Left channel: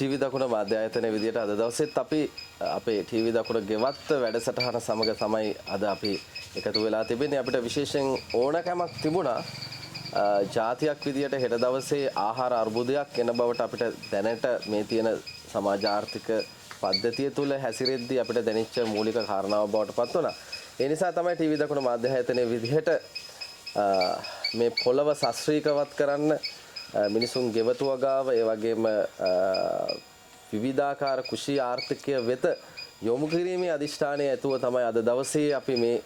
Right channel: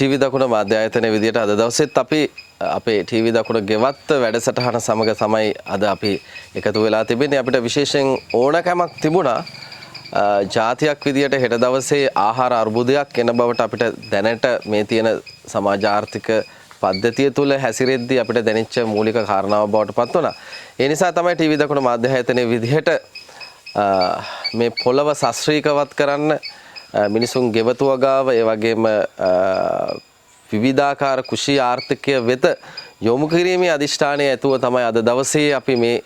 TV දකුණ මාධ්‍ය ආයතනයේ විදියට අද දවසෙත් අපි අපේ ටීවී දකුණ ගෙවත් වැඩසටහන සමග තමයි අද අපි එකතු වෙලා තිබෙන්නේ. අපිට විශේෂයෙන් ඕනකමක් තිබුණා ජාතියක් විදියට හෙට දවසේ ආහාර අර්බුදයක් එන බවට අපිට දැනට මේ තියෙන සමාජ ආර්ථික පද්ධතිය තුළ හැසිරෙද්දී අපිට දැනෙච්ච මූලික කාරණාව බවට පත් වුණා. ඒ නිසා තමයි ටීවී දකුණ මාධ්‍ය ආයතනයේ විදියට මේ පොළව ශාස්ත්‍රීයවත් කරන්න මිනිසුන් ගෙවතු වගාව ඒ වගේම විවිධාකාර කුෂී ආර්ථිකය වෙත යොමු කිරීමේ අදිෂ්ඨානය ඇතුව තමයි අද දවසේ අපි මේ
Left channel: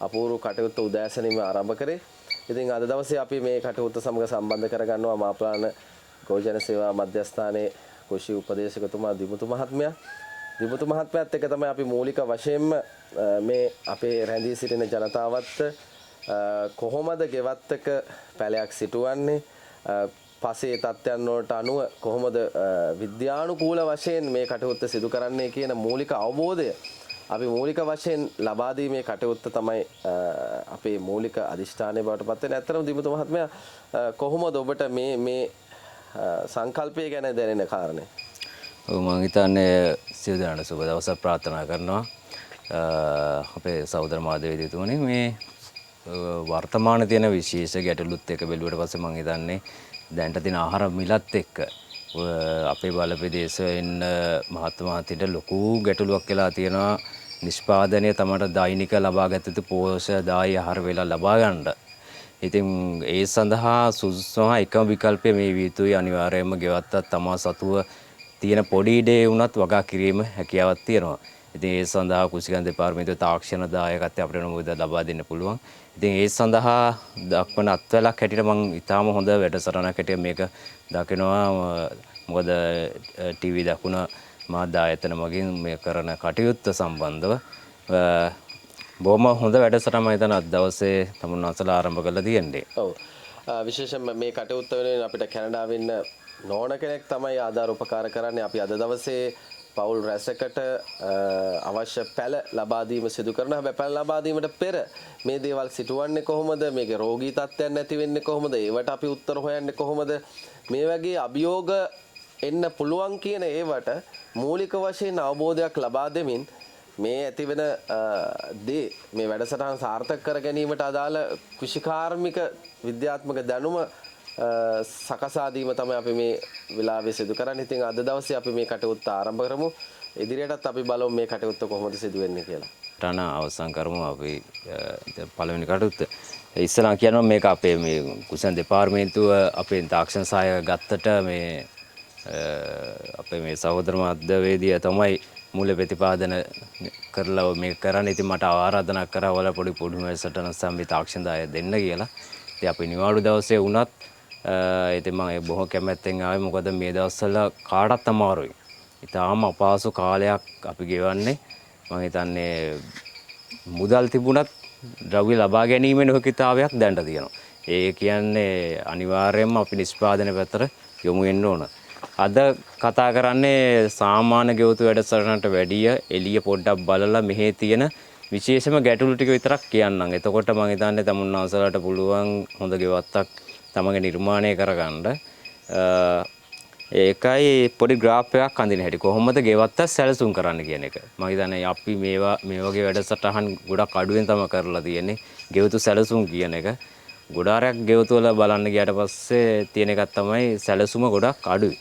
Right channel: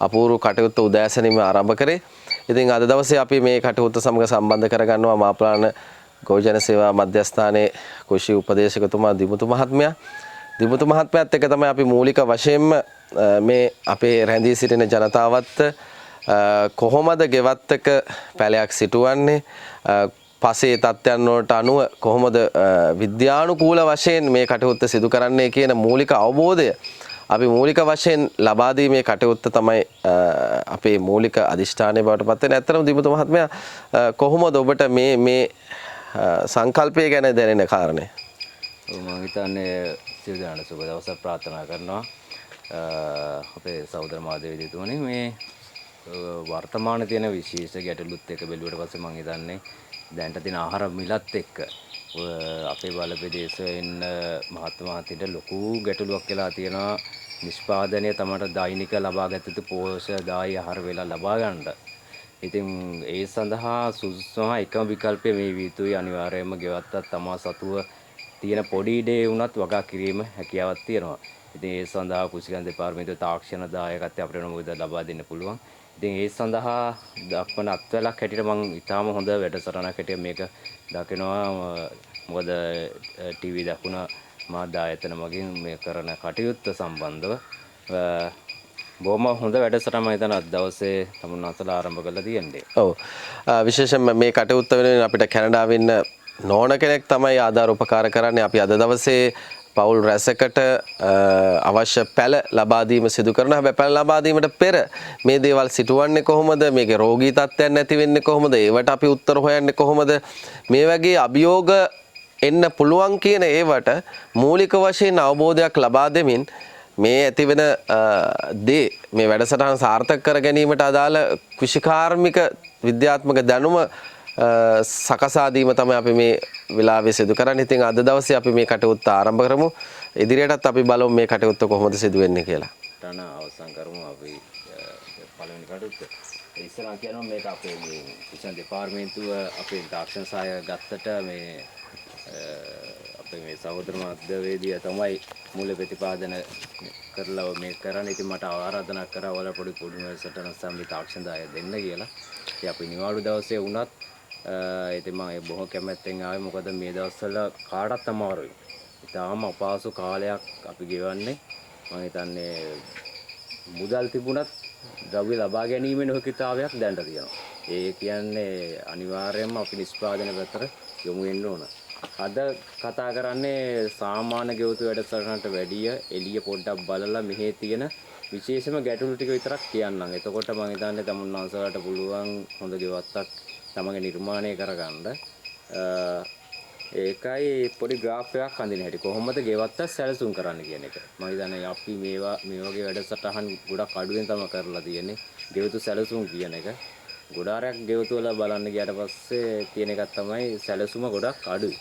අපූර්ව කටයුත්ත උදෑසනින්ම ආරම්භ කරේ. ඉතින් අද දවසේ අපි මේ කටයුත්ත සමග සම්බන්ධ කරගන්නවා මාප්‍රාණ ගෝජන සේවා මධ්‍යස්ථානයේ කුෂී උපදේශකතුමා දිමුතු මහත්මයා. දිමුතු මහත්මයාත් එක්ක තමයි අපි මූලික වශයෙන්ම මේ අපේ රැඳී සිටින ජනතාවත් කොහොමද ගෙවත්තක පැලයක් සිටුවන්නේ පසේ තත්ත්වයන් වලට අනුව කොහොමද විද්‍යානුකූල වශයෙන් මේ කටයුත්ත සිදු කරන්නේ කියන මූලික අවබෝධය අපි මූලික වශයෙන් ලබා දීමේ කටයුත්ත තමයි අපේ මූලික අදිෂ්ඨානය බවට පත් වෙන්නේ. ඇත්තටම දිමුතු මහත්මයා කොහොමද ඔබට මේ සංකල්පය ගැන දැනෙන කාරණේ? ඔව් මම හිතන්නේ සියලු දෙනාට සුබ දවසක් ප්‍රාර්ථනා කරනවා. අපේ සහෝදර මාධ්‍යවේදීතුමනි මේ වර්තමාන තියෙන විශේෂ ගැටලුත් එක්ක බැලුවට පස්සේ මම හිතන්නේ දැනට තියෙන ආහාර මිලත් එක්ක අපේ බලපෑදේශයේ ඉන්න මහත්මයාට ලොකු ගැටලුවක් වෙලා තියෙනවා. නිෂ්පාදනය තමයි දෛනික ලබාගත යුතු පෝෂ්‍යදායී ආහාර වේලා ලබා ගන්න. ඉතින් ඒ සඳහා සුදුසුම එකම විකල්පය මේ විතුයි අනිවාර්යයෙන්ම ගෙවත්තත් තමා සතුව තියෙන පොඩි ඉඩේ වුණත් වගා කිරීම හැකියාවක් තියෙනවා. ඉතින් ඒ සඳහා කුසිකන් දෙපාර්තමේන්තුවේ තාක්ෂණ දායකත්වය අපිට නමුද ලබා දෙන්න පුළුවන්. ඉතින් ඒ සඳහා දක්වන අත්වලක් හැටියට මම ඊටාම හොඳ වැඩසටහනක් හැටියට මේක දකිනවා. මොකද ටීවී දකුණ මාධ්‍ය ආයතන මගින් මේ කරන කටයුත්ත සම්බන්ධව බොහොම හොඳ වැඩසටහනක් මම හිතන අද දවසේ තමුන්වන්සලා ආරම්භ කරලා තියෙන්නේ. ඔව්. විශේෂයෙන්ම මේ කටයුත්ත වෙනුවෙන් අපිට කැනඩාවේ ඉන්න නෝන කෙනෙක් තමයි ආධාර උපකාර කරන්නේ. අපි අද දවසේ පවුල් රැසකට අවශ්‍ය පැළ ලබා දීම සිදු කරනවා. හැබැයි පැළ ලබා දීමට පෙර මේ දේවල් සිටුවන්නේ කොහොමද? මේකේ රෝගී තත්ත්වයන් නැති වෙන්නේ කොහොමද? ඒවට අපි උත්තර හොයන්නේ කොහොමද? මේ වගේ අභියෝග එන්න පුළුවන් කියන ඒවට මූලික වශයෙන් අවබෝධයක් ලබා දෙමින් මේ ඇතිවෙන දේ මේ වැඩසටහන සාර්ථක කර ගැනීමට අදාළ කෘෂිකාර්මික විද්‍යාත්මක දැනුම සකසා දීම තමයි අපි මේ වෙලාවේ සිදු කරන්නේ. ඉතින් අද දවසේ අපි මේ කටයුත්ත ආරම්භ කරමු. ඉදිරියටත් අපි බලමු මේ කටයුත්ත කොහොමද සිදු වෙන්නේ කියලා. ටන අවසන් කරමු අපි පළවෙනි කටයුත්ත. ඉස්සරහ කියනවා මේක අපේ මේ කුසන් දෙපාර්තමේන්තුව අපේ තාක්ෂණ සහාය ගත්තට මේ අපේ මේ සහෝදර මාධ්‍යවේදියා තමයි මූල ප්‍රතිපාදන කරලා මේක කරන්නේ. ඉතින් මට ආරාධනා කරා වල පොඩි වැඩසටහන සම්බි තාක්ෂණ දාය දෙන්න කියලා. ඉතින් අපි නිවාඩු දවසේ වුණත් ඉතින් මම බොහෝ කැමැත්තෙන් ආවේ. මොකද මේ දවස්වල කාටත් අමාරුයි. ඉතාලම අපහසු කාලයක් අපි ගෙවන්නේ. මම හිතන්නේ මුදල් තිබුණත් ද්‍රව්‍ය ලබා ගැනීමේ නොහැකියාවක් දැනට තියෙනවා. ඒ කියන්නේ අනිවාර්යයෙන්ම අපි නිෂ්පාදනය පැත්තට යොමු වෙන්න ඕන. අද කතා කරන්නේ සාමාන්‍ය ගෙවතු වැඩසටහනට වැඩිය එළිය පොඩ්ඩක් බලලා මෙහි තියෙන විශේෂම ගැටලු ටික විතරක් කියන්නම්. එතකොට මම හිතන්නේ තමුන්වන්සලාට පුළුවන් හොඳ ගෙවත්තක් තමගේ නිර්මාණය කරගන්න. ඒකයි පොඩි ග්‍රාෆ් එකක් අඳින හැටි කොහොමද ගෙවත්ත සැලසුම් කරන්න කියන එක. මම හිතන්නේ අපි මේ වගේ වැඩසටහන් ගොඩක් අඩුවෙන් තමයි කරලා තියෙන්නේ. ගෙවතු සැලසුම් කියන එක. ගොඩාරයක් ගෙවතු වල බලන්න ගියාට පස්සේ තියෙන එකක් තමයි සැලසුම ගොඩක් අඩුයි.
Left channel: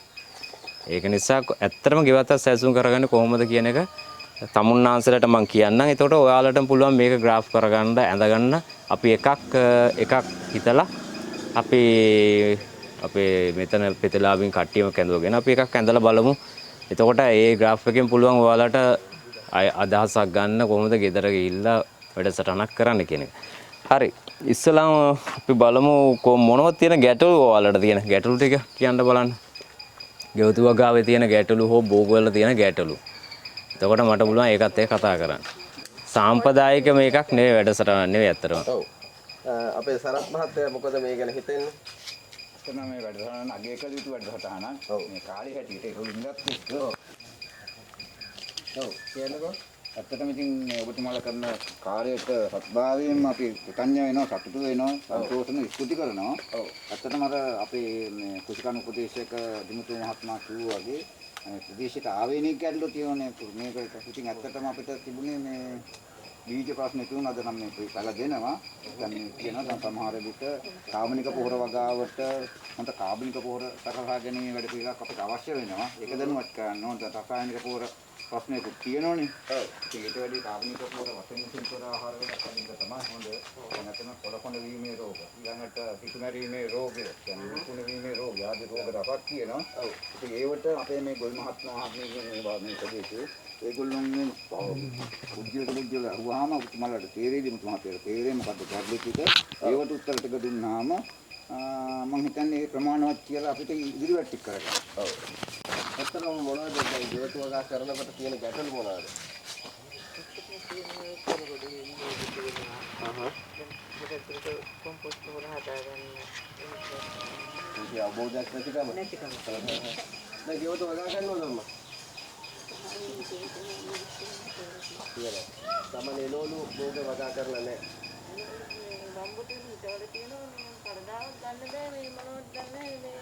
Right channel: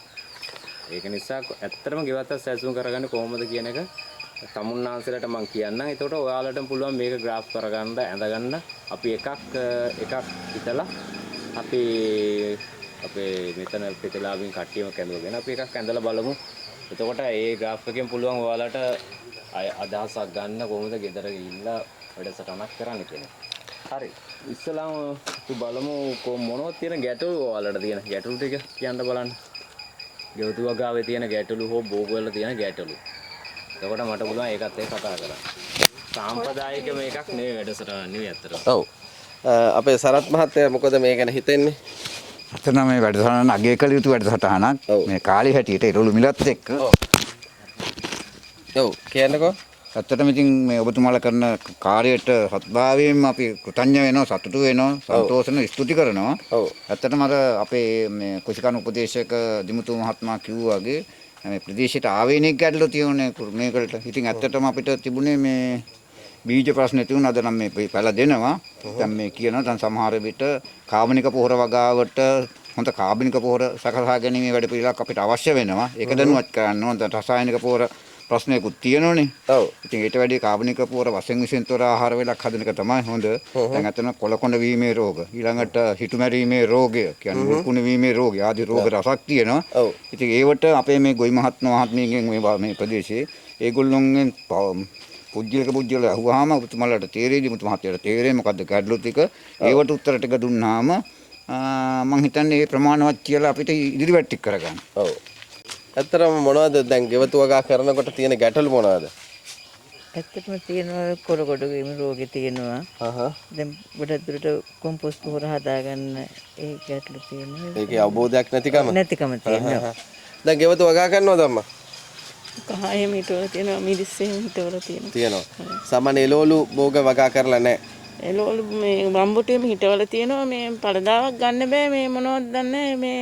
ඒක නිසා ඇත්තටම ගෙවත්ත සැලසුම් කරගන්නේ කොහොමද කියන එක තමුන්නාන්සලට මම කියන්නම්. එතකොට ඔයාලටම පුළුවන් මේක ග්‍රාෆ් කරගන්න ඇඳගන්න. අපි එකක් හිතලා අපි අපේ මෙතන ප්‍රතිලාභින් කට්ටියම කැඳවගෙන අපි එකක් ඇඳලා බලමු. එතකොට ඒ ග්‍රාෆ් එකෙන් පුළුවන් ඔයාලට අදහසක් ගන්න කොහොමද ගෙදර ගිහිල්ලා වැඩසටහනක් කරන්න කියන එක. හරි. ඉස්සලාම අපි බලමු මොනවද තියෙන ගැටලු ඔයාලට තියෙන ගැටලු ටික කියන්න බලන්න. ගෙවතු වගාවේ තියෙන ගැටලු හෝ බෝගවල තියෙන ගැටලු. එතකොට මට පුළුවන් ඒකත් එක්ක කතා කරන්න. සාම්ප්‍රදායික මේකක් නෙවෙයි වැඩසටහන නෙවෙයි ඇත්තටම. ඔව්. අපේ සරත් මහත්තයා මොකද මේ ගැන හිතන්නේ? අතන මේ වැඩසටහන අගය කළ යුතු වැඩසටහනක්. මේ කාලේ හැටියට ඒරළු මිලත් එක්ක. ඔව් කියන්නකෝ. ඇත්තටම ඉතින් මේ ඔබතුමාලා කරන කාර්යයට සත්භාවයෙන්ම අපි කෘතඥ වෙනවා, සතුටු වෙනවා, සන්තෝෂ වෙනවා, ස්තුති කරනවා. ඔව්. ඇත්තටම අර අපේ මේ කුෂිකන් උපදේශක දිමුතු මහත්මයා කිව්වා වගේ මේ ප්‍රදේශයට ආවේනික ගැටලු තියෙන්නේ මේකට. ඉතින් ඇත්තටම අපිට තිබුණේ මේ බීජ ප්‍රශ්න තියුණා. අද නම් මේ පැල දෙනවා. දැන් මේ කියනවා දැන් සමහර විට කාබනික පොහොර වගාවට හොඳ කාබනික පොහොර සකසා ගැනීමේ වැඩ පිළිවෙලක් අපිට අවශ්‍ය වෙනවා. ඒක දැනුවත් කරන්න ඕන. දැන් රසායනික පොහොර ප්‍රශ්නයකුත් තියෙනවනේ. ඔව්. ඉතින් ඊට වැඩි කාබනික පොහොර වශයෙන් විසින් තොර ආහාර වේලක් හදන එක තමයි හොඳ. දැන් අතන කොළකොඬ වීමේ රෝග, ඊළඟට හිටු මැරීමේ රෝගය, කියන්නේ මුකුණු වීමේ රෝගය ආදී රෝග රසක් තියෙනවා. ඔව්. ඉතින් ඒවට අපේ මේ ගොවි මහත්මයාගෙන් මේ ප්‍රදේශයේ ඒගොල්ලොන්ගෙන් පුජ්‍යල අහුවාම ඔබතුමාලට තේරෙයිද මුතුමහත්තයාට තේරෙයි මොකද්ද ගැටලු ටික ඒවට උත්තර ටික දුන්නාම මම හිතන්නේ මේ ප්‍රමාණවත් කියලා අපිට ඉදිරියට ටික කරගන්න. ඔව්. ඇත්තටම මොනවද දැන් ගෙවතු වගා කරනකොට තියෙන ගැටලු මොනවද? ඇත්තටම තියෙනවා කොරකොඩ වීම රෝගී තියෙනවා. දැන් ගොඩක් දුරට කොම්පෝස්ට් පොහොර හදාගන්න ඒ ගැටලු තියෙනවා. ඒකේ අවබෝධයක් නැතිකම තියෙනවා. දැන් ගෙවතු වගා කරනවද අම්මා? කහේ මීටවල තියෙනවා මිරිස්සේ හිටවල තියෙනවා. තියෙනවා. සාමාන්‍ය එළවලු භෝග වගා කරලා නැහැ. එළවලු මේ රම්බුටේම හිටවල තියෙනවා මේ පළදාවක් ගන්න බෑ මේ මොනවද දන්නේ මේ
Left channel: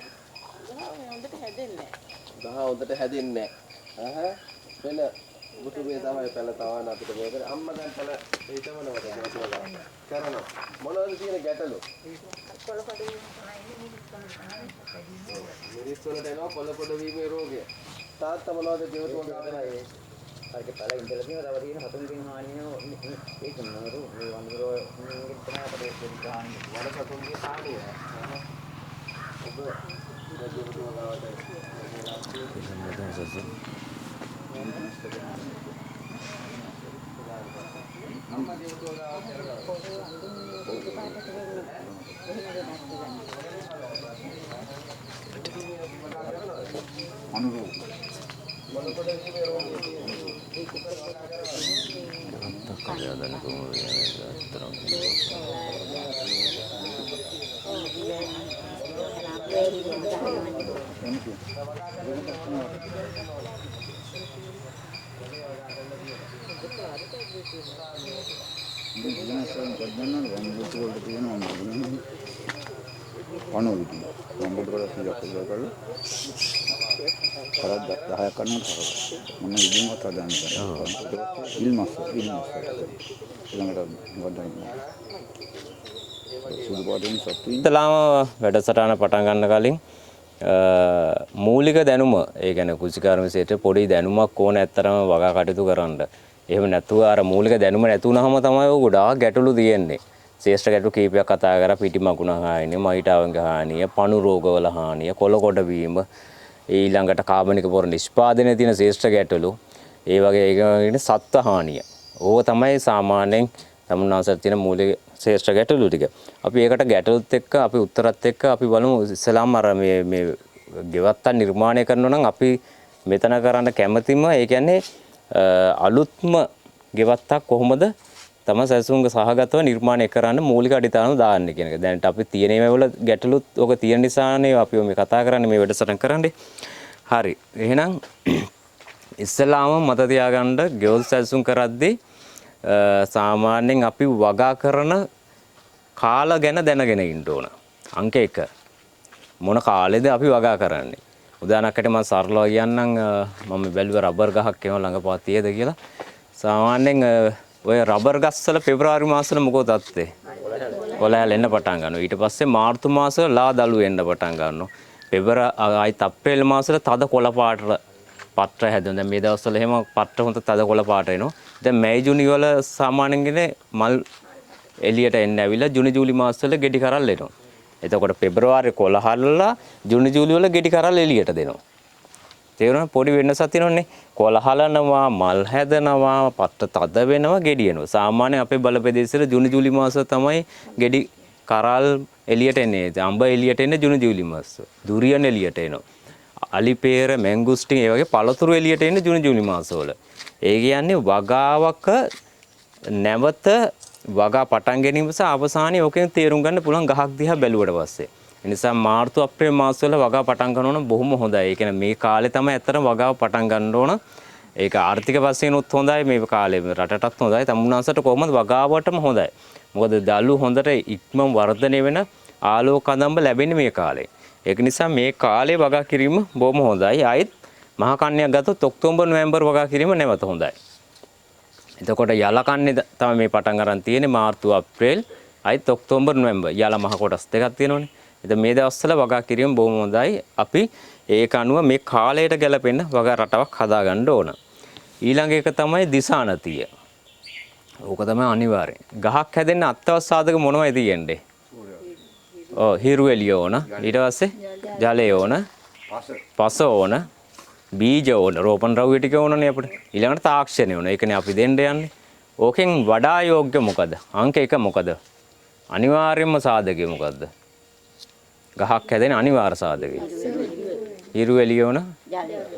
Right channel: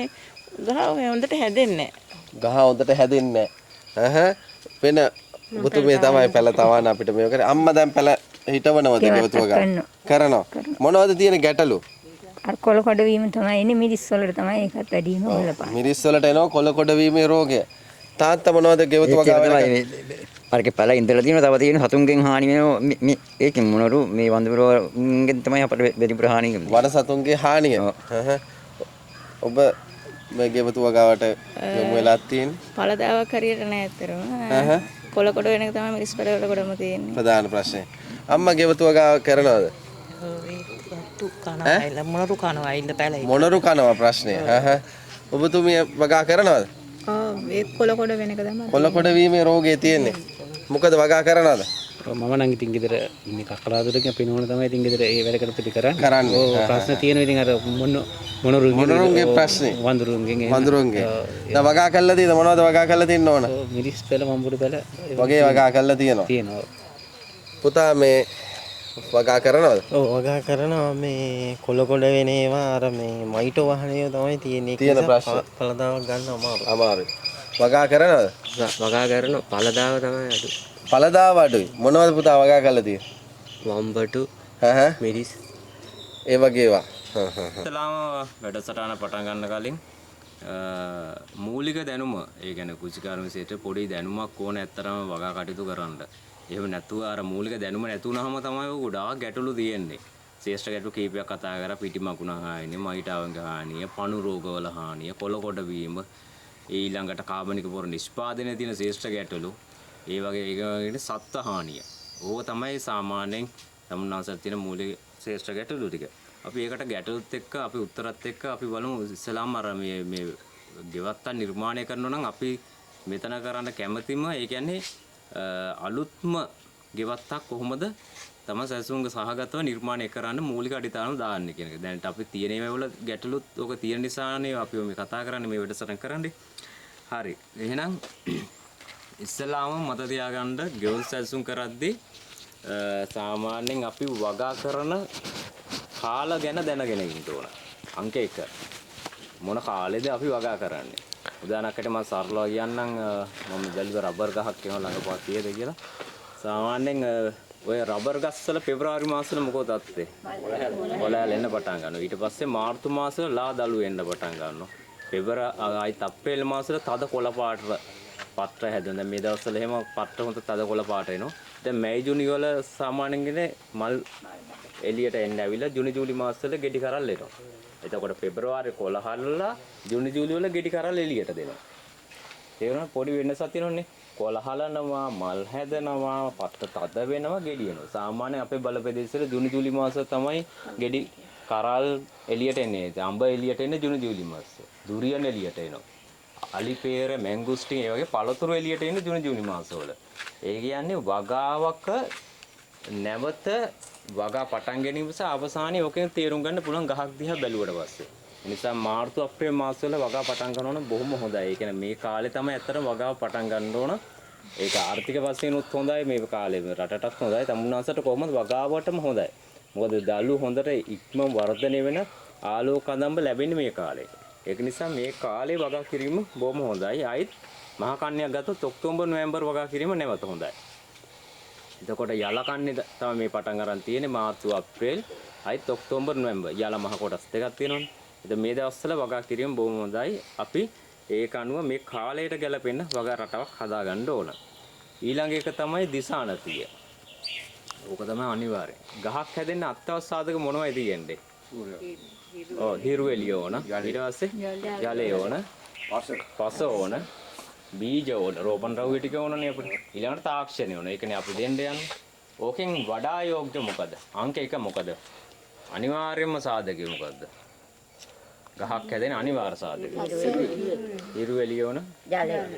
ගහ මේ හොඳට හැදෙන්නේ නැහැ. ගහ හොඳට හැදෙන්නේ නැහැ. වෙන බුතුමේ තමයි පැල තවන අපිට මේක කරේ. අම්මා දැන් පැල හිටවනවද ගෙවතු වගා? කරනවා. මොනවද තියෙන ගැටලු? අර කොළ කොට වීම තමයි ඉන්නේ මිරිස් වලට තමයි ඒකත් වැඩි වෙනවා බලපන්. මිරිස් වලට එනවා කොළ කොට වීමේ රෝගය. තාත්තා මොනවද ගෙවතු වගා වෙන්නේ? අරක පැල ඉඳලා තියෙනවා තව තියෙන සතුන්ගෙන් හානි වෙනවා මේ ඒකෙන් මොනරු මේ වන්දපුරගෙන් තමයි අපට වැඩිපුර හානි වෙන්නේ. වන සතුන්ගේ හානිය. ඔබ මේ ගෙවතු වගාවට යොමු වෙලා තියෙන්නේ? පළදාවක් හරියට නෑ ඇත්තටම. කොළ කොට වෙන එක තමයි මිරිස් පැල වල කොටම තියෙන්නේ. ප්‍රධාන ප්‍රශ්නේ. අම්මා ගෙවතු වගා කරනවද? මොනරු කනවා ප්‍රශ්නේ. ඔබතුමිය වගා කරනවද? ඒ කොළ කොට වෙන එක තමයි. කොළ කොට වීමේ රෝගය තියෙන්නේ. මොකද වගා කරනවද? මම නම් ඉතින් ගෙදර කලාදුරක පිනවන තමයි ඉතින් ගෙදර ඒ වැඩ කරපිට කරන්නේ. ප්‍රශ්න තියෙනවා ඉතින් අර මොනරුන්ගේ ප්‍රශ්නේ? වඳුරුන්ගේ. දැන් වගා කළා තියෙද මොනවද වගා කළා තින්න ඕන? මිරිස් පෙළ මම්බුඩු පෙළ වගේ වගා කළා තියෙනවා. පුතා මේ වගා කරනවද? ඔව් වගා කරනවා මේ කොළ වෙන ඒවා අර මේ මයිටෝ වාහනය තමයි තියෙන්නේ. තියෙන ප්‍රශ්න. පළදාවක් ගන්න අමාරුයි. වගා කරනවද? වගා කරන පළදාව තමයි. පළදාව අඩුයි. මොනවද පුතා වගා කළා තියෙන්නේ? මම්බටු මිරිස් ඒ වගේ ඒවා. ඉතලාම වැඩසටහන පටන් ගන්න කලින් මූලික දැනුම ඒ කියන්නේ කුසිකාර විශේෂයට පොඩි දැනුමක් ඕන ඇත්තරම වගා කටයුතු කරන්න. එහෙම නැතුව අර මූලික දැනුම නැතුනහම තමයි ඔය ගොඩාක් ගැටලු තියෙන්නේ. ශ්‍රේෂ්ඨ ගැටලු කීපයක් කතා කරා පිටි මකුණ හානිය, මයිටාවන්ගේ හානිය, පණු රෝගවල හානිය, කොළ කොට වීම, ඊළඟට කාබනික පොර නිෂ්පාදනයේ තියෙන ශ්‍රේෂ්ඨ ගැටලු, ඒ වගේ ඒකේ සත්ත්ව හානිය. ඕක තමයි සාමාන්‍යයෙන් තමුන්නාසත් තියෙන මූලික ශ්‍රේෂ්ඨ ගැටලු ටික. අපි ඒකට ගැටලුත් එක්ක අපි උත්තරත් එක්ක අපි බලමු ඉස්සලාම අර මේ ගෙවත්තා නිර්මාණය කරනවා නම් අපි මෙතන කරන්න කැමැතිම ඒ කියන්නේ අලුත්ම ගෙවත්තක් කොහොමද තම සැසුන්ග සහගතව නිර්මාණය කරන්න මූලික අඩිතාන දාන්න කියන එක. දැනට අපි තියෙන මේවල ගැටලුත් ඔක තියෙන නිසානේ අපි මේ කතා කරන්නේ මේ වැඩසටහන කරන්නේ. හරි. එහෙනම් ඉස්සලාම මත තියාගන්න ගෙවල් සැසුන් කරද්දී සාමාන්‍යයෙන් අපි වගා කරන කාල ගැන දැනගෙන ඉන්න ඕන. අංක 1. මොන කාලෙද අපි වගා කරන්නේ? උදාහරණයකට මම සරලව කියන්නම් මම බැලුවා රබර් ගහක් එනවා ළඟපාත තියෙද කියලා. සාමාන්‍යයෙන් ඔය රබර් ගස් වල පෙබරවාරි මාසෙල මොකද තත්ත්වේ? කොළයල් එන්න පටන් ගන්නවා. ඊට පස්සේ මාර්තු මාසෙ ලා දළු එන්න පටන් ගන්නවා. ආයි අප්‍රේල් මාසෙල තද කොළ පාට පත්‍ර හැදෙනවා. දැන් මේ දවස්වල එහෙම පත්‍ර හොඳ තද කොළ පාට එනවා. දැන් මැයි ජූනි වල සාමාන්‍යයෙන් මල් එළියට එන්න ඇවිල්ලා ජූනි ජූලි මාසවල ගෙඩි කරල් එනවා. එතකොට පෙබරවාරි කොළ හලලා ජූනි ජූලි වල ගෙඩි කරල් එළියට දෙනවා. තේරුණා පොඩි වෙනසක් තියෙනවනේ. කොළ හලනවා, මල් හැදෙනවා, පත්‍ර තද වෙනවා, ගෙඩි එනවා. සාමාන්‍යයෙන් අපේ බලපෙදේශවල ජූනි ජූලි මාස තමයි ගෙඩි කරල් එළියට එන්නේ. අඹ එළියට එන්නේ ජූනි ජූලි මාස. දුරියන් එළියට එනවා. අලිපේර, මැංගුස්ටින් ඒ වගේ පළතුරු එළියට එන්නේ ජූනි ජූලි මාසවල. ඒ කියන්නේ වගාවක නැවත වගා පටන් ගැනීම සහ අවසානයේ ඕකෙන් තේරුම් ගන්න පුළුවන් ගහක් දිහා බැලුවට පස්සේ. ඒ නිසා මාර්තු අප්‍රේල් මාසවල වගා පටන් ගන්න ඕන බොහොම හොඳයි. ඒ කියන්නේ මේ කාලේ තමයි ඇත්තටම වගාව පටන් ගන්න ඕන. ඒක ආර්ථික වශයෙන් උත් හොඳයි මේ කාලේ රටටත් හොඳයි. තමුන්නාසට කොහොමද වගාවටම හොඳයි. මොකද දළු හොඳට ඉක්මන් වර්ධනය වෙන ආලෝක කදම්බ ලැබෙන්නේ මේ කාලේ. ඒක නිසා මේ කාලේ වගා කිරීම බොහොම හොඳයි. ආයිත් මහ කන්නයක් ගත්තොත් ඔක්තෝබර් නොවැම්බර් වගා කිරීම නැවත හොඳයි. එතකොට යල කන්නේ තමයි මේ පටන් ගන්න තියෙන්නේ මාර්තු අප්‍රේල් අයිත් ඔක්තෝබර් නොවැම්බර් යල මහ කොටස් දෙකක් තියෙනවනේ. ඉතින් මේ දවස්වල වගා කිරීම බොහොම හොඳයි. අපි ඒක අනුව මේ කාලයට ගැලපෙන්න වගා රටාවක් හදාගන්න ඕන. ඊළඟ එක තමයි දිසානතිය. ඕක තමයි අනිවාර්යෙන්. ගහක් හැදෙන්න අත්‍යවශ්‍ය සාධක මොනවද තියෙන්නේ? හිරු එළිය ඕන. ඊට පස්සේ ජලය ඕන. පස ඕන. බීජ ඕන. රෝපණ ද්‍රව්‍ය ටික ඕනනේ අපිට. ඊළඟට තාක්ෂණය ඕන. ඒකනේ අපි දෙන්න යන්නේ. ඕකෙන් වඩා යෝග්‍ය මොකද? අංක 1 මොකද? අනිවාර්යයෙන්ම සාධකය මොකද්ද? ගහක් හැදෙන අනිවාර්ය සාධකය. හිරු එළිය ඕන.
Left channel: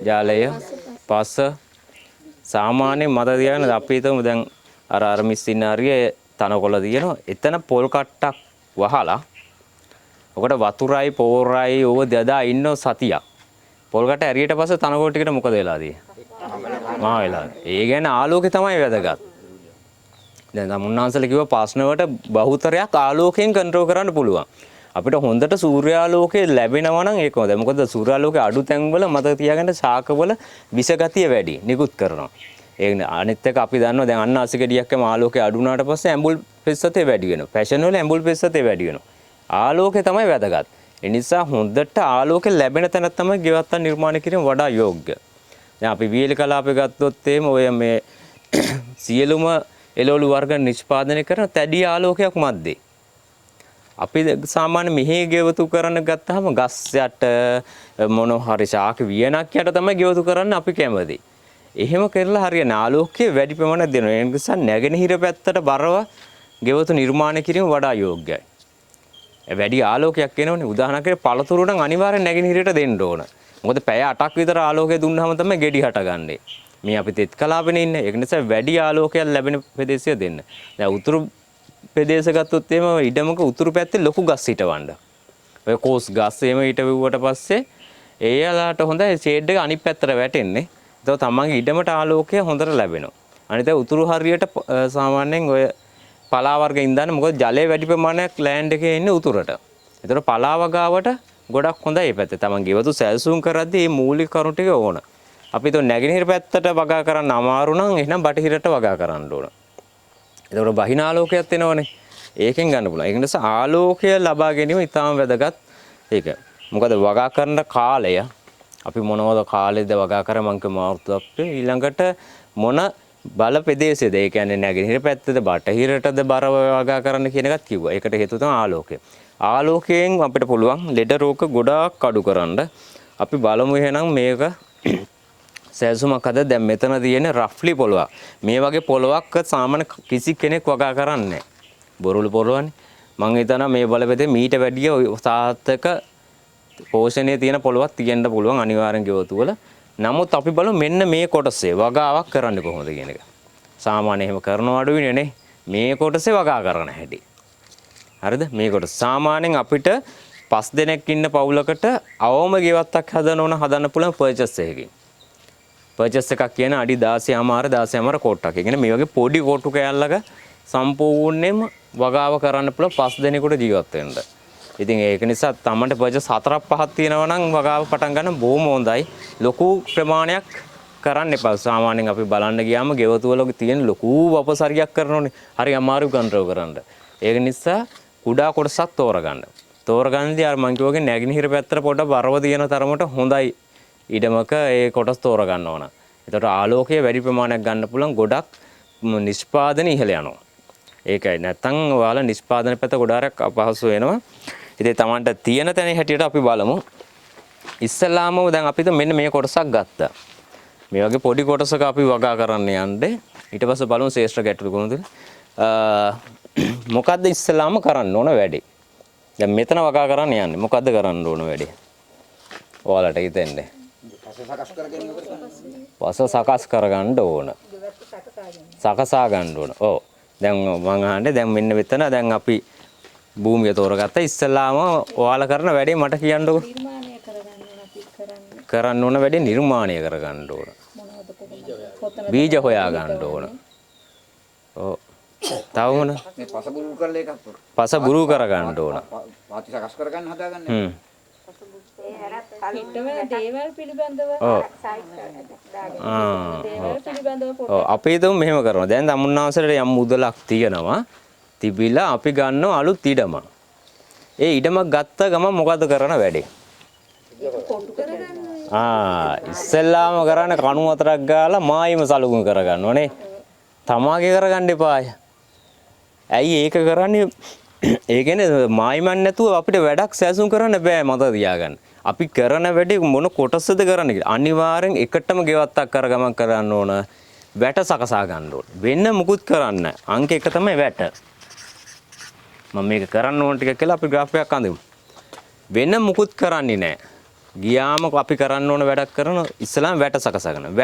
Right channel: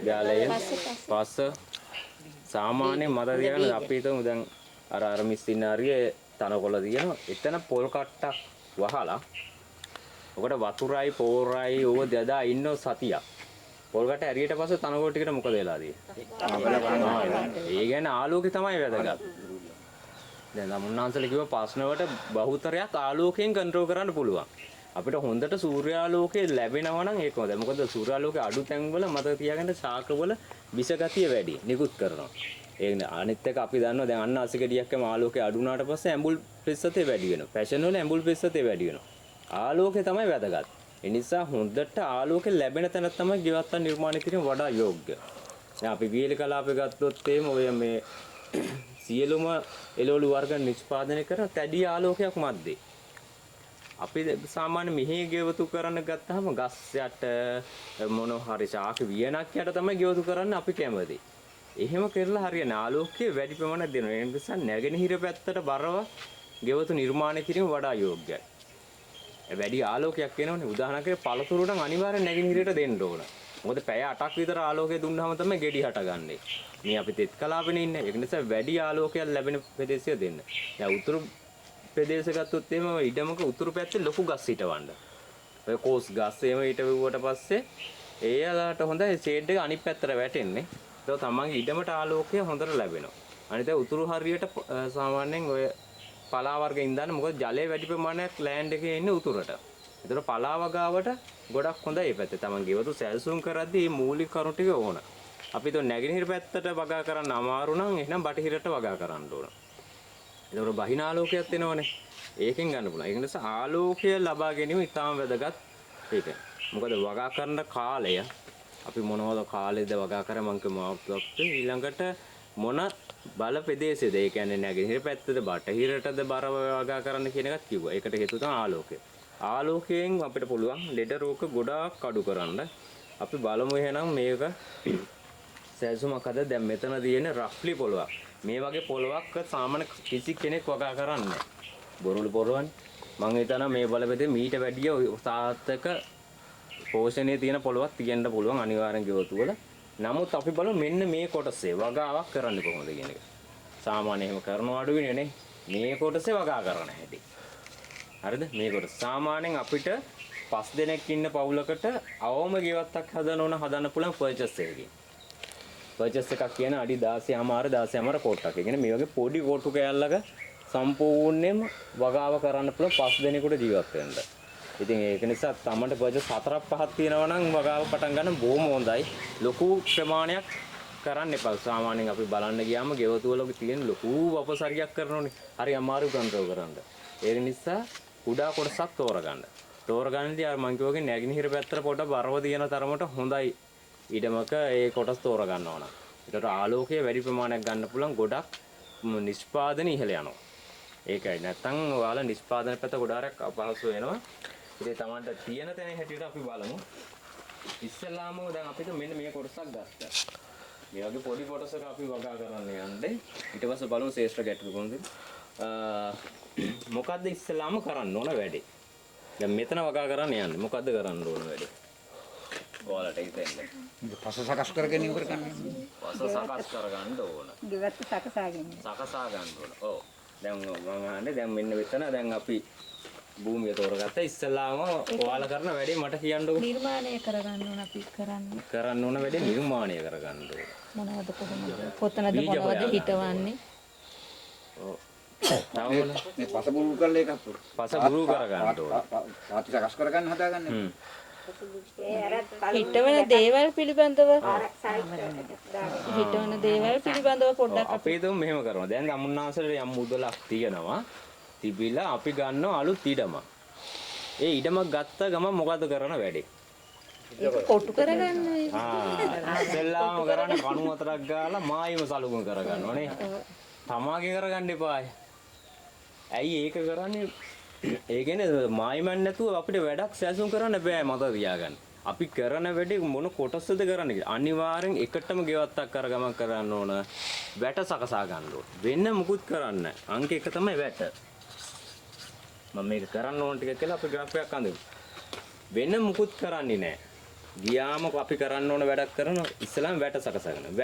ජලය. පස සාමාන්‍ය මත තියන අපි හිතමු දැන් අර මිස්සිනාරියේ තනකොළ තියෙනවා. එතන පොල් කට්ටක් වහලා ඔකට වතුරයි පෝරයි ඕව දදා ඉන්න සතියක්. පොල් කට්ට ඇරියට පස්සේ තනකොළ ටිකට මොකද වෙලා තියෙන්නේ? මහ වෙලා. ඒ කියන්නේ ආලෝකය තමයි වැදගත්. දැන් මුන්නාන්සල කිව්ව ප්‍රශ්නවලට බහුතරයක් ආලෝකයෙන් කන්ට්‍රෝල් කරන්න පුළුවන්. අපිට හොඳට සූර්යාලෝකය ලැබෙනවා නම් ඒක හොඳයි. මොකද සූර්යාලෝකයේ අඩු තැන්වල මතක තියාගන්න ශාකවල විස ගතිය වැඩි නිකුත් කරනවා. ඒ අනිත් එක අපි දන්නවා දැන් අන්නාසි ගෙඩියක්ම ආලෝකය අඩු වුණාට පස්සේ ඇඹුල් පෙස්සතේ වැඩි වෙනවා. ෆැෂන් වල ඇඹුල් පෙස්සතේ වැඩි වෙනවා. ආලෝකය තමයි වැදගත්. ඒ නිසා හොඳට ආලෝකය ලැබෙන තැන තමයි ගෙවත්තන් නිර්මාණය කිරීම වඩා යෝග්‍ය. දැන් අපි වීල කලාපේ ගත්තොත් එහෙම ඔය මේ සියලුම එළවලු වර්ග නිෂ්පාදනය කරන තැඩි ආලෝකයක් මැද්දේ. අපි සාමාන්‍ය මෙහි ගෙවතු කරන්න ගත්තාම ගස් යට මොන හරි ශාක වියනක් යට තමයි ගෙවතු කරන්න අපි කැමති. එහෙම කරලා හරියන ආලෝකයේ වැඩි ප්‍රමාණයක් දෙනවා. ඒ නිසා නැගෙනහිර පැත්තට බරව ගෙවතු නිර්මාණය කිරීම වඩා යෝග්‍යයි. වැඩි ආලෝකයක් එනවනේ. උදාහරණයක් පළතුරු නම් අනිවාර්යෙන් නැගෙනහිරට දෙන්න ඕන. මොකද පැය 8ක් විතර ආලෝකය දුන්නාම තමයි ගෙඩි හටගන්නේ. මේ අපි තෙත් කලාපෙනේ ඉන්නේ. ඒක නිසා වැඩි ආලෝකයක් ලැබෙන ප්‍රදේශය දෙන්න. දැන් උතුරු ප්‍රදේශ ගත්තොත් එහෙම ඉඩමක උතුරු පැත්තේ ලොකු ගස් හිටවන්න. ඔය කෝස් ගස් එහෙම හිටවුවට පස්සේ ඒලාට හොඳයි ෂේඩ් එක අනිත් පැත්තට වැටෙන්නේ. ඒක තමන්ගේ ඉඩමට ආලෝකය හොඳට ලැබෙනවා. අනිත් උතුරු හරියට සාමාන්‍යයෙන් ඔය පලා වර්ග ඉඳන් මොකද ජලය වැඩි ප්‍රමාණයක් ලෑන්ඩ් එකේ ඉන්නේ උතුරට. ඒතර පලාව ගාවට ගොඩක් හොඳයි මේ පැත්තේ. තමන් ගෙවතු සැලසුම් කරද්දී මේ මූලික කරුණු ටික ඕන. අපි તો නැගෙනහිර පැත්තට වගා කරන්න අමාරු නම් එහෙනම් බටහිරට වගා කරන්න ඕන. ඒතකොට බහින ආලෝකයක් එනවනේ. ඒකෙන් ගන්න පුළුවන්. ඒක නිසා ආලෝකය ලබා ගැනීම ඉතාම වැදගත්. ඒක. මොකද වගා කරන කාලය අපි මොනවද කාලෙද වගා කර මං කමාවුත් ඊළඟට මොන බල ප්‍රදේශයේද ඒ කියන්නේ නැගෙනහිර පැත්තේද බටහිරටද බරව වගා කරන්න කියන එකත් කිව්වා. ඒකට හේතුව තමයි ආලෝකය. ආලෝකයෙන් අපිට පුළුවන් ලෙඩ රෝග ගොඩාක් අඩු කරන්න. අපි බලමු එහෙනම් මේක සැලසුමක් අද දැන් මෙතන තියෙන රෆ්ලි පොළොවක්. මේ වගේ පොළොවක් සාමාන්‍ය කිසි කෙනෙක් වගා කරන්නේ නැහැ. බොරුළු පොළොවනේ. මං හිතනවා මේ බලපෙතේ මීට වැඩිය සාර්ථක පෝෂණයේ තියෙන පොළොවක් තියෙන්න පුළුවන් අනිවාර්යෙන් ගෙවතු වල. නමුත් අපි බලමු මෙන්න මේ කොටසේ වගාවක් කරන්නේ කොහොමද කියන එක. සාමාන්‍ය එහෙම කරනව අඩුවිනේ නේ. මේ කොටසේ වගා කරන හැටි. හරිද? මේ කොටස සාමාන්‍යයෙන් අපිට 5 දෙනෙක් ඉන්න පවුලකට අවම ගෙවත්තක් හදන්න පුළුවන් පර්චේස් එකකින්. පර්චේස් එකක් කියන අඩි 16මාර කොට්ටක්. ඒ කියන්නේ මේ වගේ පොඩි කොට්ටු කෑල්ලක සම්පූර්ණයෙන්ම වගාව කරන්න පුළුවන් 5 දෙනෙකුට ජීවත් වෙන්න. ඉතින් ඒක නිසා තමන්ට පර්චේස් 4-5ක් තියෙනවා නම් වගාව පටන් ගන්න බොහොම හොඳයි. ලොකු ප්‍රමාණයක් කරන්න එපා. සාමාන්‍යයෙන් අපි බලන්න ගියාම ගෙවතු වල තියෙන ලොකු වපසරියක් කරනෝනේ. හරි අමාරු කන්ට්‍රෝල් කරන්න. ඒක නිසා කුඩා කොටසක් තෝරගන්න. තෝරගන්නදී අර මං කිව්වාගේ නැගිනහිර පැත්තට පොඩ බරව තියෙන තරමට හොඳයි ඉඩමක ඒ කොටස් තෝරගන්න ඕන. ඒතකොට ආලෝකය වැඩි ප්‍රමාණයක් ගන්න පුළුවන් ගොඩක් නිෂ්පාදන ඉහළ යනවා. ඒකයි නැත්තම් ඔයාලා නිෂ්පාදන පැත්ත ගොඩාක් අපහසු වෙනවා. ඉතින් Tamanට තියෙන තැන හැටියට අපි බලමු. ඉස්සලාම දැන් අපිට මෙන්න මේ කොටසක් ගත්තා. මේ වගේ පොඩි කොටසක අපි වගා කරන්න යන්නේ. ඊට පස්සේ බලමු ශේෂ්ත්‍ර ගැටලු කොහොමද? මොකද්ද ඉස්සලාම කරන්න ඕන වැඩේ? දැන් මෙතන වගා කරන්න යන්නේ. මොකද්ද කරන්න ඕන වැඩේ? ඔයාලට හිතෙන්නේ. පස සකස් කරගෙන ඉවර කරන්න. පස සකස් කරගන්න ඕන. සකසා ගන්න ඕන. ඔව්. දැන් මම අහන්නේ දැන් මෙන්න මෙතන දැන් අපි භූමිය තෝරගත්තා. ඉස්සලාම ඔයාලා කරන වැඩේ මට කියන්නකෝ. නිර්මාණය කරගන්න ඕන අපි කරන්න ඕන වැඩේ නිර්මාණය කරගන්න ඕන. මොනවද කොහොමද? බීජ හොයා ගන්න ඕන. ඔව්. තව මොන? පස බුරු කරලා එකක් තෝර. පස බුරු කරගන්න ඕන. පාති සකස් කරගන්න හදාගන්න. හිටවන දේවල් පිළිබඳව ඔව්. හිටවන දේවල් පිළිබඳව පොඩ්ඩක් අපි හිතමු මෙහෙම කරනවා. දැන් තමුන්නාසලට යම් මුදලක් තියෙනවා. තිබිලා අපි ගන්නවා අලුත් ඉඩමක්. ඒ ඉඩමක් ගත්ත ගමන් මොකද කරන වැඩේ? කොටු කරගන්න ඉස්සෙල්ලාම කරන්නේ කණු වතරක් ගාලා මායිම සලකුණු කරගන්න ඕනේ. තමාගේ කරගන්න එපාය. ඇයි ඒක කරන්නේ? ඒ කියන්නේ මායිමන් නැතුව අපිට වැඩක් සැසුම් කරන්න බෑ මතක තියාගන්න. අපි කරන වැඩේ මොන කොටසද කරන්නේ කියලා. අනිවාර්යෙන් එකටම ගෙවත්තක් කරගමන් කරන්න ඕන. වැට සකසා ගන්න ඕන. වෙන මුකුත් කරන්න. අංක 1 තමයි වැට. මම මේක කරන්න ඕන ටික කියලා අපි ග්‍රාෆ් එකක් අඳිමු. වෙන මුකුත් කරන්නේ නැහැ. ගියාම අපි කරන්න ඕන වැඩක් කරන ඉස්සලාම වැට සකසා ගන්න.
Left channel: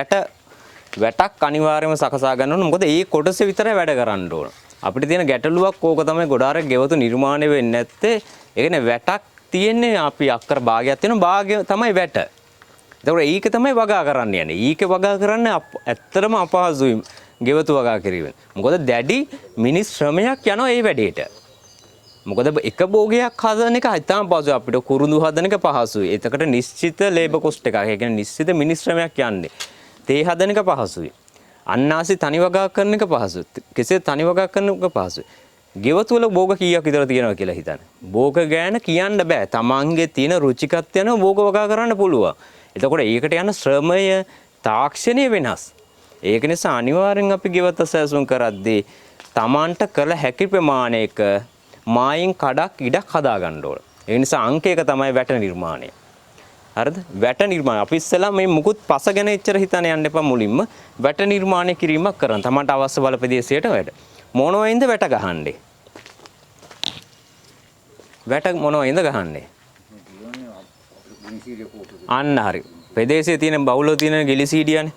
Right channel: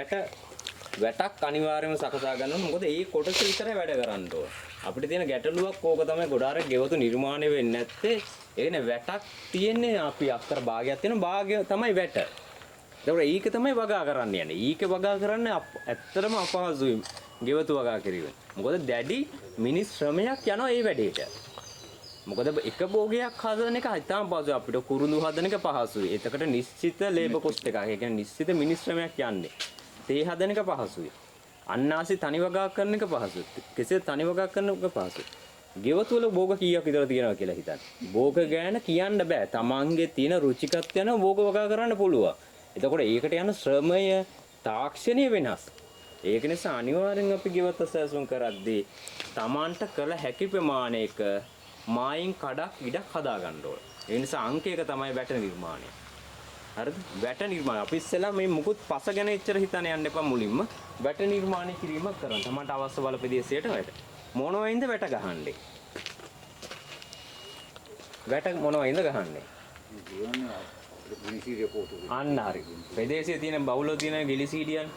වැටක් අනිවාර්යයෙන්ම සකසා ගන්න ඕන. මොකද ඒ කොටස විතරයි වැඩ කරන්න ඕන. අපිට තියෙන ගැටලුවක් ඕක තමයි ගොඩාරක් ගෙවතු නිර්මාණය වෙන්නේ නැත්තේ. ඒ කියන්නේ වැටක් තියෙන්නේ අපි අක්කර භාගයක් තියෙනවා. භාගය තමයි වැට. ඒතකොට ඒක තමයි වගා කරන්න යන්නේ. ඊක වගා කරන්න ඇත්තටම අපහසුයි ගෙවතු වගා කිරීම. මොකද දැඩි මිනිස් ශ්‍රමයක් යනවා ඒ වැඩේට. මොකද එක භෝගයක් හදන එක හිතාම පහසුයි අපිට කුරුඳු හදන එක පහසුයි. ඒකට නිශ්චිත ලේබර් කොස්ට් එකක්. ඒ කියන්නේ නිශ්චිත මිනිස් ශ්‍රමයක් යන්නේ. තේ හදන එක පහසුයි. අන්නාසි තනි වගා කරන එක පහසුයි. කෙසේ තනි වගා කරන එක පහසුයි. ගෙවතු වල භෝග කීයක් විතර තියෙනවා කියලා හිතන්න. භෝග ගෑන කියන්න බෑ. තමන්ගේ තියෙන රුචිකත්වය යන භෝග වගා කරන්න පුළුවන්. එතකොට ඒකට යන ශ්‍රමය තාක්ෂණය වෙනස්. ඒක නිසා අනිවාර්යෙන් අපි ගෙවත සැසුම් කරද්දී තමන්ට කළ හැකි ප්‍රමාණයක මායින් කඩක් ඉඩක් හදා ගන්න ඕන. ඒ නිසා අංක 1 තමයි වැට නිර්මාණය. හරිද? වැට නිර්මාණය. අපි ඉස්සෙල්ලා මේ මුකුත් පස ගැන එච්චර හිතන්න යන්න එපා මුලින්ම. වැට නිර්මාණය කිරීමක් කරන්න. තමන්ට අවශ්‍ය බල ප්‍රදේශයට වැඩ. මොනවයින්ද වැට ගහන්නේ? වැට මොනවයින්ද ගහන්නේ? අන්න හරි. ප්‍රදේශයේ තියෙන බහුලව තියෙන ගිලිසීඩියනේ.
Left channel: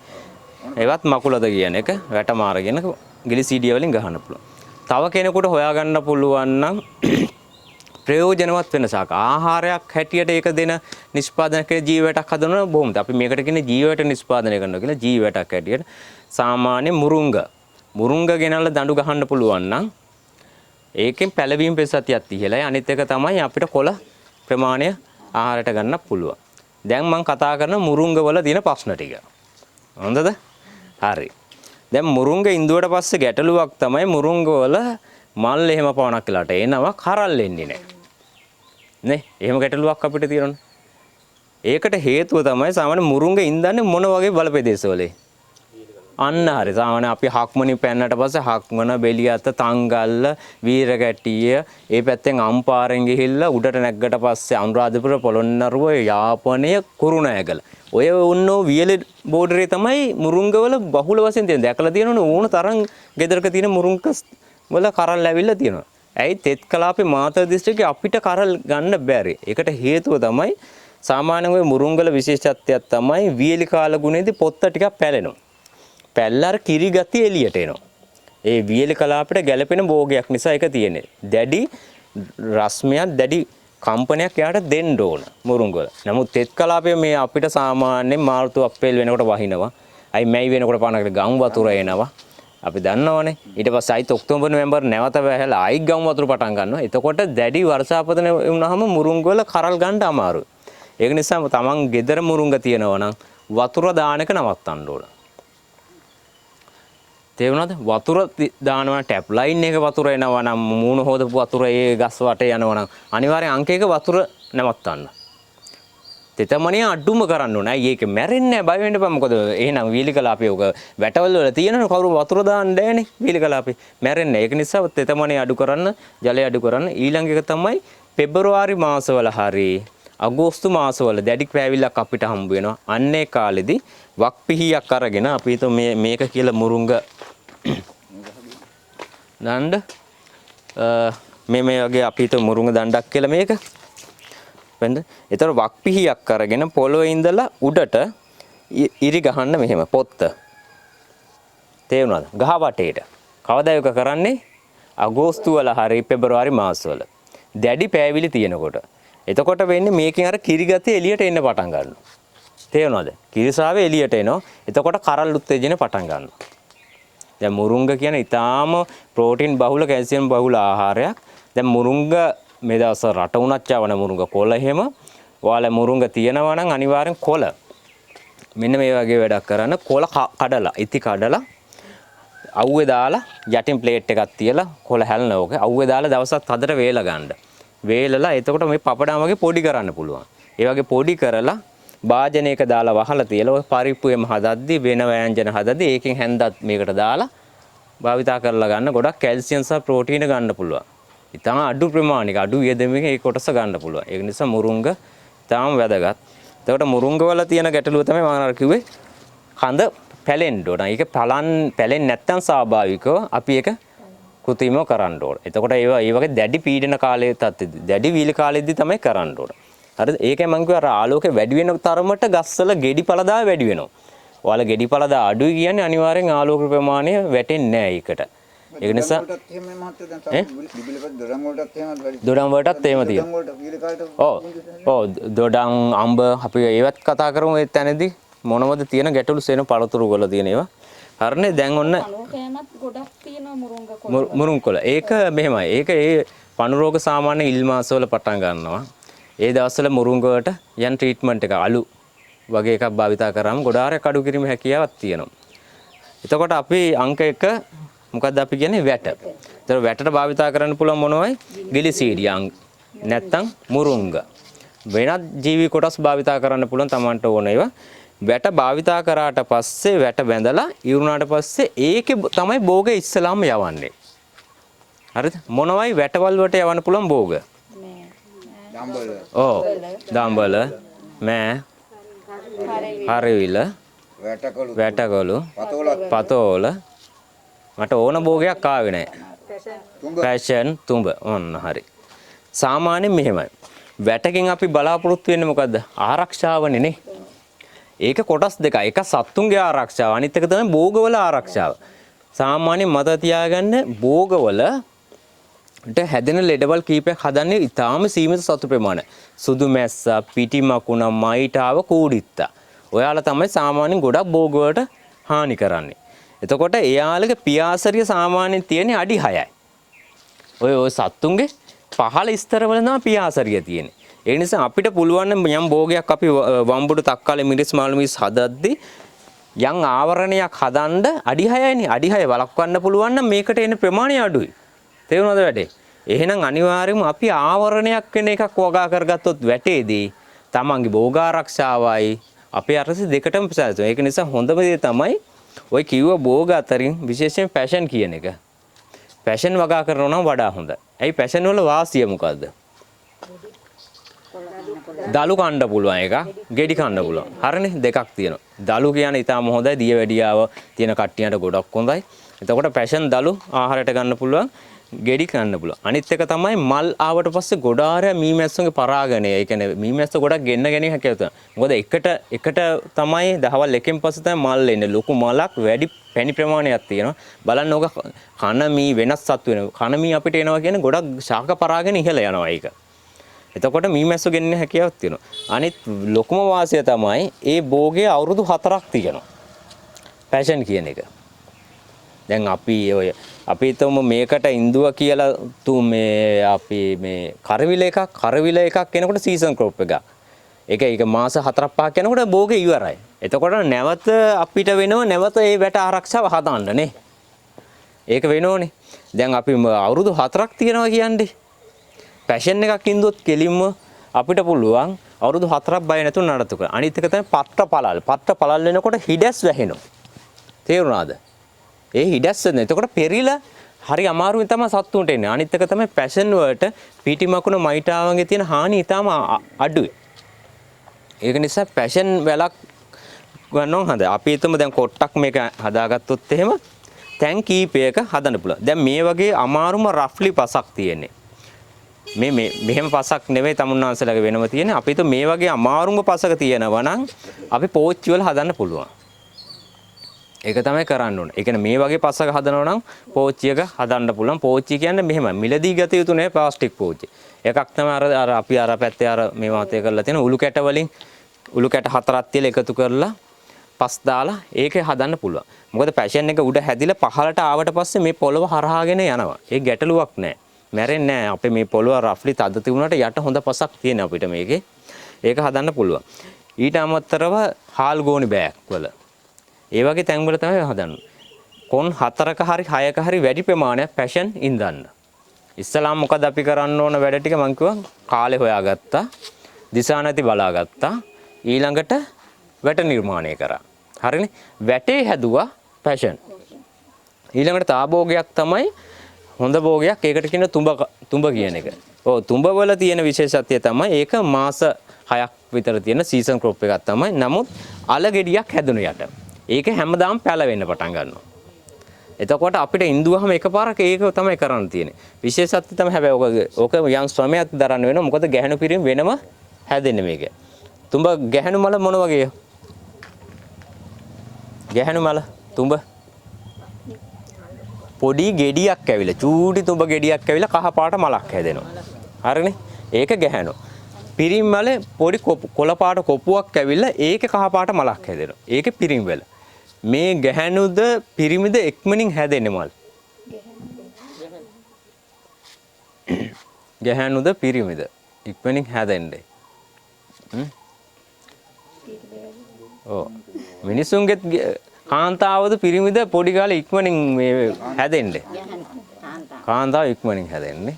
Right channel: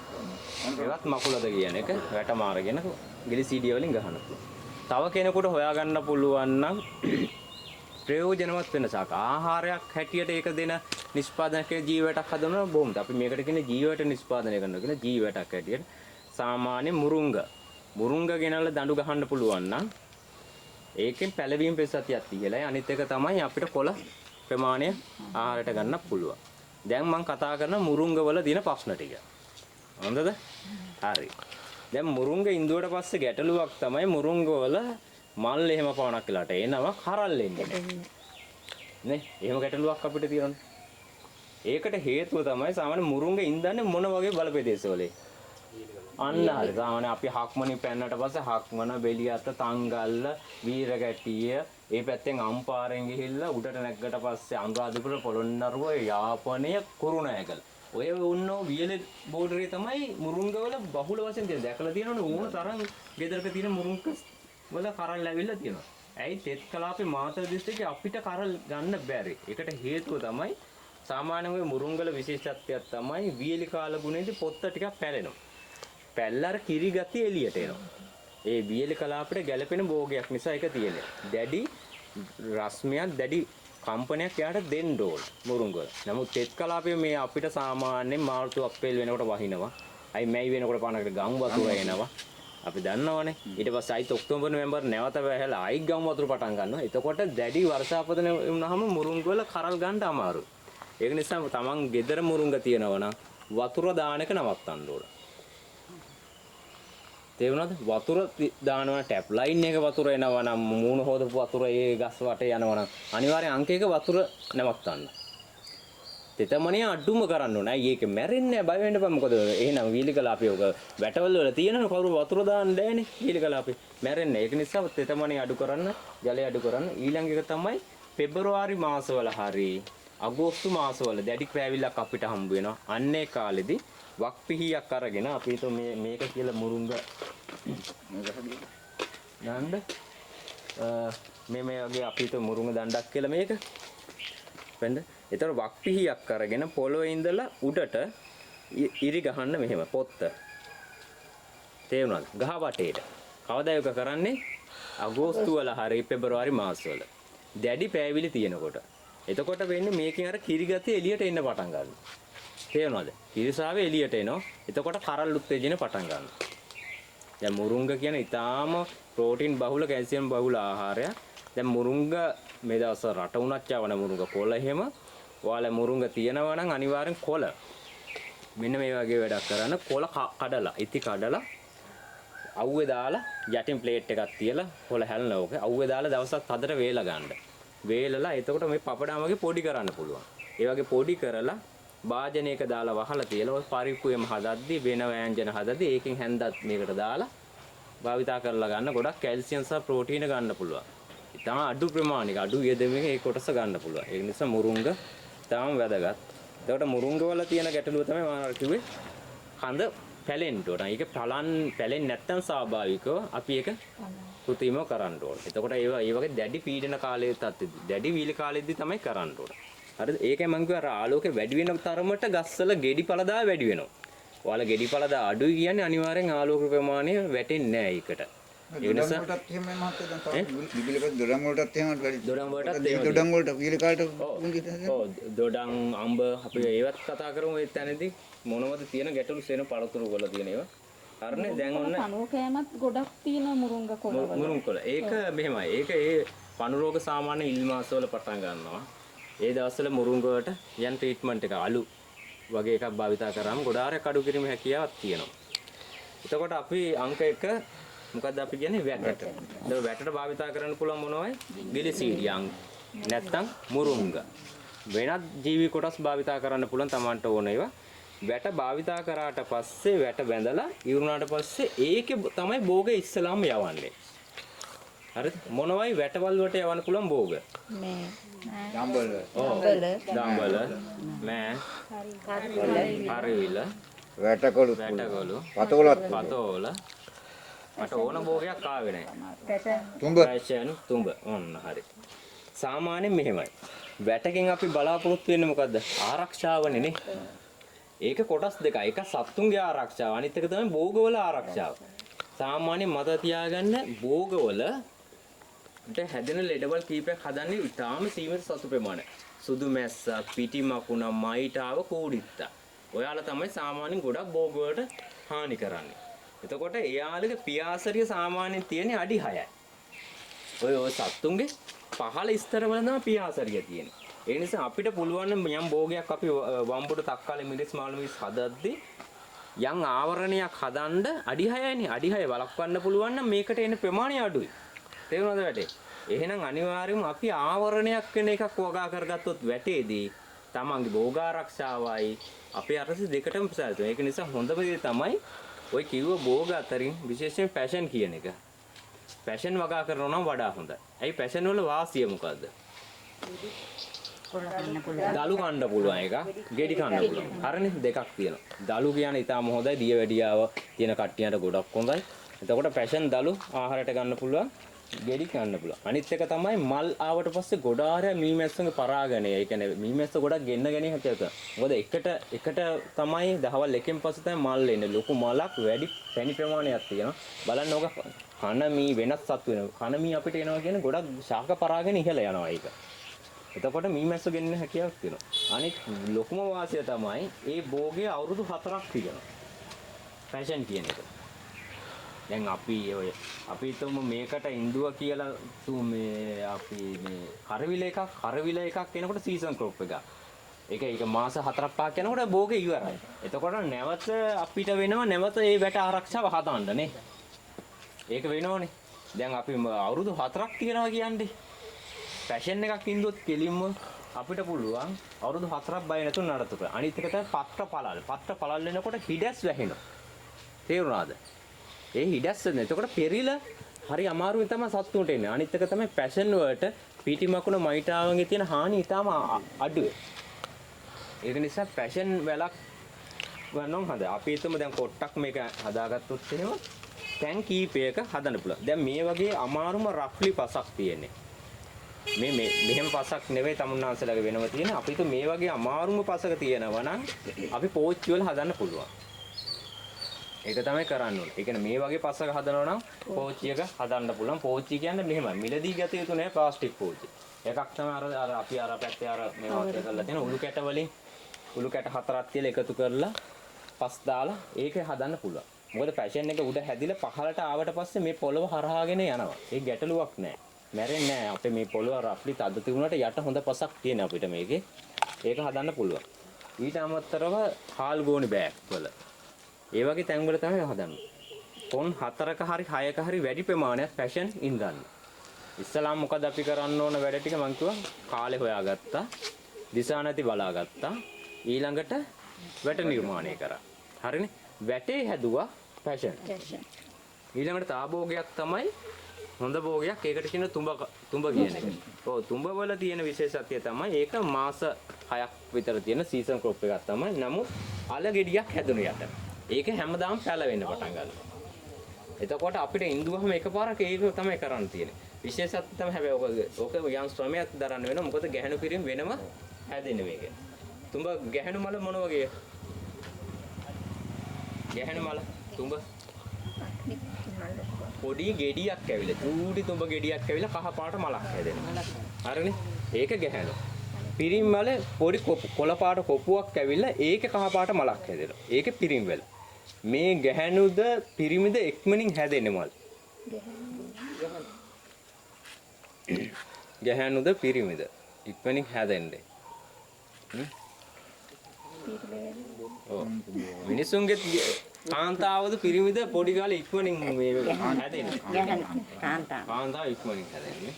ඒවත් මකුලද කියන එක වැට මාරගෙන ගිලිසීඩිය වලින් ගහන්න පුළුවන්. තව කෙනෙකුට හොයාගන්න පුළුවන් නම් ප්‍රයෝජනවත් වෙනසක් ආහාරයක් හැටියට ඒක දෙන නිෂ්පාදන කරන ජීවටක් හදනවා බොහොමද අපි මේකට කියන්නේ ජීවයට නිෂ්පාදනය කරනවා කියලා ජීවටක් හැටියට සාමාන්‍ය මුරුංග ගෙනල්ලා දඬු ගහන්න පුළුවන් නම් ඒකෙන් පැලවීම ප්‍රතිශතයක් තියලයි අනිත් එක තමයි අපිට කොළ ප්‍රමාණය ආහාරයට ගන්න පුළුවන්. දැන් මම කතා කරන මුරුංග වල තියෙන ප්‍රශ්න ටික. හොඳද? හරි. දැන් මුරුංග ඉන්දුවට පස්සේ ගැටලුවක් තමයි මුරුංග වල මල් එහෙම පවණක් කියලාට එනවා කරල් එන්නේ නැහැ. නේ? එහෙම ගැටලුවක් අපිට තියෙනවනේ. ඒකට හේතුව තමයි සාමාන්‍ය මුරුංග ඉන්දන්නේ මොන වගේ බලපෙදේශවලේ? අන්න හරි. සාමාන්‍ය අපි හක්මනින් පැන්නට පස්සේ හක්මන, බෙලියත, තංගල්ල, වීරගැටිය, ඒ පැත්තෙන් අම්පාරෙන් ගිහිල්ලා උඩට නැග්ගට පස්සේ අනුරාධපුර, පොළොන්නරුව, යාපනය, කුරුණෑගල. ඔය උන්නෝ වියලි බෝඩරේ තමයි මුරුංගවල බහුල වශයෙන් තියෙන. දැකලා තියෙනවනේ ඕන තරම් ගෙදරක තියෙන මුරුංග වල කරල් ඇවිල්ලා තියෙනවා. ඇයි තෙත් කලාපේ මාතර දිස්ත්‍රික්කේ අපිට කරල් ගන්න බැරි. ඒකට හේතුව තමයි සාමාන්‍යයෙන් ඔය මුරුංගල විශේෂත්වයක් තමයි වියලි කාල ගුණේදී පොත්ත ටිකක් පැලෙනවා. පැල්ලර කිරි ගතිය එළියට එනවා. ඒ වියලි කලාපයට ගැළපෙන භෝගයක් නිසා ඒක තියෙන්නේ. දැඩි රස්මයක් දැඩි කම්පනයක් යාට දෙන්න ඕන මුරුංගවල. නමුත් තෙත් කලාපයේ මේ අපිට සාමාන්‍යයෙන් මාර්තු අප්‍රේල් වෙනකොට වහිනවා. අයි මැයි වෙනකොට පානකට ගම් වතුර එනවා. අපි දන්නවනේ. ඊට පස්සේ ආයිත් ඔක්තෝබර් නොවැම්බර් නැවත වැහැලා ආයි ගම් වතුර පටන් ගන්නවා. එතකොට දැඩි වර්ෂාපතන වුණාම මුරුංගවල කරල් ගන්න අමාරුයි. ඒක නිසා තමන් ගෙදර මුරුංග තියනවා නම් වතුර දාන එක නවත්තන්න ඕන. තේරුණාද? වතුර දානවා ටැප් ලයින් එක වතුර එනවා නම් මූණ හොදපු වතුර ඒ ගස් වටේ යනවා නම් අනිවාර්යෙන් අංක 1 වතුර නවත්තන්න. තෙතමනිය අඩුම කරන්න ඕනේ. අයි ඒක මැරෙන්නේ නැහැ බය වෙන්න එපා. මොකද එහෙනම් වීලි කලාපේ උක වැටවල වල තියෙනවනේ කවුරු වතුර දාන්න බෑනේ වීලි කලාපේ. මැරෙන්නේ. ඒක නිසා තෙතමනිය අඩු කරන්න, ජලය අඩු කරන්න. ඊළඟ එක තමයි පෙබරවාරි මාසවල හරි අගෝස්තු මාසවල දැඩි පෑවිල්ලක් අපිට හම්බ වෙනවා. අන්නේ කාලෙදී වක් පිහියක් අරගෙන අපි හිතමු මේක කියලා මුරුංග දණ්ඩ මේ වගේ අපි හිතමු මුරුංග දණ්ඩක් කියලා මේක. වෙනද? ඒතර වක් පිහියක් අරගෙන පොළොවේ ඉඳලා උඩට ඉරි ගහන්න මෙහෙම පොත්ත. තේරුණාද? ගහ වටේට. කවදා ඒක කරන්නේ? අගෝස්තු වල හරි පෙබරවාරි මාසවල. දැඩි පෑවිලි තියෙනකොට. එතකොට වෙන්නේ මේකෙන් අර කිරි ගතිය එළියට එන්න පටන් ගන්නවා. තේරුණාද? කිරිසාවේ එළියට එනවා. එතකොට කරල් උත්තේජන පටන් ගන්නවා. දැන් මුරුංග කියන ඊටාම ප්‍රෝටීන් බහුල කැල්සියම් බහුල ආහාරයක්. දැන් මුරුංග මේ දවස් රට උනත් යවන මුරුංග කොළ එහෙම ඔයාලා මුරුංග තියනවා නම් අනිවාර්යෙන් කොළ මෙන්න මේ වගේ වැඩක් කරන්න. කොළ කඩලා ඉති කඩලා අවුවේ දාලා යටින් ප්ලේට් එකක් තියලා කොළ හැලන ඕක අවුවේ දාලා දවසක් හදට වේල ගන්න. වේලලා එතකොට මේ පපඩම් වගේ පොඩි කරන්න පුළුවන්. ඒ වගේ පොඩි කරලා භාජනයක දාලා වහලා තියලා ඔය පරිප්පුවෙම හදද්දි වෙන ව්‍යංජන හදද්දි ඒකෙන් හැන්දත් මේකට දාලා භාවිතා කරලා ගන්න ගොඩක් කැල්සියම් සහ ප්‍රෝටීන ගන්න පුළුවන්. ඉතාලම අඩු ප්‍රමාණික අඩු යෙදෙමින් ඒ කොටස ගන්න පුළුවන්. ඒක නිසා මුරුංග ඉතාලම වැදගත්. එතකොට මුරුංග වල තියෙන ගැටලුව තමයි මම කිව්වේ කඳ පැලෙන්න ඕන. ඒක පැලෙන්නේ නැත්නම් ස්වාභාවිකව අපි ඒක කෘත්‍රිමව කරන්න ඕන. එතකොට ඒ වගේ දැඩි පීඩන කාලයේ තත්ත්වෙදී දැඩි වීල කාලෙදී තමයි කරන්න ඕන. හරිද? ඒකයි මම කිව්වා අර ආලෝකය වැඩි වෙන තරමට ගස්වල ගෙඩි පළදා වැඩි වෙනවා. ඔයාලා ගෙඩි පළදා අඩුයි කියන්නේ අනිවාර්යෙන් ආලෝක ප්‍රමාණය වැටෙන්නේ නැහැ ඒකට. ඒක නිසා දොඩම් වලටත් එහෙම තියෙනවා. ඔව් දොඩම් අඹ අපි ඒවත් කතා කරමු ඒ තැනදී මොනවද තියෙන ගැටලු සේන පළතුරු වල තියෙන ඒවා. හරිනේ දැන් ඔන්න අනෝකයමත් ගොඩක් තියෙනවා මුරුංග කොළ. මුරුංග කොළ. ඒක මෙහෙමයි. ඒක ඒ පණු රෝග සාමාන්‍ය ඉල් මාස වල පටන් ගන්නවා. ඒ දවස්වල මුරුංග වලට යන් ට්‍රීට්මන්ට් එක අලු වගේ එකක් භාවිතා කරාම ගොඩාරයක් අඩු කිරීමේ හැකියාවක් තියෙනවා. එතකොට අපි අංක 1 මොකක්ද අපි කියන්නේ වැට. ඒතර වැටට භාවිතා කරන්න පුළුවන් මොනවයි? ග්ලිසීඩියම් නැත්තම් මුරුංග. වෙනත් ජීවි කොටස් භාවිතා කරන්න පුළුවන් Tamanට ඕන ඒවා. වැට භාවිතා කරාට පස්සේ වැට බැඳලා ඉරුණාට පස්සේ ඒකේ තමයි භෝගය ඉස්සලාම යවන්නේ. හරිද? මොනවයි වැටවල් වලට යවන්න පුළුවන් භෝග? දම්බල. ඔව්. දම්බල, මෑ, හරිවිල, වැටකොළු, පතෝල. මට ඕන භෝගයක් ආවේ නැහැ. පැෂන්, තුඹ. ඔන්න හරි. සාමාන්‍යයෙන් මෙහෙමයි. වැටකින් අපි බලාපොරොත්තු වෙන්නේ මොකද්ද? ආරක්ෂාවනේ නේ. ඒක කොටස් දෙකයි. එක සත්තුන්ගේ ආරක්ෂාව, අනිත් එක තමයි භෝගවල ආරක්ෂාව. සාමාන්‍යයෙන් මතක තියාගන්න භෝගවලට හැදෙන ලෙඩවල් කීපයක් හදන්නේ ඉතාම සීමිත සතු ප්‍රමාණය. සුදු මැස්ස, පිටි මකුණ, මයිටාව, කූඩිත්තා. ඔයාලා තමයි සාමාන්‍යයෙන් ගොඩක් භෝගවලට හානි කරන්නේ. එතකොට එයාලගේ පියාසරිය සාමාන්‍යයෙන් තියෙන්නේ අඩි 6යි. ඔය සත්තුන්ගේ පහළ ස්තරවල තමයි පියාසරිය තියෙන්නේ. ඒ නිසා අපිට පුළුවන් නම් යම් භෝගයක් අපි වම්බුඩු තක්කාලේ මිරිස් මාළු මිරිස් හදද්දී යම් ආවරණයක් හදන්න අඩි 6යිනේ. අඩි 6 වළක්වන්න පුළුවන් නම් මේකට එන ප්‍රමාණය අඩුයි. තේරුණාද වැඩේ? එහෙනම් අනිවාර්යයෙන්ම අපි ආවරණයක් වෙන එකක් වගා කරගත්තොත් වැටේදී තමන්ගේ භෝග ආරක්ෂාවයි අපේ අරස දෙකටම ප්‍රසාරිත. ඒක නිසා හොඳම දේ තමයි ඔය කිව්ව භෝග අතරින් විශේෂයෙන් පැෂන් කියන එක. පැෂන් වගා කරනවා නම් වඩා හොඳයි. ඇයි පැෂන් වල වාසිය මොකද්ද? දලු කන්න පුළුවන් එක, ගෙඩි කන්න පුළුවන්. හරිනේ දෙකක් තියෙනවා. දලු කියන්නේ ඊටාම හොඳයි, දියවැඩියාව තියෙන කට්ටියට ගොඩක් හොඳයි. එතකොට පැෂන් දලු ආහාරයට ගන්න පුළුවන්, ගෙඩි කන්න පුළුවන්. අනිත් එක තමයි මල් ආවට පස්සේ ගොඩාරය මීමැස්සුන්ගේ පරාගණය. ඒ කියන්නේ මීමැස්ස ගොඩක් ගෙන්න ගැනීම හැකියාව තියෙනවා. මොකද එකට තමයි දහවල් එකෙන් පස්සේ තමයි මල් එන්නේ. ලොකු මලක් වැඩි පැණි ප්‍රමාණයක් තියෙනවා. බලන්න ඕක කන මී වෙනස් සත්තු වෙනවා. කන මී අපිට එනවා කියන්නේ ගොඩක් ශාක පරාගණ ඉහළ යනවා ඒක. එතකොට මීමැස්සු ගෙන්න හැකියාවක් තියෙනවා. අනිත් ලොකුම වාසිය තමයි ඒ භෝගයේ අවුරුදු 4ක් තියෙනවා. පැෂන් කියන එක. දැන් අපි හිතමු මේකට ඉන්දුව කියලා මේ අපි මේ කරවිල එකක් එනකොට සීසන් ක්‍රොප් එකක්. ඒක මාස 4-5ක් යනකොට භෝගේ ඉවරයි. එතකොට නැවත අපිට වෙනව නැවත ඒ වැට ආරක්ෂාව හදන්න නේ. ඒක වෙනෝනේ. දැන් අපි අවුරුදු 4ක් තියෙනවා කියන්නේ. පැෂන් එකක් ඉඳුවොත් කෙලින්ම අපිට පුළුවන් අවුරුදු 4ක් බය නැතුව නඩත්තු කරන්න. අනිත් එක තමයි පත්‍ර පළල්. පත්‍ර පළල් වෙනකොට හිඩැස් වැහෙනවා. තේරුණාද? ඒ හිඩැස් වෙන. එතකොට පෙරිලා හරි අමාරුවෙන් තමයි සත්තුන්ට එන්නේ. අනිත් එක තමයි පැෂන් වලට පීටි මකුණ මයිටාවන්ගේ තියෙන හානි ඊටාම අඩුයි. ඒක නිසා පැෂන් වැලක් ගන්නව හොඳයි. අපි හිතමු දැන් කොට්ටක් මේක හදාගත්තොත් එහෙම තැන් කීපයක හදන්න පුළුවන්. දැන් මේ වගේ අමාරුම රෆ්ලි පසක් තියෙන්නේ. මෙහෙම පසක් නෙවෙයි තමුන්නාන්සලගේ වෙනම තියෙන්නේ. අපි හිතමු මේ වගේ අමාරුම පසක තියෙනවා නම් අපි පෝච්චි වල හදන්න පුළුවන්. ඒක තමයි කරන්න ඕනේ. ඒ කියන්නේ මේ වගේ පසක හදනවා නම් පෝච්චියක හදන්න පුළුවන්. පෝච්චි කියන්නේ මෙහෙම මිලදී ගත යුතු නේ ප්ලාස්ටික් පෝච්චි. එකක් තමයි අර අපි අර පැත්තේ අර මේ වාතය කරලා තියෙන උළු කැට වලින් උළු කැට 4ක් තියලා එකතු කරලා පස් දාලා ඒකේ හදන්න පුළුවන්. මොකද පැෂන් එක උඩ හැදිලා පහළට ආවට පස්සේ මේ පොළව හරහාගෙන යනවා. ඒ ගැටලුවක් නැහැ. මැරෙන්නේ නැහැ. අපේ මේ පොළව රෆ්ලි තද තිබුණාට යට හොඳ පසක් තියෙන අපිට මේකේ. ඒක හදන්න පුළුවන්. ඊට අමතරව හාල් ගෝනි බෑග් වල ඒ වගේ තැන් වල තමයි හදන්නේ. කොන් 4ක හරි 6ක හරි වැඩි ප්‍රමාණයක් පැෂන් ඉඳන්න. ඉස්සලාම් මොකද අපි කරන්න ඕන වැඩ ටික මං කිව්වා කාලේ හොයාගත්තා. දිසා නැති බලාගත්තා. ඊළඟට වැට නිර්මාණය කරා. හරිනේ. වැටේ හැදුවා පැෂන්. ඊළඟට තාභෝගයක් තමයි හොඳ භෝගයක්. ඒකට කියන තුඹ කියන එක. ඔව් තුඹ වල තියෙන විශේෂත්වය තමයි ඒක මාස 6ක් විතර තියෙන සීසන් ක්‍රොප් එකක් තමයි. නමුත් අල ගෙඩියක් හැදුණු යට. ඒක හැමදාම පැලවෙන්න පටන් ගන්නවා. එතකොට අපිට ඉන්දුවහම එකපාරක ඒක තමයි කරන්න තියෙන්නේ. විශේෂත්වය තමයි හැබැයි ඕක යම් ශ්‍රමයක් දරන්න වෙනවා. මොකද ගැහණු පිරිම වෙනම හැදෙන්නේ මේක. තුඹ ගැහණු මල මොන වගේ? ගැහණු මල තුඹ පොඩි ගෙඩියක් ඇවිල්ලා චූටි තුඹ ගෙඩියක් ඇවිල්ලා කහ පාට මලක් හැදෙනවා. හරිනේ? ඒක ගැහණු. පිරිම් මල පොඩි කොළ පාට කොපුවක් ඇවිල්ලා ඒකේ කහ පාට මලක් හැදෙනවා. ඒකේ පිරිම් වල. මේ ගැහණුද පිරිමිද එක්මනින් හැදෙන්නේ මල්. ගැහණුද පිරිමිද ඉක්මනින් හැදෙන්නේ. ඔව්. මිනිසුන්ගේ කාන්තාවද පිරිමිද පොඩි කාලේ ඉක්මනින් මේ හැදෙන්නේ. කාන්තාව ඉක්මනින් හැදෙන්නේ.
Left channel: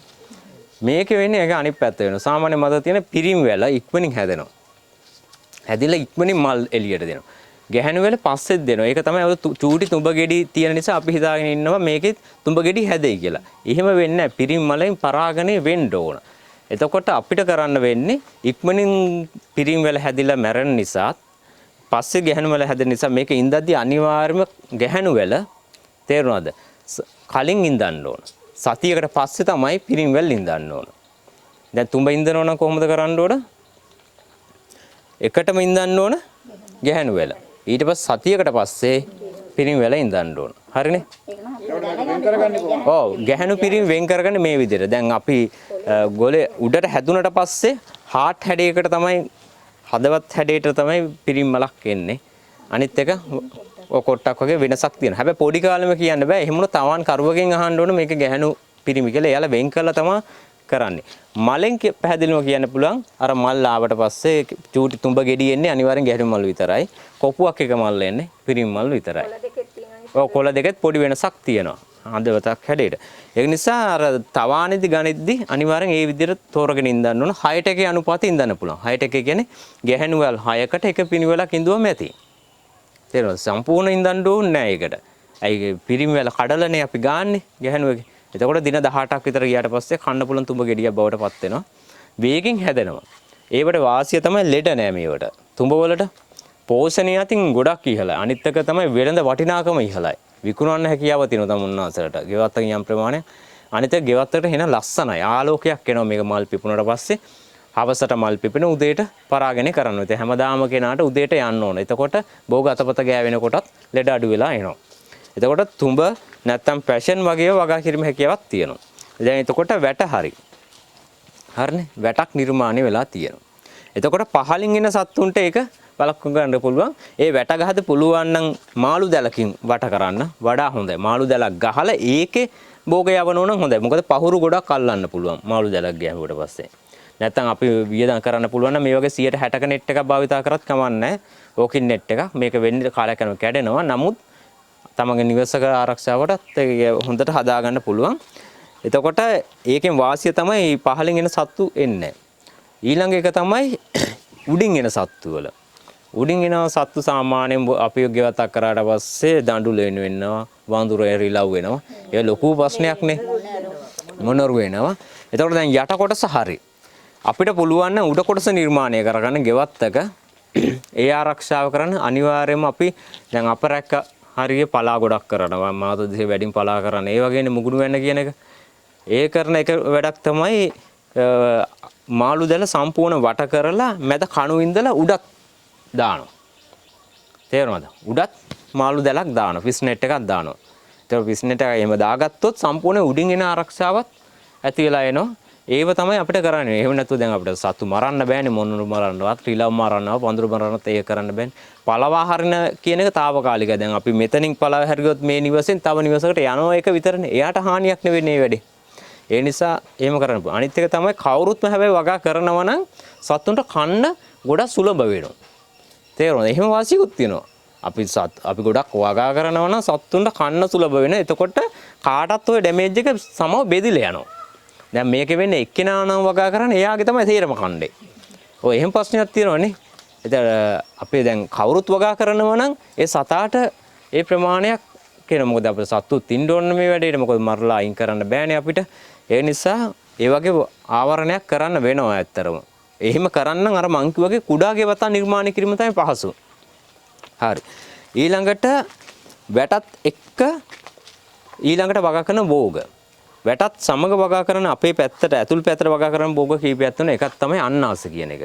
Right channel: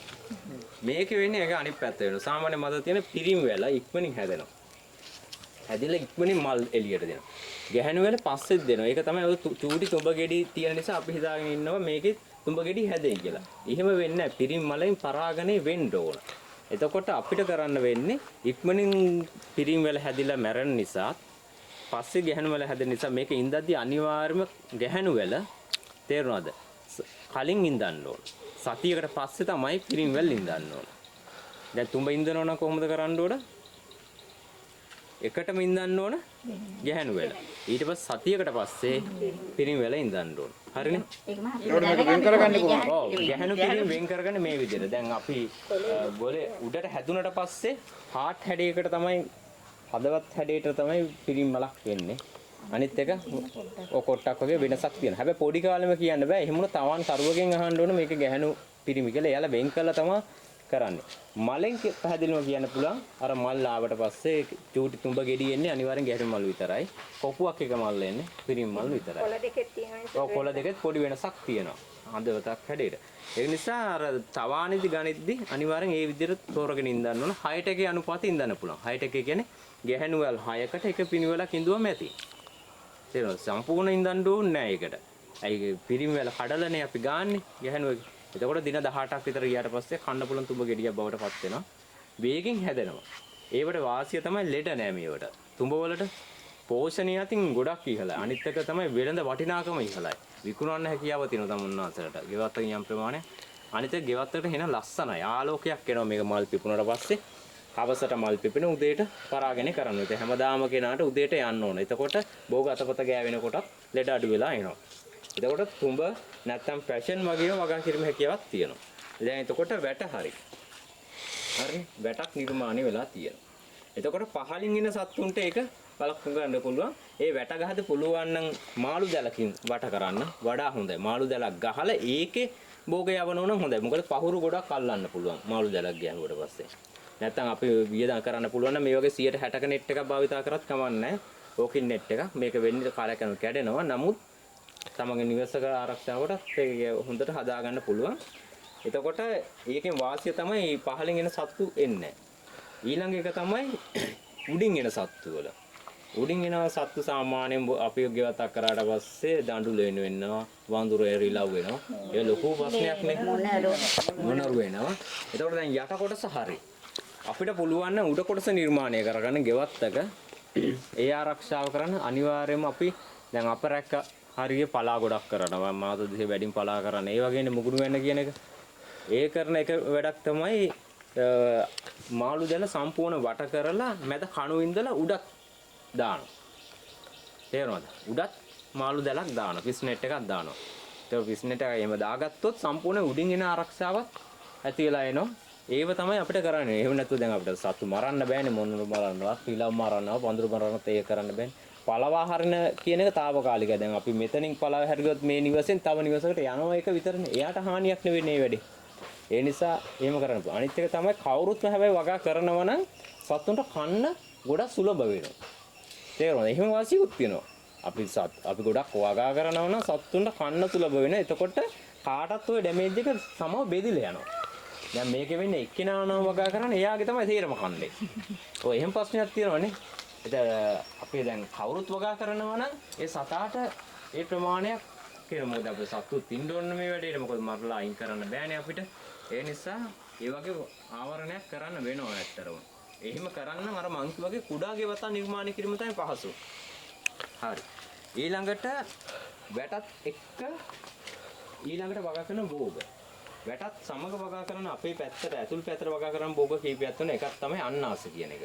මේකේ වෙන්නේ ඒක අනිත් පැත්ත වෙනවා. සාමාන්‍ය මත තියෙන පිරිම් වල ඉක්මනින් හැදෙනවා. හැදිලා ඉක්මනින් මල් එළියට දෙනවා. ගැහණු වල පස්සෙත් දෙනවා. ඒක තමයි ඔය චූටි තුඹ ගෙඩි තියෙන නිසා අපි හිතාගෙන ඉන්නවා මේකෙත් තුඹ ගෙඩි හැදෙයි කියලා. එහෙම වෙන්නේ නැහැ. පිරිම් මලෙන් පරාගණය වෙන්න ඕන. එතකොට අපිට කරන්න වෙන්නේ ඉක්මනින් පිරිම් වල හැදිලා මැරෙන නිසා පස්සේ ගැහණු වල හැදෙන නිසා මේක ඉඳද්දි අනිවාර්යයෙන්ම ගැහණු වල තේරුණාද? කලින් ඉඳන්න ඕන. සතියකට පස්සේ තමයි පිරිම් වල ඉඳන්න ඕන. දැන් තුඹ ඉඳනෝ නම් කොහොමද කරන්න ඕන? එකටම ඉඳන්න ඕන ගැහණු වල. ඊට පස්සේ සතියකට පස්සේ පිරිම් වල ඉඳන්න ඕන. හරිනේ? ඔව් ගැහණු පිරිම් වෙන් කරගන්නේ මේ විදිහට. දැන් අපි ගොලේ උඩට හැදුනට පස්සේ හાર્ට් හැඩයකට තමයි හදවත් හැඩයට තමයි පිරිම් මලක් එන්නේ. අනිත් එක ඔය කොට්ටක් වගේ වෙනසක් තියෙනවා. හැබැයි පොඩි කාලෙම කියන්න බෑ. එහෙම වුණොත් තවන් කරුවකින් අහන්න ඕන මේක ගැහණු පිරිමි කියලා. එයාලා වෙන් කරලා තමයි කරන්නේ. මලෙන් පැහැදිලිව කියන්න පුළුවන් අර මල් ආවට පස්සේ චූටි තුඹ ගෙඩි එන්නේ අනිවාර්යෙන් ගැහණු මල් විතරයි. කොපුවක් එක මල් එන්නේ පිරිම් මල් විතරයි. ඔව් කොළ දෙකෙත් පොඩි වෙනසක් තියෙනවා. හදවතක් හැඩයට. ඒ නිසා අර තවානෙදි ගණිද්දි අනිවාර්යෙන් ඒ විදිහට තෝරගෙන ඉඳන්න ඕන. 6ට එකේ අනුපාතය ඉඳන්න පුළුවන්. 6ට එකේ කියන්නේ ගැහණු වල 6කට එක පිරිවලක් ඉඳුවම ඇති. තේරෙනවද? සම්පූර්ණ ඉඳන්න ඕනේ නැහැ ඒකට. අයි පිරිමි වල කඩලනේ අපි ගාන්නේ ගැහණුවගේ. එතකොට දින 18ක් විතර ගියාට පස්සේ කන්න පුළුවන් තුඹ ගෙඩියක් බවට පත් වෙනවා. වේගෙන් හැදෙනවා. ඒවට වාසිය තමයි ලෙඩ නෑ මේවට. තුඹ වලට පෝෂණය අතින් ගොඩක් ඉහළයි. අනිත් එක තමයි වෙළඳ වටිනාකම ඉහළයි. විකුණන්න හැකියාව තියෙනවා තමුන්නාසලට. ගෙවත්තකින් යම් ප්‍රමාණයක්. අනිත් එක ගෙවත්තට එන ලස්සනයි. ආලෝකයක් එනවා මේක මල් පිපුණාට පස්සේ. හවසට මල් පිපෙන උදේට පරාගණය කරනවා. ඉතින් හැමදාම කෙනාට උදේට යන්න ඕන. එතකොට භෝග අතපත ගෑවෙනකොටත් ලෙඩ අඩු වෙලා එනවා. එතකොට තුඹ නැත්තම් පැෂන් වගේ වගා කිරීම හැකියාවක් තියෙනවා. දැන් එතකොට වැට හරි. හරිනේ? වැටක් නිර්මාණය වෙලා තියෙනවා. එතකොට පහලින් එන සත්තුන්ට ඒක බලක්ව ගන්න පුළුවන්. ඒ වැට ගහද පුළුවන් නම් මාළු දැලකින් වට කරන්න වඩා හොඳයි. මාළු දැලක් ගහලා ඒකේ භෝග යවනෝ නම් හොඳයි. මොකද පහුරු ගොඩක් අල්ලන්න පුළුවන් මාළු දැලක් ගෑවුවට පස්සේ. නැත්තම් අපි වියදම් කරන්න පුළුවන් නම් මේ වගේ 160ක නෙට් එකක් භාවිතා කරත් කමක් නැහැ. ඕකින් නෙට් එක මේක වෙන්නේ කාලයක් යනවා කැඩෙනවා. නමුත් තමගේ නිවසක ආරක්ෂාවටත් හොඳට හදාගන්න පුළුවන්. එතකොට ඒකෙන් වාසිය තමයි පහලින් එන සත්තු එන්නේ. ඊළඟ එක තමයි උඩින් එන සත්තු වල. උඩින් එන සත්තු සාමාන්‍යයෙන් අපි ගෙවතක් කරාට පස්සේ දඬුල වෙනවා, වඳුර එරිලව් වෙනවා. ඒ ලොකු ප්‍රශ්නයක් නේ. මොනරු වෙනවා. එතකොට දැන් යට කොටස හරි. අපිට පුළුවන් නම් උඩ කොටස නිර්මාණය කරගන්න ගෙවත්තක ඒ ආරක්ෂාව කරන්න අනිවාර්යයෙන්ම අපි දැන් අපරැක්ක හරිය පලා ගොඩක් කරනවා. මාත දෙහි වැඩිම පලා කරන. ඒ වගේනේ මුගුණු වෙන්න කියන එක. ඒ කරන එක වැඩක් තමයි මාළු දැල සම්පූර්ණ වට කරලා මැද කණු ඉඳලා උඩත් දානවා. තේරුණාද? උඩත් මාළු දැලක් දානවා. ෆිස් නෙට් එකක් දානවා. ඒක ෆිස් නෙට් එක එහෙම දාගත්තොත් සම්පූර්ණ උඩින් එන ආරක්ෂාවක් ඇති වෙලා එනවා. ඒව තමයි අපිට කරන්නේ. එහෙම නැතුව දැන් අපිට සතු මරන්න බෑනේ. මොනුරු මරන්නවත්, රිලව් මරන්නවත්, වඳුරු මරන්නත් ඒක කරන්න බෑනේ. පළවා හරින කියන එක తాවකාලිකයි. දැන් අපි මෙතනින් පළව හැරියොත් මේ නිවසෙන් තව නිවසකට යනවා එක විතරනේ. එයාට හානියක් නෙවෙයි මේ වැඩේ. ඒ නිසා එහෙම කරන්න පුළුවන්. අනිත් එක තමයි කවුරුත්ම හැබැයි වගා කරනවා නම් සතුන්ට කන්න ගොඩක් සුලභ වෙනවා. තේරුණාද? එහෙම වාසියකුත් තියෙනවා. අපි ගොඩක් වගා කරනවා නම් සත්තුන්ට කන්න සුලභ වෙන. එතකොට කාටත් ඔය ඩැමේජ් එක සමව බෙදිලා යනවා. දැන් මේකේ වෙන්නේ එක්කෙනා නම් වගා කරන්නේ එයාගේ තමයි තේරම කන්නේ. ඔය එහෙම ප්‍රශ්නයක් තියෙනවනේ. ඉතින් අපේ දැන් කවුරුත් වගා කරනවා නම් ඒ සතාට ඒ ප්‍රමාණයක් කියන මොකද අපේ සත්තු තින්න ඕන මේ වැඩේට මොකද මරලා අයින් කරන්න බෑනේ අපිට. ඒ නිසා ඒ වගේ ආවරණයක් කරන්න වෙනවා ඇත්තරම. එහෙම කරන්න අර මං කිව්වාගේ කුඩා ගෙවතා නිර්මාණය කිරීම තමයි පහසු. හරි. ඊළඟට වැටත් එක්ක ඊළඟට වගා කරන භෝග. වැටත් සමග වගා කරන අපේ පැත්තට ඇතුල් පැත්තට වගා කරන භෝග කීපයක් තියෙනවා. එකක් තමයි අන්නාස කියන එක.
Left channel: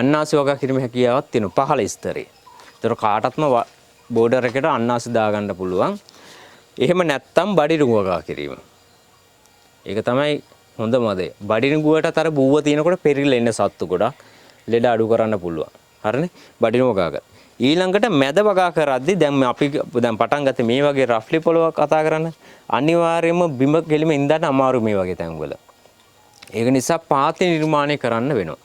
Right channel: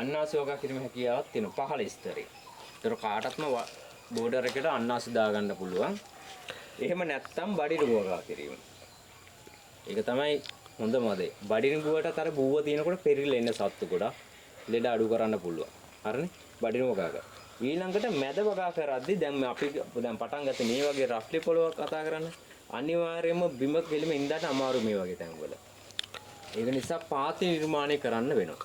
අන්නාස වගා කිරීම හැකියාවක් තියෙනවා පහළ ස්තරේ. ඒතර කාටත්ම බෝඩර් එකට අන්නාස දාගන්න පුළුවන්. එහෙම නැත්තම් බඩිරුඟ වගා කිරීම. ඒක තමයි හොඳම දේ. බඩිරුඟුවට අර බූව තියෙනකොට පෙරිලා එන්න සත්තු ගොඩක් ලෙඩ අඩු කරන්න පුළුවන්. හරිනේ? බඩිරුඟ වගා කර. ඊළඟට මැද වගා කරද්දී දැන් අපි පටන් ගත්තේ මේ වගේ රෆ්ලි පොලව කතා කරන්න. අනිවාර්යයෙන්ම බිම කෙලිම ඉඳන් අමාරු මේ වගේ තැන්වල. ඒක නිසා පාති නිර්මාණය කරන්න වෙනවා.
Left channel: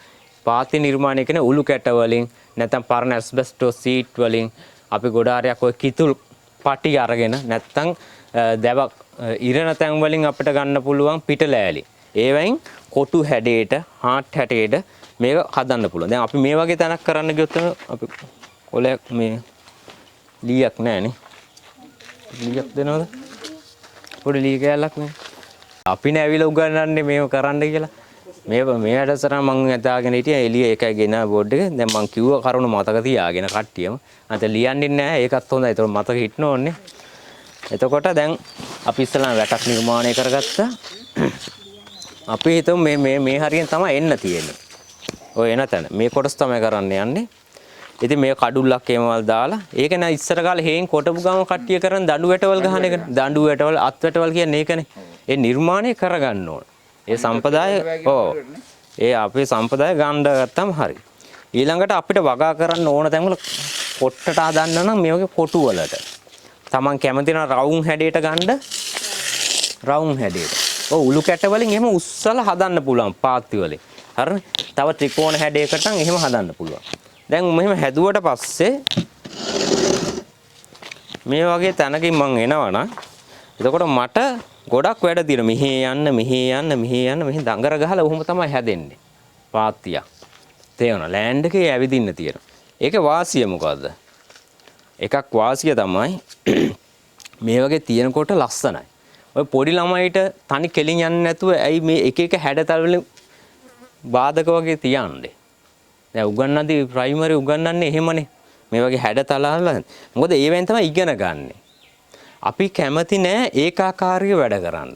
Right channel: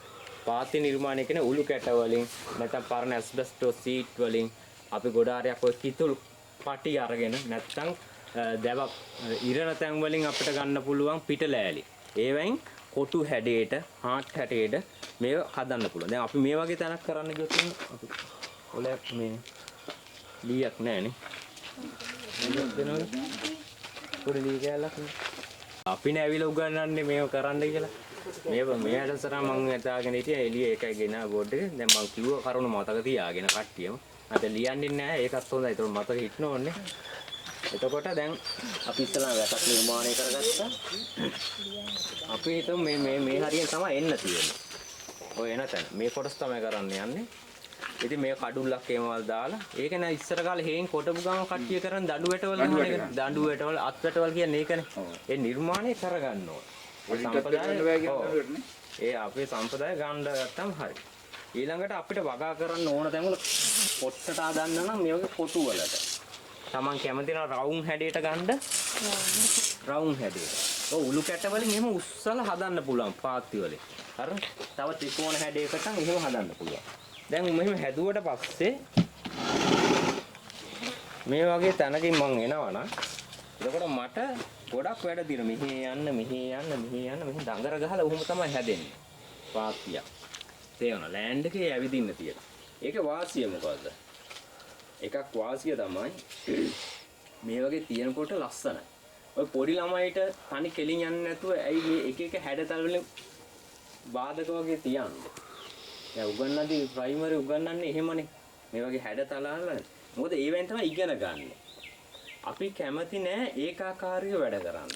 පාති නිර්මාණය කියන්නේ උළු කැට වලින් නැත්නම් පරණ ඇස්බෙස්ටෝස් සීට් වලින් අපි ගොඩාරයක් ඔය කිතුල් පටි අරගෙන නැත්නම් දැවක් ඉරණ තැන් වලින් අපිට ගන්න පුළුවන් පිටලෑලි. ඒවෙන් කොටු හැඩයට හාට් හැඩයට මේක හදන්න පුළුවන්. දැන් අපි මේ වගේ තැනක් කරන්න ගියොත් අපි කොලයක් මේ ලීයක් නැහැනේ. ලීයක් දෙනවද? පොඩි ලී කෑල්ලක් නේ. අපි නෑවිලා උගන්වන්නේ මේව කරන්න කියලා. මේ වැඩසටහන මම හිතාගෙන හිටියා එළිය එකයි ගෙන බෝඩ් එක. දැන් මම කිව්ව කරුණ මතක තියාගෙන කට්ටියම. අත ලියන්නේ නැහැ. ඒකත් හොඳයි. ඒක මතක හිටන ඕනේ. එතකොට දැන් අපි ඉස්සලා වැටක් නිර්මාණය කරගත්තා. අපි හිතමු මේ හරියෙන් තමයි එන්න තියෙන්නේ. ඔය එන තැන. මේ කොටස් තමයි කරන්න යන්නේ. ඉතින් මේ කඩුල්ලක් එහෙමවල් දාලා ඒක නෑ ඉස්සර කාලේ හේන් කොටපු ගම කට්ටිය කරන් දඬු වැටවල් ගහන එක. දඬු වැටවල් අත් වැටවල් කියන්නේ ඒකනේ. ඒ නිර්මාණය කරගන්න ඕන. ඒ සම්පදාය ඒ අපේ සම්පදාය ගන්න ගත්තම හරි. ඊළඟට අපිට වගා කරන්න ඕන තැන්වල කොට්ටට හදන්න නම් මේ වගේ කොටු වලට. Taman කැමති නම් රවුම් හැඩයට ගන්න රවුම් හැඩයට. ඔව් උළු කැට වලින් එහෙම උස්සලා හදන්න පුළුවන් පාත්ති වලින්. හරිනේ? තව ත්‍රිකෝණ හැඩයකට නම් එහෙම හදන්න පුළුවන්. දැන් මෙහෙම හැදුවට පස්සේ මේ වගේ තැනකින් මං එනවනම් එතකොට මට ගොඩක් වැඩ තියෙනවා. මෙහි යන්න මෙහි දඟර ගහලා ඔහොම තමයි හැදෙන්නේ. පාත්තියක්. තේරෙනවද? ලෑන්ඩ් එකේ ඇවිදින්න තියෙනවා. ඒකේ වාසිය මොකද්ද? එකක් වාසිය තමයි මේ වගේ තියෙනකොට ලස්සනයි. ඔය පොඩි ළමයිට තනි කෙලින් යන්නේ නැතුව ඇයි මේ එක එක හැඩතල වලින් බාධක වගේ තියන්නේ? දැන් උගන්නන්නේ ප්‍රයිමරි උගන්නන්නේ එහෙමනේ. මේ වගේ හැඩතල වල. මොකද ඒවෙන් තමයි ඉගෙන ගන්න. අපි කැමති නෑ ඒකාකාරීව වැඩ කරන්න.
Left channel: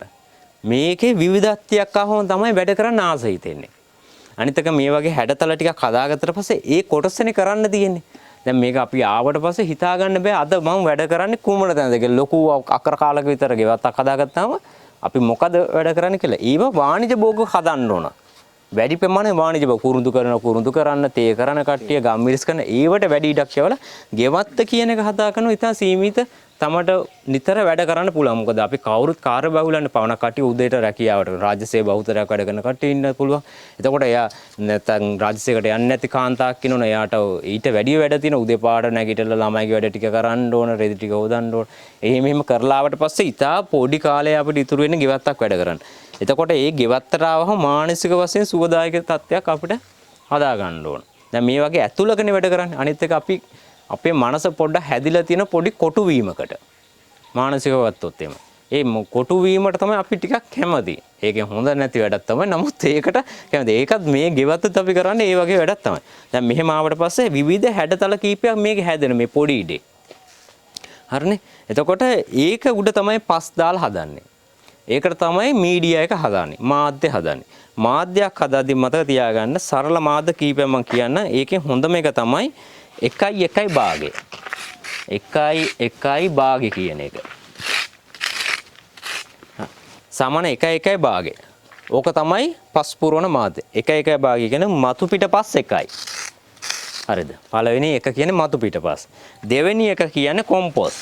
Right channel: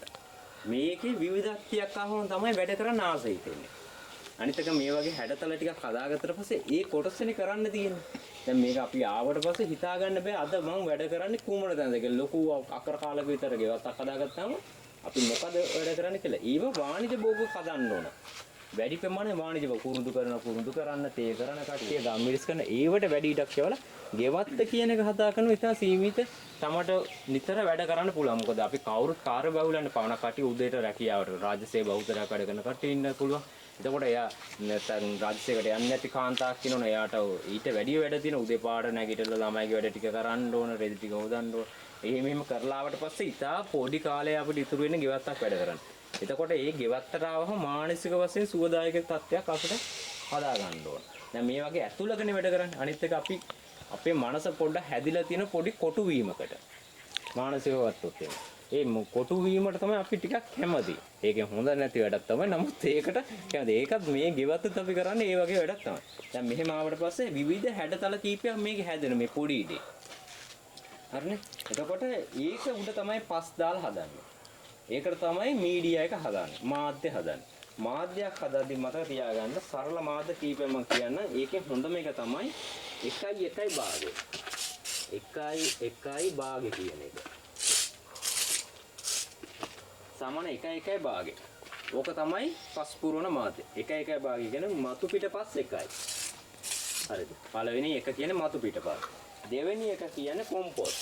මේකේ විවිධත්වයක් ආවම තමයි වැඩ කරන්න ආස හිතෙන්නේ. අනිත් එක මේ වගේ හැඩතල ටිකක් හදාගත්තට පස්සේ ඒ කොටසනේ කරන්න තියෙන්නේ. දැන් මේක අපි ආවට පස්සේ හිතා ගන්න බෑ අද මම වැඩ කරන්නේ කුමන තැනද කියලා. ලොකු අක්කර කාලක විතර ගෙවත්තක් හදාගත්තාම අපි මොකද වැඩ කරන්නේ කියලා. ඊව වාණිජ භෝග හදන්න ඕන. වැඩි ප්‍රමාණය වාණිජ භෝග කුරුඳු කරන්න තේ කරන කට්ටිය ගම්මිරිස් කරන ඒවට වැඩි ඉඩක් යවලා ගෙවත්ත කියන එක හදා කරනවා. ඉතින් සීමිත තමට නිතර වැඩ කරන්න පුළුවන්. මොකද අපි කවුරුත් කාර්ය බහුලන්නේ පවණ කට්ටිය උදේට රැකියාවට රාජ්‍ය සේවා බහුතරයක් වැඩ කරන කට්ටිය ඉන්න පුළුවන්. එතකොට එයා නැත්නම් රාජ්‍ය සේවයට යන්නේ නැති කාන්තාවක් ඉන්නවනේ. එයාට ඊට වැඩි වැඩ තියෙන උදේ පාඩ නැගිටලා ළමයිගේ වැඩ ටික කරන්න ඕන, රෙදි ටික හොදන්න ඕන. එහෙම කරලා ආවට පස්සේ ඉතා පොඩි කාලේ අපිට ඉතුරු වෙන්නේ ගෙවත්තක් වැඩ කරන්න. එතකොට ඒ ගෙවත්තට ආවම මානසික වශයෙන් සුවදායක තත්ත්වයක් අපිට හදා ගන්න ඕන. දැන් මේ වගේ ඇතුළකනේ වැඩ කරන්නේ. අනිත් එක අපි අපේ මනස පොඩ්ඩක් හැදිලා තියෙන පොඩි කොටු වීමකට මානසිකව ගත්තොත් එimhe. ඒ කොටු වීමට තමයි අපි ටිකක් කැමති. ඒකෙන් හොඳ නැති වැඩක් තමයි. නමුත් ඒකට කැමති. ඒකත් මේ ගෙවත්තත් අපි කරන්නේ ඒ වගේ වැඩක් තමයි. දැන් මෙහෙම ආවට පස්සේ විවිධ හැඩතල කීපයක් මේකේ හැදෙන මේ පොඩි ඉඩේ. හරිනේ? එතකොට ඒක උඩ තමයි පස් දාලා හදන්නේ. ඒකට තමයි මීඩියා එක හදාන්නේ. මාධ්‍ය හදාන්නේ. මාධ්‍යයක් හදාදී මතක තියාගන්න සරල මාධ්‍ය කීපයක් මම කියන්න. ඒකෙන් හොඳම එක තමයි 1 භාගය. 1 භාගය කියන එක. සමාන 1 භාගය. ඕක තමයි පස් පුරවන මාධ්‍ය. 1 භාගය කියන්නේ මතු පිටපස් 1යි. හරිද? පළවෙනි එක කියන්නේ මතු පිටපස්. දෙවෙනි එක කියන්නේ කොම්පොස්.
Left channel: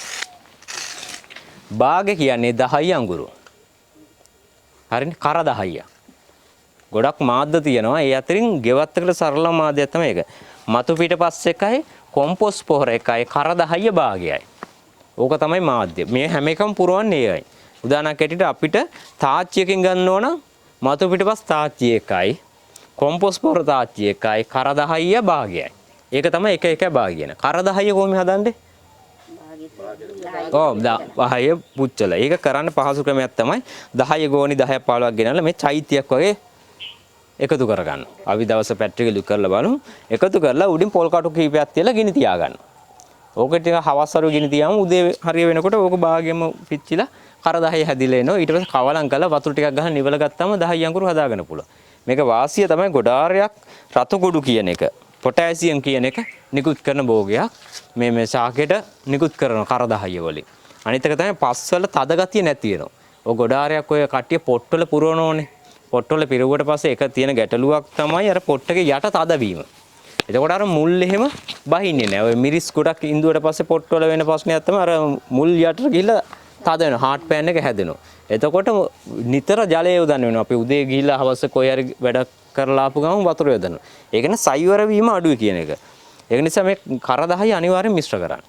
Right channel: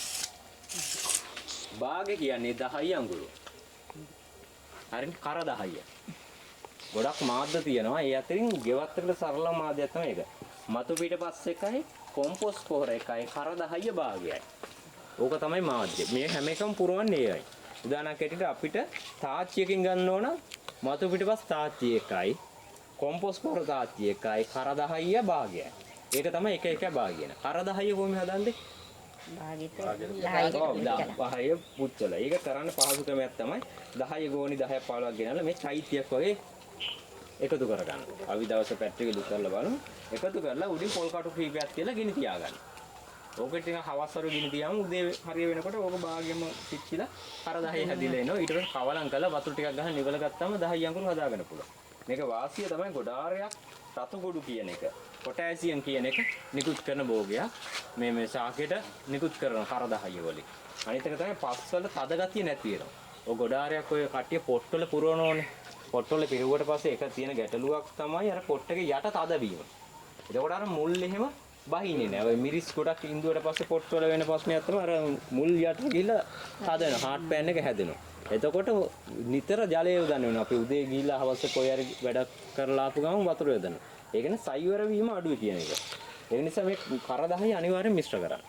භාගය කියන්නේ 10 අඟුරු. හරිනේ? කර 10ක්. ගොඩක් මාධ්‍ය තියෙනවා. ඒ අතරින් ගෙවත් එකට සරල මාධ්‍යයක් තමයි ඒක. මතු පිටපස් එකයි කොම්පෝස්ට් පොහොර එකයි කරදහය භාගයයි. ඕක තමයි මාධ්‍ය. මේ හැම එකම පුරවන්නේ ඒයි. උදාහරණයක් ඇටියට අපිට තාච්චියකින් ගන්න ඕන මතු පිටපස් තාච්චි එකයි කොම්පෝස්ට් පොහොර තාච්චි එකයි කරදහය භාගයයි. ඒක තමයි එක එක භාගය. කරදහය කොහොමද හදන්නේ? ඔව් 10 පුච්චලා. ඒක කරන්න පහසු ක්‍රමයක් තමයි 10 ගෝණි 10ක් 15ක් ගෙනල්ලා මේ චෛත්‍යයක් වගේ එකතු කරගන්න. අපි දවස් පැට්‍රික ලුක් කරලා බලමු. එකතු කරලා උඩින් පොල් කටු කීපයක් තියලා ගිනි තියාගන්න. ඕක ටික හවස් වරු ගිනි තියාම උදේ හරිය වෙනකොට ඕක භාගෙම පිච්චිලා කර 10 හැදිලා එනවා. ඊට පස්සේ කවලම් කරලා වතුර ටිකක් ගහලා නිවල ගත්තාම 10 අඟුරු හදාගන්න පුළුවන්. මේක වාසිය තමයි ගොඩාරයක් රතු ගොඩු කියන එක. පොටෑසියම් කියන එක නිකුත් කරන භෝගයක්. මේ ශාකයට නිකුත් කරන කර 10 වලින්. අනිත් එක තමයි පස්වල තද ගතිය නැති වෙනවා. ඔය ගොඩාරයක් ඔය කට්ටිය පොට්ටවල පුරවනෝනේ. පොට්ටවල පිරුවට පස්සේ එක තියෙන ගැටලුවක් තමයි අර පොට් එකේ යට තදවීම. එතකොට අර මුල් එහෙම බහින්නේ නැහැ. ඔය මිරිස් ගොඩක් ඉඳුවට පස්සේ පොට්ටවල වෙන ප්‍රශ්නයක් තමයි අර මුල් යටට ගිහිල්ලා තද වෙනවා. හાર્ට් පෑන් එක හැදෙනවා. එතකොට නිතර ජලය යොදන්න වෙනවා. අපි උදේ ගිහිල්ලා හවස කොයි හරි වැඩක් කරලා ආපු ගමන් වතුර යොදනවා. ඒක නේ සයිවර වීම අඩුයි කියන එක. ඒක නිසා මේ කර 10 අනිවාර්යෙන් මිශ්‍ර කරන්න.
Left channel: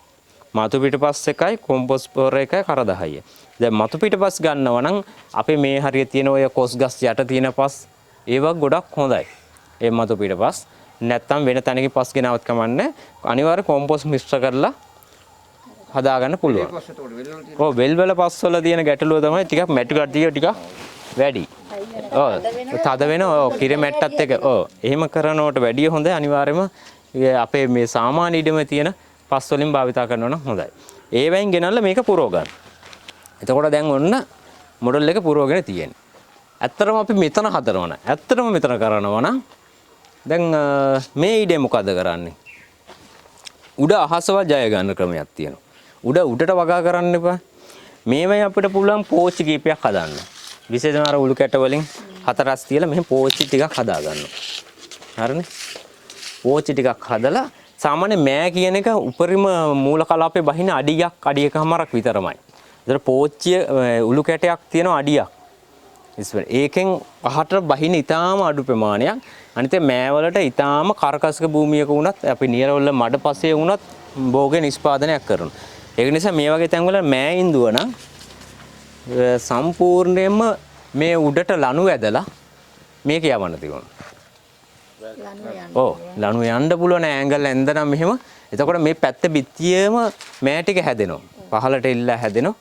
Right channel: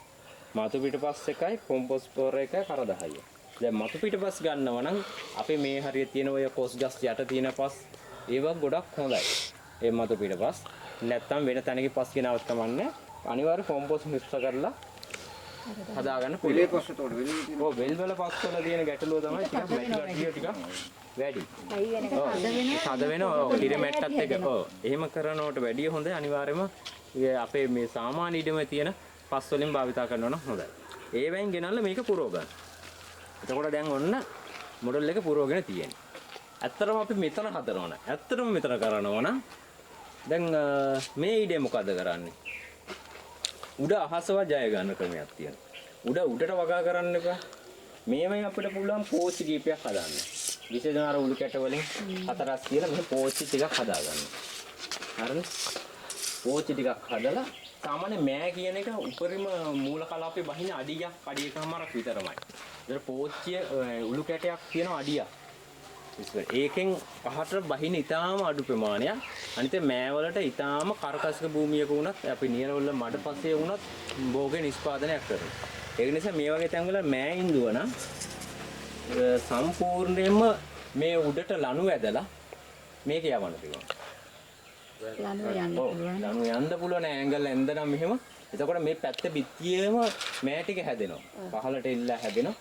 මතු පිටපස් එකයි කොම්පෝස්ට් පොහොර එකයි කර 10. දැන් මතු පිටපස් ගන්නවා නම් අපේ මේ හරිය තියෙන ඔය කොස් ගස් යට තියෙන පස් ඒවා ගොඩක් හොඳයි. ඒ මතු පිටපස් නැත්තම් වෙන තැනක පස් ගෙනවත් කමන්නේ. අනිවාර්ය කොම්පෝස්ට් මිශ්‍ර කරලා හදාගන්න පුළුවන්. ඔව් වෙල් වල පස් වල තියෙන ගැටලුව තමයි ටිකක් මැටි කට්ටිය ටිකක් වැඩි. ඔව් තද වෙන ඔව් කිරි මැට්ටත් එක ඔව් එහෙම කරනවට වැඩිය හොඳයි. අනිවාර්යයෙන්ම අපේ මේ සාමාන්‍ය ඉඩම තියෙන පස් වලින් භාවිතා කරනවා නම් හොඳයි. ඒ වයින් ගෙනල්ලා මේක පුරව ගන්න. එතකොට දැන් ඔන්න මොඩල් එක පුරවගෙන තියෙන්නේ. ඇත්තටම අපි මෙතන හදනවා නම් ඇත්තටම මෙතන කරනවා නම් දැන් මේ ඊඩේ මොකද කරන්නේ? උඩ අහසව ජය ගන්න ක්‍රමයක් තියෙනවා. උඩට වගා කරන්න එපා. මේවයි අපිට පුළුවන් පෝච්චි කීපයක් හදන්න. විශේෂයෙන්ම අර උළු කැට වලින් හතරස් තියලා මෙහෙම පෝච්චි ටිකක් හදා ගන්නවා. හරිනේ? පෝච්චි ටිකක් හදලා සාමාන්‍ය මෑ කියන එක උපරිම මූල කලාපේ බහින අඩියක් අඩි එකමාරක් විතරමයි. ඒතර පෝච්චිය උළු කැටයක් තියෙනවා අඩියක්. ඒකෙන් අහට බහින ඊටාම අඩු ප්‍රමාණයක්. අනිත් මෑ වලට ඊටාම කරකසක භූමියක වුණත් අපි නියරවල මඩ පසේ වුණත් භෝගේ නිෂ්පාදනයක් කරනවා. ඒක නිසා මේ වගේ තැන්වල මෑ ඉඳුව නම් සම්පූර්ණයෙන්ම මේ උඩට ලණු ඇදලා මේක යවන්න තිබුණා. ඔව් ලණු යන්න පුළුවන් ඇංගල් ඇඳනම් මෙහෙම. එතකොට මේ පැත්ත බිත්තියේම මෑ ටික හැදෙනවා. පහළට ඉල්ලා හැදෙනවා.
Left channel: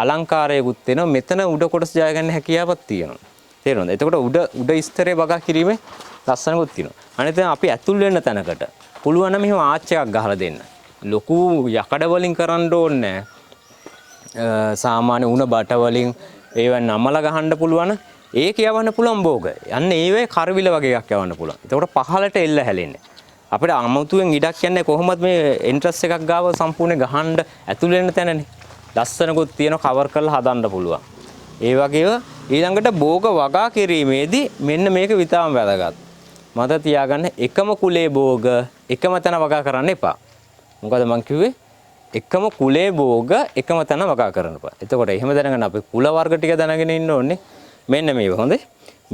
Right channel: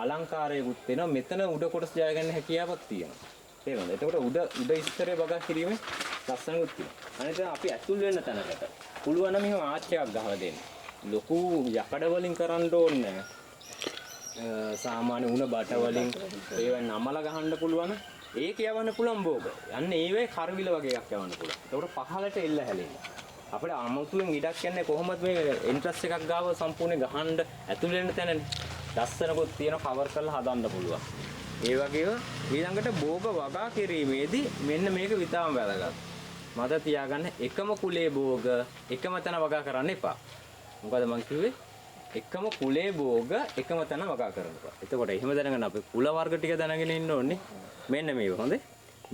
අලංකාරයකුත් වෙනවා. මෙතන උඩ කොටස ජය ගන්න හැකියාවක් තියෙනවා. තේරෙනවද? එතකොට උඩ ස්තරේ වගා කිරීමේ ලස්සනකුත් තියෙනවා. අනිත් අපි ඇතුල් වෙන්න තැනකට පුළුවන් නම් මෙහෙම ආච් එකක් ගහලා දෙන්න. ලොකු යකඩ වලින් කරන්න ඕනේ නැහැ. සාමාන්‍ය උණ බට වලින් ඒව නමලා ගහන්න පුළුවන්. ඒක යවන්න පුළුවන් භෝග. යන්න ඒවේ කරවිල වගේ එකක් යවන්න පුළුවන්. එතකොට පහළට එල්ල හැලෙන්නේ. අපිට අමුතුවෙන් ඉඩක් යන්නේ කොහොමද මේ එන්ට්‍රස් එකක් ගාව සම්පූර්ණ ගහන්න ඇතුල් වෙන්න තැනනේ. ලස්සනකුත් තියෙන කවර් කරලා හදන්න පුළුවන්. ඒ වගේව ඊළඟට භෝග වගා කිරීමේදී මෙන්න මේක විතාම වැදගත්. මතක තියාගන්න එකම කුලේ භෝග එකම තැන වගා කරන්න එපා. මොකද මං කිව්වේ එකම කුලේ භෝග එකම තැන වගා කරන්න එපා. එතකොට එහෙම දැනගන්න අපි කුල වර්ග ටික දැනගෙන ඉන්න ඕනේ. මෙන්න මේව හොඳේ.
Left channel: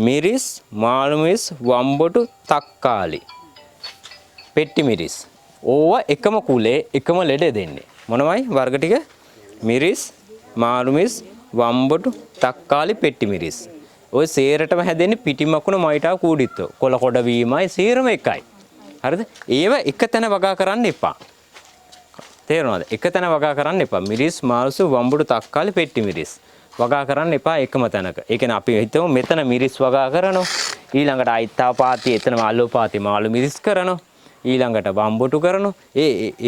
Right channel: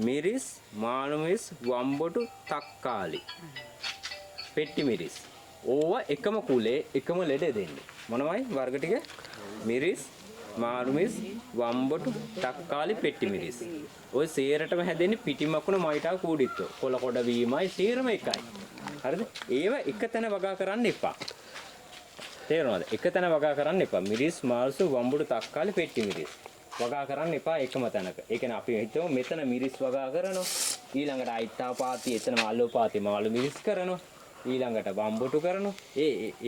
මිරිස්, මාළු මිරිස්, වම්බොටු, තක්කාලි, පෙට්ටි මිරිස්. ඕවා එකම කුලේ එකම ලෙඩ දෙන්නේ. මොනවයි වර්ග ටික? මිරිස්, මාළු මිරිස්, වම්බොටු, තක්කාලි, පෙට්ටි මිරිස්. ඔය සේරටම හැදෙන්නේ පිටිමකුණ මයිටාව කූඩිත්තෝ. කොළ කොට වීමයි සේරම එකයි. හරිද? ඒව එක තැන වගා කරන්න එපා. තේරෙනවද? එක තැන වගා කරන්න එපා. මිරිස්, මාළු, වම්බොටු, තක්කාලි, පෙට්ටි මිරිස්. වගා කරන්න එපා එකම තැනක. ඒ කියන්නේ අපි හිතමු මෙතන මිරිස් වගා කරනවා. ඊළඟට අයිත්තාපාති එතන මාළුපාති මාළු මිරිස් කරනවා. ඊළඟට වම්බොටු කරනවා.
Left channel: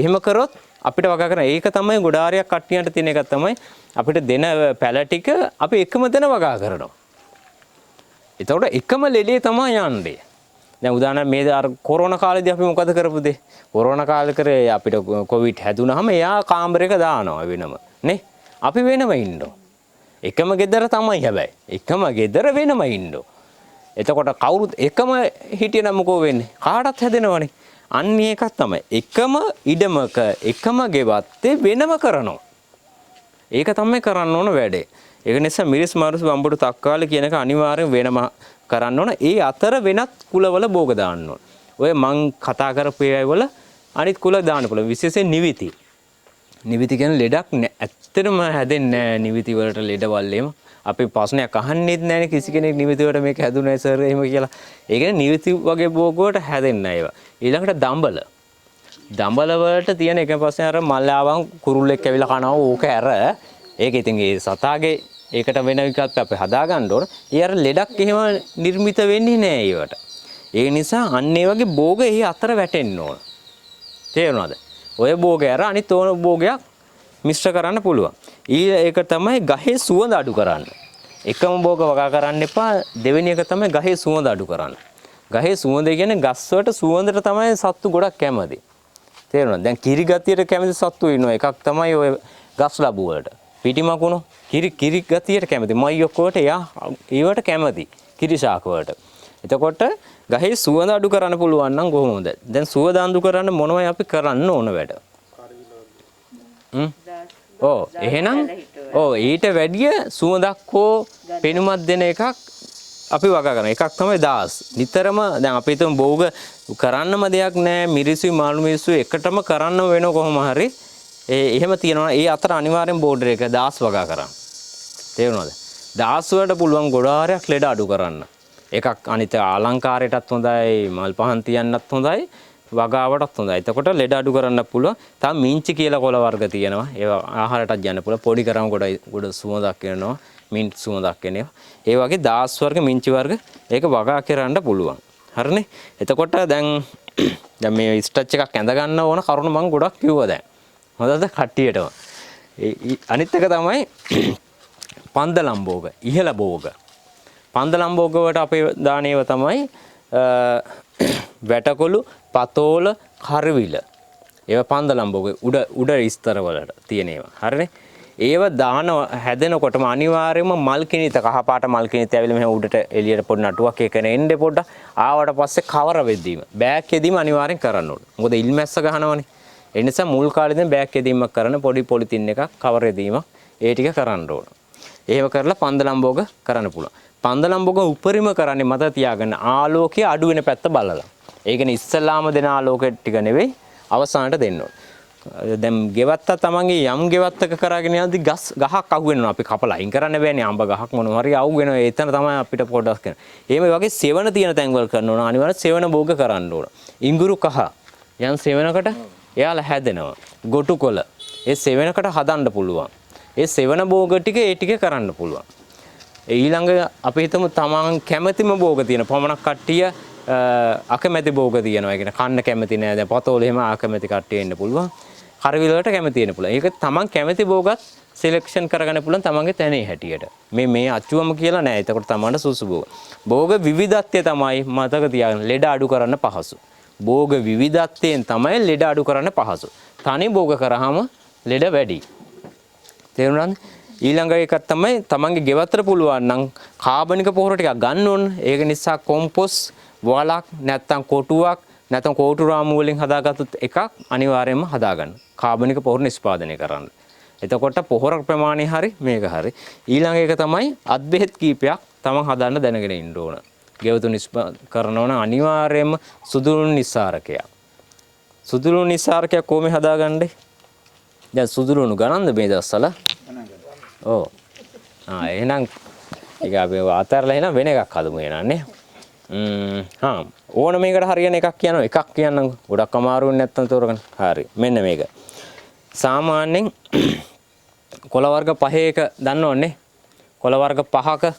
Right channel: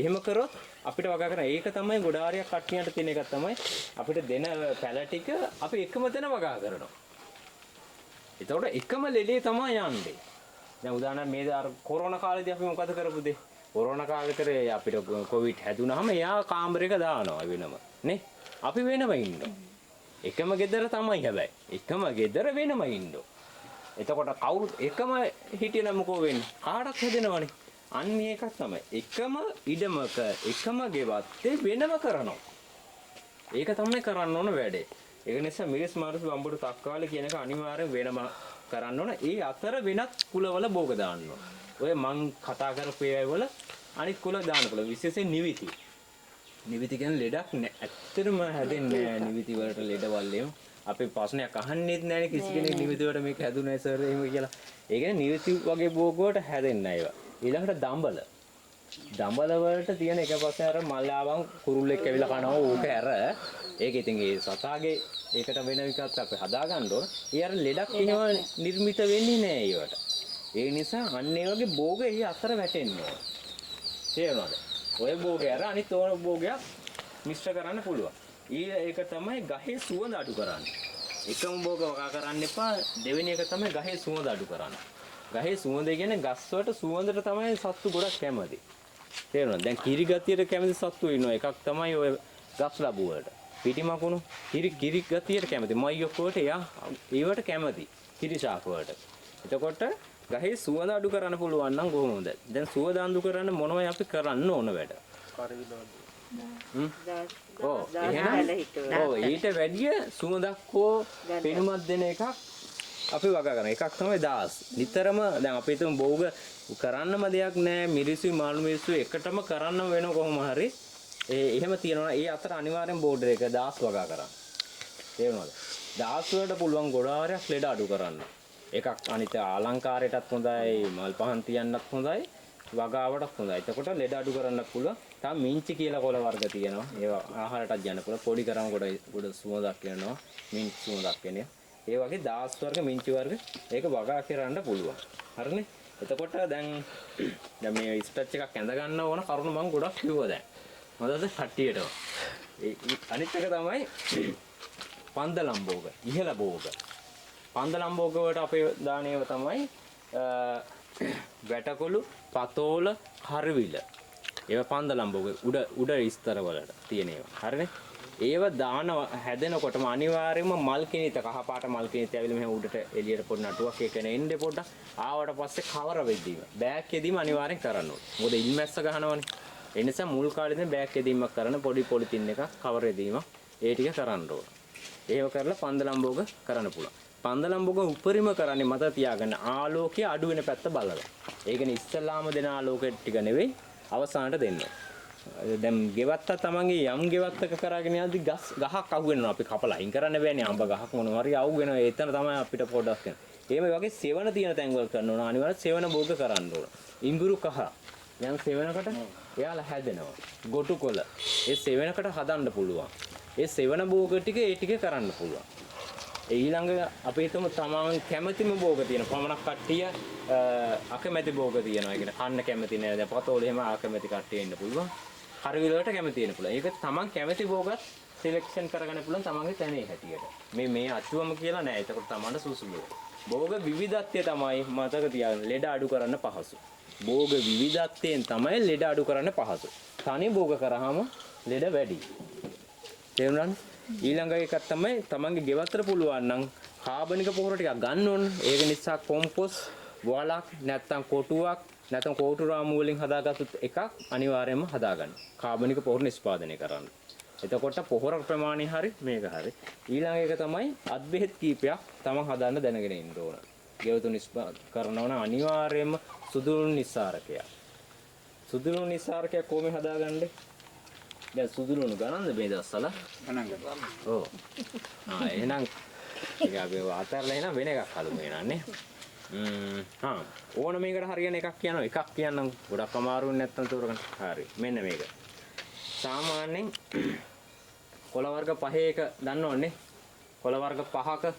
එහෙම කරොත් අපිට වගා කරන ඒක තමයි ගොඩාරියක් කට්ටියට තියෙන එක තමයි අපිට දෙන පැල ටික අපි එකම තැන වගා කරනවා. එතකොට එකම ලෙඩේ තමයි යන්නේ. දැන් උදාහරණ මේ අර කොරෝනා කාලේදී අපි මොකද කරපුද? කොරෝනා කාලේ කරේ අපිට කොවිඩ් හැදුනහම එයා කාමරයක දානවා වෙනම නේ. අපි වෙනම ඉන්නවා. එකම ගෙදර තමයි හැබැයි. එකම ගෙදර වෙනම ඉන්නවා. එතකොට කවුරුත් එකම හිටියනම් මොකෝ වෙන්නේ? කාටත් හැදෙනවනේ. අන්න ඒකක් තමයි. එකම ඉඩමක එකම ගෙවත්තේ වෙනම කරනවා. ඒක තමයි කරන්න ඕන වැඩේ. ඒක නිසා මිරිස් මාරුස් වම්බොටු තක්කාලි කියන එක අනිවාර්යෙන් වෙනම කරන්න ඕන ඒ අතර වෙනත් කුලවල භෝග දාන්න ඕන. ඔය මං කතා කරපු ඒවා වල අනිත් කුල දාන්න පුළුවන්. විශේෂයෙන් නිවිති. නිවිති කියන ලෙඩක් ඇත්තටම හැදෙන්නේ නැහැ නිවිති වලට ලෙඩවල් එහෙම. අපි ප්‍රශ්නයක් අහන්නෙත් නැහැ කිසි කෙනෙක් නිවිති වලට මේක හැදුනේ සර් එහෙම කියලා. ඒ කියන්නේ නිවිති වගේ භෝග වලට හැදෙන්නේ නැහැ ඒවා. ඊළඟට දඹල. දඹල වලට තියෙන එක ප්‍රශ්නේ අර මල්ලාවන් කුරුල්ලෙක් ඇවිල්ලා කනවා ඕක ඇර. ඒක ඉතින් ඒ සතාගේ ඒකට වෙන විකල්ප අපි හදා ගන්න ඕන. ඒ අර ලෙඩක් එහෙම නිර්මිත වෙන්නේ නැහැ ඒවට. ඒ නිසා අන්න ඒ වගේ භෝග එහි අතර වැටෙන්න ඕන. තේරුණාද? ඔය භෝගය අර අනිත් ඕන භෝගයක් මිශ්‍ර කරන්න පුළුවන්. ඒක තමයි ගහේ සුවඳ අඩු කරන්න. එකම භෝග වගා කරන්න එපා. දෙවෙනි එක තමයි ගහේ සුවඳ අඩු කරන්න. ගහේ සුවඳ කියන්නේ ගස් වලට සුවඳට තමයි සත්තු ගොඩක් කැමති. තේරුණාද? දැන් කිරි ගතියට කැමති සත්තු ඉන්නවා. එකක් තමයි ඔය ගස් ලැබු වලට. පිටිමකුණු කිරි ගතියට කැමති. මයියක් වලට ඒවට කැමති. කිරි ශාක වලට. එතකොට ගහේ සුවඳ අඩු කරන්න පුළුවන් නම් කොහොමද? දැන් සුවඳ අඩු කරන්න මොනවයි අපි කරන්න ඕන වැඩ? එහෙනම් ඊට වැඩිය සුවඳක් හෝ පෙනුමක් දෙන එකක් අපි වගා කරනවා. එකක් තමයි දාස්. නිතරම දැන් අපි හිතමු භෝග කරන්නම දෙයක් නැහැ. මිරිසුයි මාළු මිරිසුයි එකටම කරන්න වෙන කොහොම හරි එහෙම තියනවා. ඒ අතර අනිවාර්යෙන් බෝඩර් එක දාස් වගා කරන්න. තේරුණාද? දාස් වලට පුළුවන් ගොඩාරයක් ලෙඩ අඩු කරන්න. එකක් අනිත් අලංකාරයටත් හොඳයි, මල් පහන් තියන්නත් හොඳයි, වගාවටත් හොඳයි. එතකොට ලෙඩ අඩු කරන්න පුළුවන්. තව මිංචි කියලා කොළ වර්ග තියෙනවා. ඒවා ආහාරයටත් යන්න පුළුවන්. පොඩි කරාම ගොඩ සුවඳක් එනවා. මින්ට් සුවඳක් එනවා. ඒ වගේ දාස් වර්ග මිංචි වර්ග ඒක වගා කරන්න පුළුවන්. හරිනේ? එතකොට දැන් මේ ස්ටච් එකක් ඇඳ ගන්න ඕන කරුණ මම ගොඩක් කිව්වා දැන්. හොඳද කට්ටියටම? අනිත් එක තමයි පන්දලම් භෝග, ඉහළ භෝග. පන්දලම් භෝග වලට අපේ දානේව තමයි වැටකොළු, පතෝල, කරවිල. ඒවා පන්දලම් භෝග උඩ ස්තර වලට තියෙන ඒවා. හරිනේ? ඒව දාන හැදෙනකොටම අනිවාර්යයෙන්ම මල් කිනිත කහපාට මල් කිනිත ඇවිල්ලා මෙහෙම උඩට එළියට පොඩි නටුවක් එකන එන්නේ පොඩ්ඩක්. ආවට පස්සේ කවර වෙද්දීම බෑග් එකෙදීම අනිවාර්යෙන් කරන්න ඕනේ. මොකද ඉල්මැස්ස ගහනවනේ. ඒ නිසා මුල් කාලේ දැන් බෑග් එකෙදීමක් කරන්න පොඩි පොලිතින් එකක් කවර එදීමක් ඒ ටික කරන්න ඕන. එහෙම කරලා පන්දලම් භෝග කරන්න පුළුවන්. පන්දලම් භෝග උපරිම කරන්නේ මත තියාගන්න ආලෝකය අඩු වෙන පැත්ත බලලා. ඒ කියන්නේ ඉස්සලාම දෙන ආලෝකය ටික නෙවෙයි අවසානට දෙන්න ඕන. දැන් ගෙවත්තා තමන්ගේ යම් ගෙවත්තක කරගෙන යද්දි ගහක් අහු වෙනවා. අපි කපලා අයින් කරන්න බෑනේ. අඹ ගහක් මොනවා හරි අහු වෙනවා. එතන තමයි අපිට පොඩ්ඩක් කරන්න. එහෙම වගේ සෙවණ තියෙන තැන්වල කරන්න ඕන. අනිවාර්යෙන් සෙවණ භෝග කරන්න ඕන. ඉඟුරු කහ යම් සෙවණකට එයාලා හැදෙනවා. ගොටු කොළ ඒ සෙවණකට හදන්න පුළුවන්. ඒ සෙවණ භෝග ටික ඒ ටික කරන්න පුළුවන්. ඊළඟ අපි හිතමු තමන් කැමැතිම භෝග තියෙන පමණක් කට්ටිය අකමැති භෝග තියෙනවා. ඒ කියන්නේ කන්න කැමති නෑ. දැන් පතෝල එහෙම අකමැති කට්ටිය ඉන්න පුළුවන්. කරවිල වලට කැමති වෙන්න පුළුවන්. ඒක තමන් කැමති භෝගත් සිලෙක්ෂන් කරගන්න පුළුවන් තමන්ගේ තැනේ හැටියට. මේ අච්චුවම කියලා නෑ. එතකොට තමන්ට සුසු භෝග. භෝග විවිධත්වය තමයි මතක තියාගන්න ලෙඩ අඩු කරන්න පහසු. භෝග විවිධත්වයෙන් තමයි ලෙඩ අඩු කරන්න පහසු. තනි භෝග කරාම ලෙඩ වැඩි. තේරුණාද? ඊළඟ එකක් තමයි තමන්ගේ ගෙවතර පුළුවන් නම් කාබනික පොහොර ටිකක් ගන්න ඕන. ඒක නිසා කොම්පොස් වලක් නැත්තම් කොටුවක් නැත්නම් කෝටු රාමු වලින් හදාගත්තු එකක් අනිවාර්යයෙන්ම හදාගන්න. කාබනික පොහොර නිෂ්පාදනය කරන්න. එතකොට පොහොර ප්‍රමාණය හරි මේක හරි. ඊළඟ එක තමයි අත් බෙහෙත් කීපයක් තමන් හදාන්න දැනගෙන ඉන්න ඕන. ගෙවතු කරනවා නම් අනිවාර්යයෙන්ම සුදුළු නිස්සාරකයක්. සුදුළු නිස්සාරකයක් කොහොමද හදාගන්නේ? දැන් සුදුළුණු ගණන්ද මේ දවස්වල? ඔව්. එහෙනම් ඒක අපි අතරලා එහෙනම් වෙන එකක් හදමු එහෙනම් නේ. ඕන මේකට හරියන එකක් කියනවා. එකක් කියන්නම්. ගොඩක් අමාරුවෙන් නැත්තම් තෝරගන්න. හරි. මෙන්න මේක. සාමාන්‍යයෙන් කොළ වර්ග 5 එක දන්නවන්නේ. කොළ වර්ග 5ක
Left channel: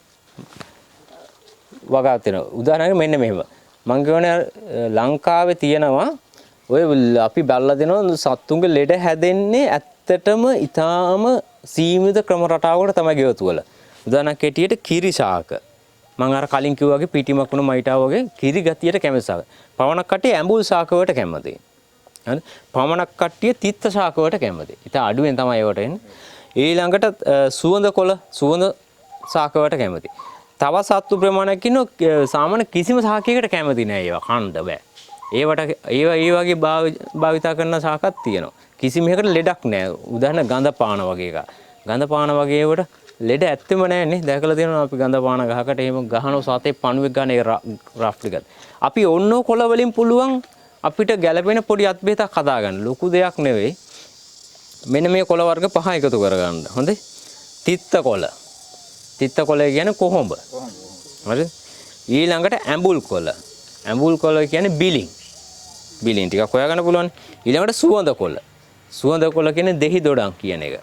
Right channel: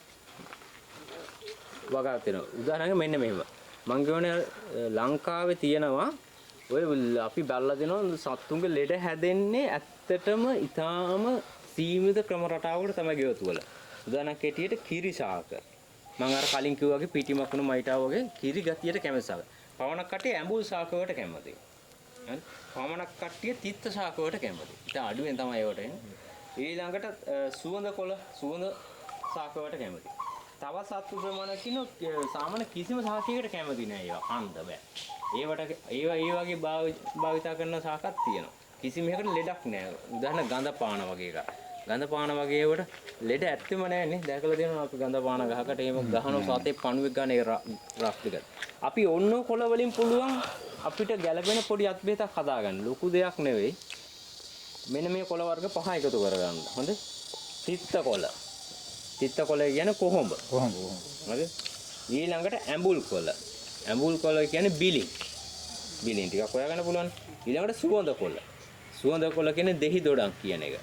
වගා තියෙනවා. උදාහරණයක් මෙන්න මෙහෙම. මම කියන්නේ ලංකාවේ තියෙනවා ඔය අපි බැලලා දෙනවා සත්තුන්ගේ ලෙඩ හැදෙන්නේ ඇත්තටම ඊටාම සීමිත ක්‍රම රටාවකට තමයි ගෙවතු වල. උදාහරණයක් කෙටියට කිරි ශාක. මම අර කලින් කිව්වා වගේ පිටිමකුණු මයිටා වගේ කිරි ගතියට කැමති ශාක. පවණක් කට්ටිය ඇඹුල් ශාක වලට කැමතියි. හරි? පවණක් කට්ටිය තිත්ත ශාක වලට කැමතියි. ඉතින් අඩුවෙන් තමයි ඒවට එන්නේ. ඊළඟට සුවඳ කොළ සුවඳ ශාක වලට කැමතියි. තව සත්තු ප්‍රමාණයක් ඉන්නවා සාමාන්‍ය කිසිම ශාකයකට කැමති නෑ ඒවා කන්න බෑ. ඒවට ඒ වගේ භාවිතා කරන ශාකත් තියෙනවා. කිසිම එකකට ලෙඩක් නෑ. උදාහරණ ගඳ පාන වගේ එකක්. ගඳ පාන වගේ ඒවට ලෙඩ ඇත්තෙම නැන්නේ. දැකලා තියෙනවා අපි ගඳ පාන ගහකට එහෙම ගහනවා සතේ පණුවෙක් ගන්න ඒ රෆ් ටිකත්. අපි ඔන්න කොළ වලින් පුළුවන් අපිට ගැළපෙන පොඩි අත් බෙහෙතක් හදාගන්න. ලොකු දෙයක් නෙවෙයි. මෙන්න මේ කොළ වර්ග 5 එකතු කරගන්න. හොඳේ. තිත්ත කොළ. තිත්ත කොළ කියන්නේ කොහොඹ. හරිද? ඊළඟට ඇඹුල් කොළ. ඇඹුල් කොළ කියන්නේ බිලින්. බිලින් ටිකක් හොයාගන්න පුළුවන්. ඊළඟට සුවඳ කොළ. සුවඳ කොළ කියන්නේ දෙහි දොඩම් කියන එක.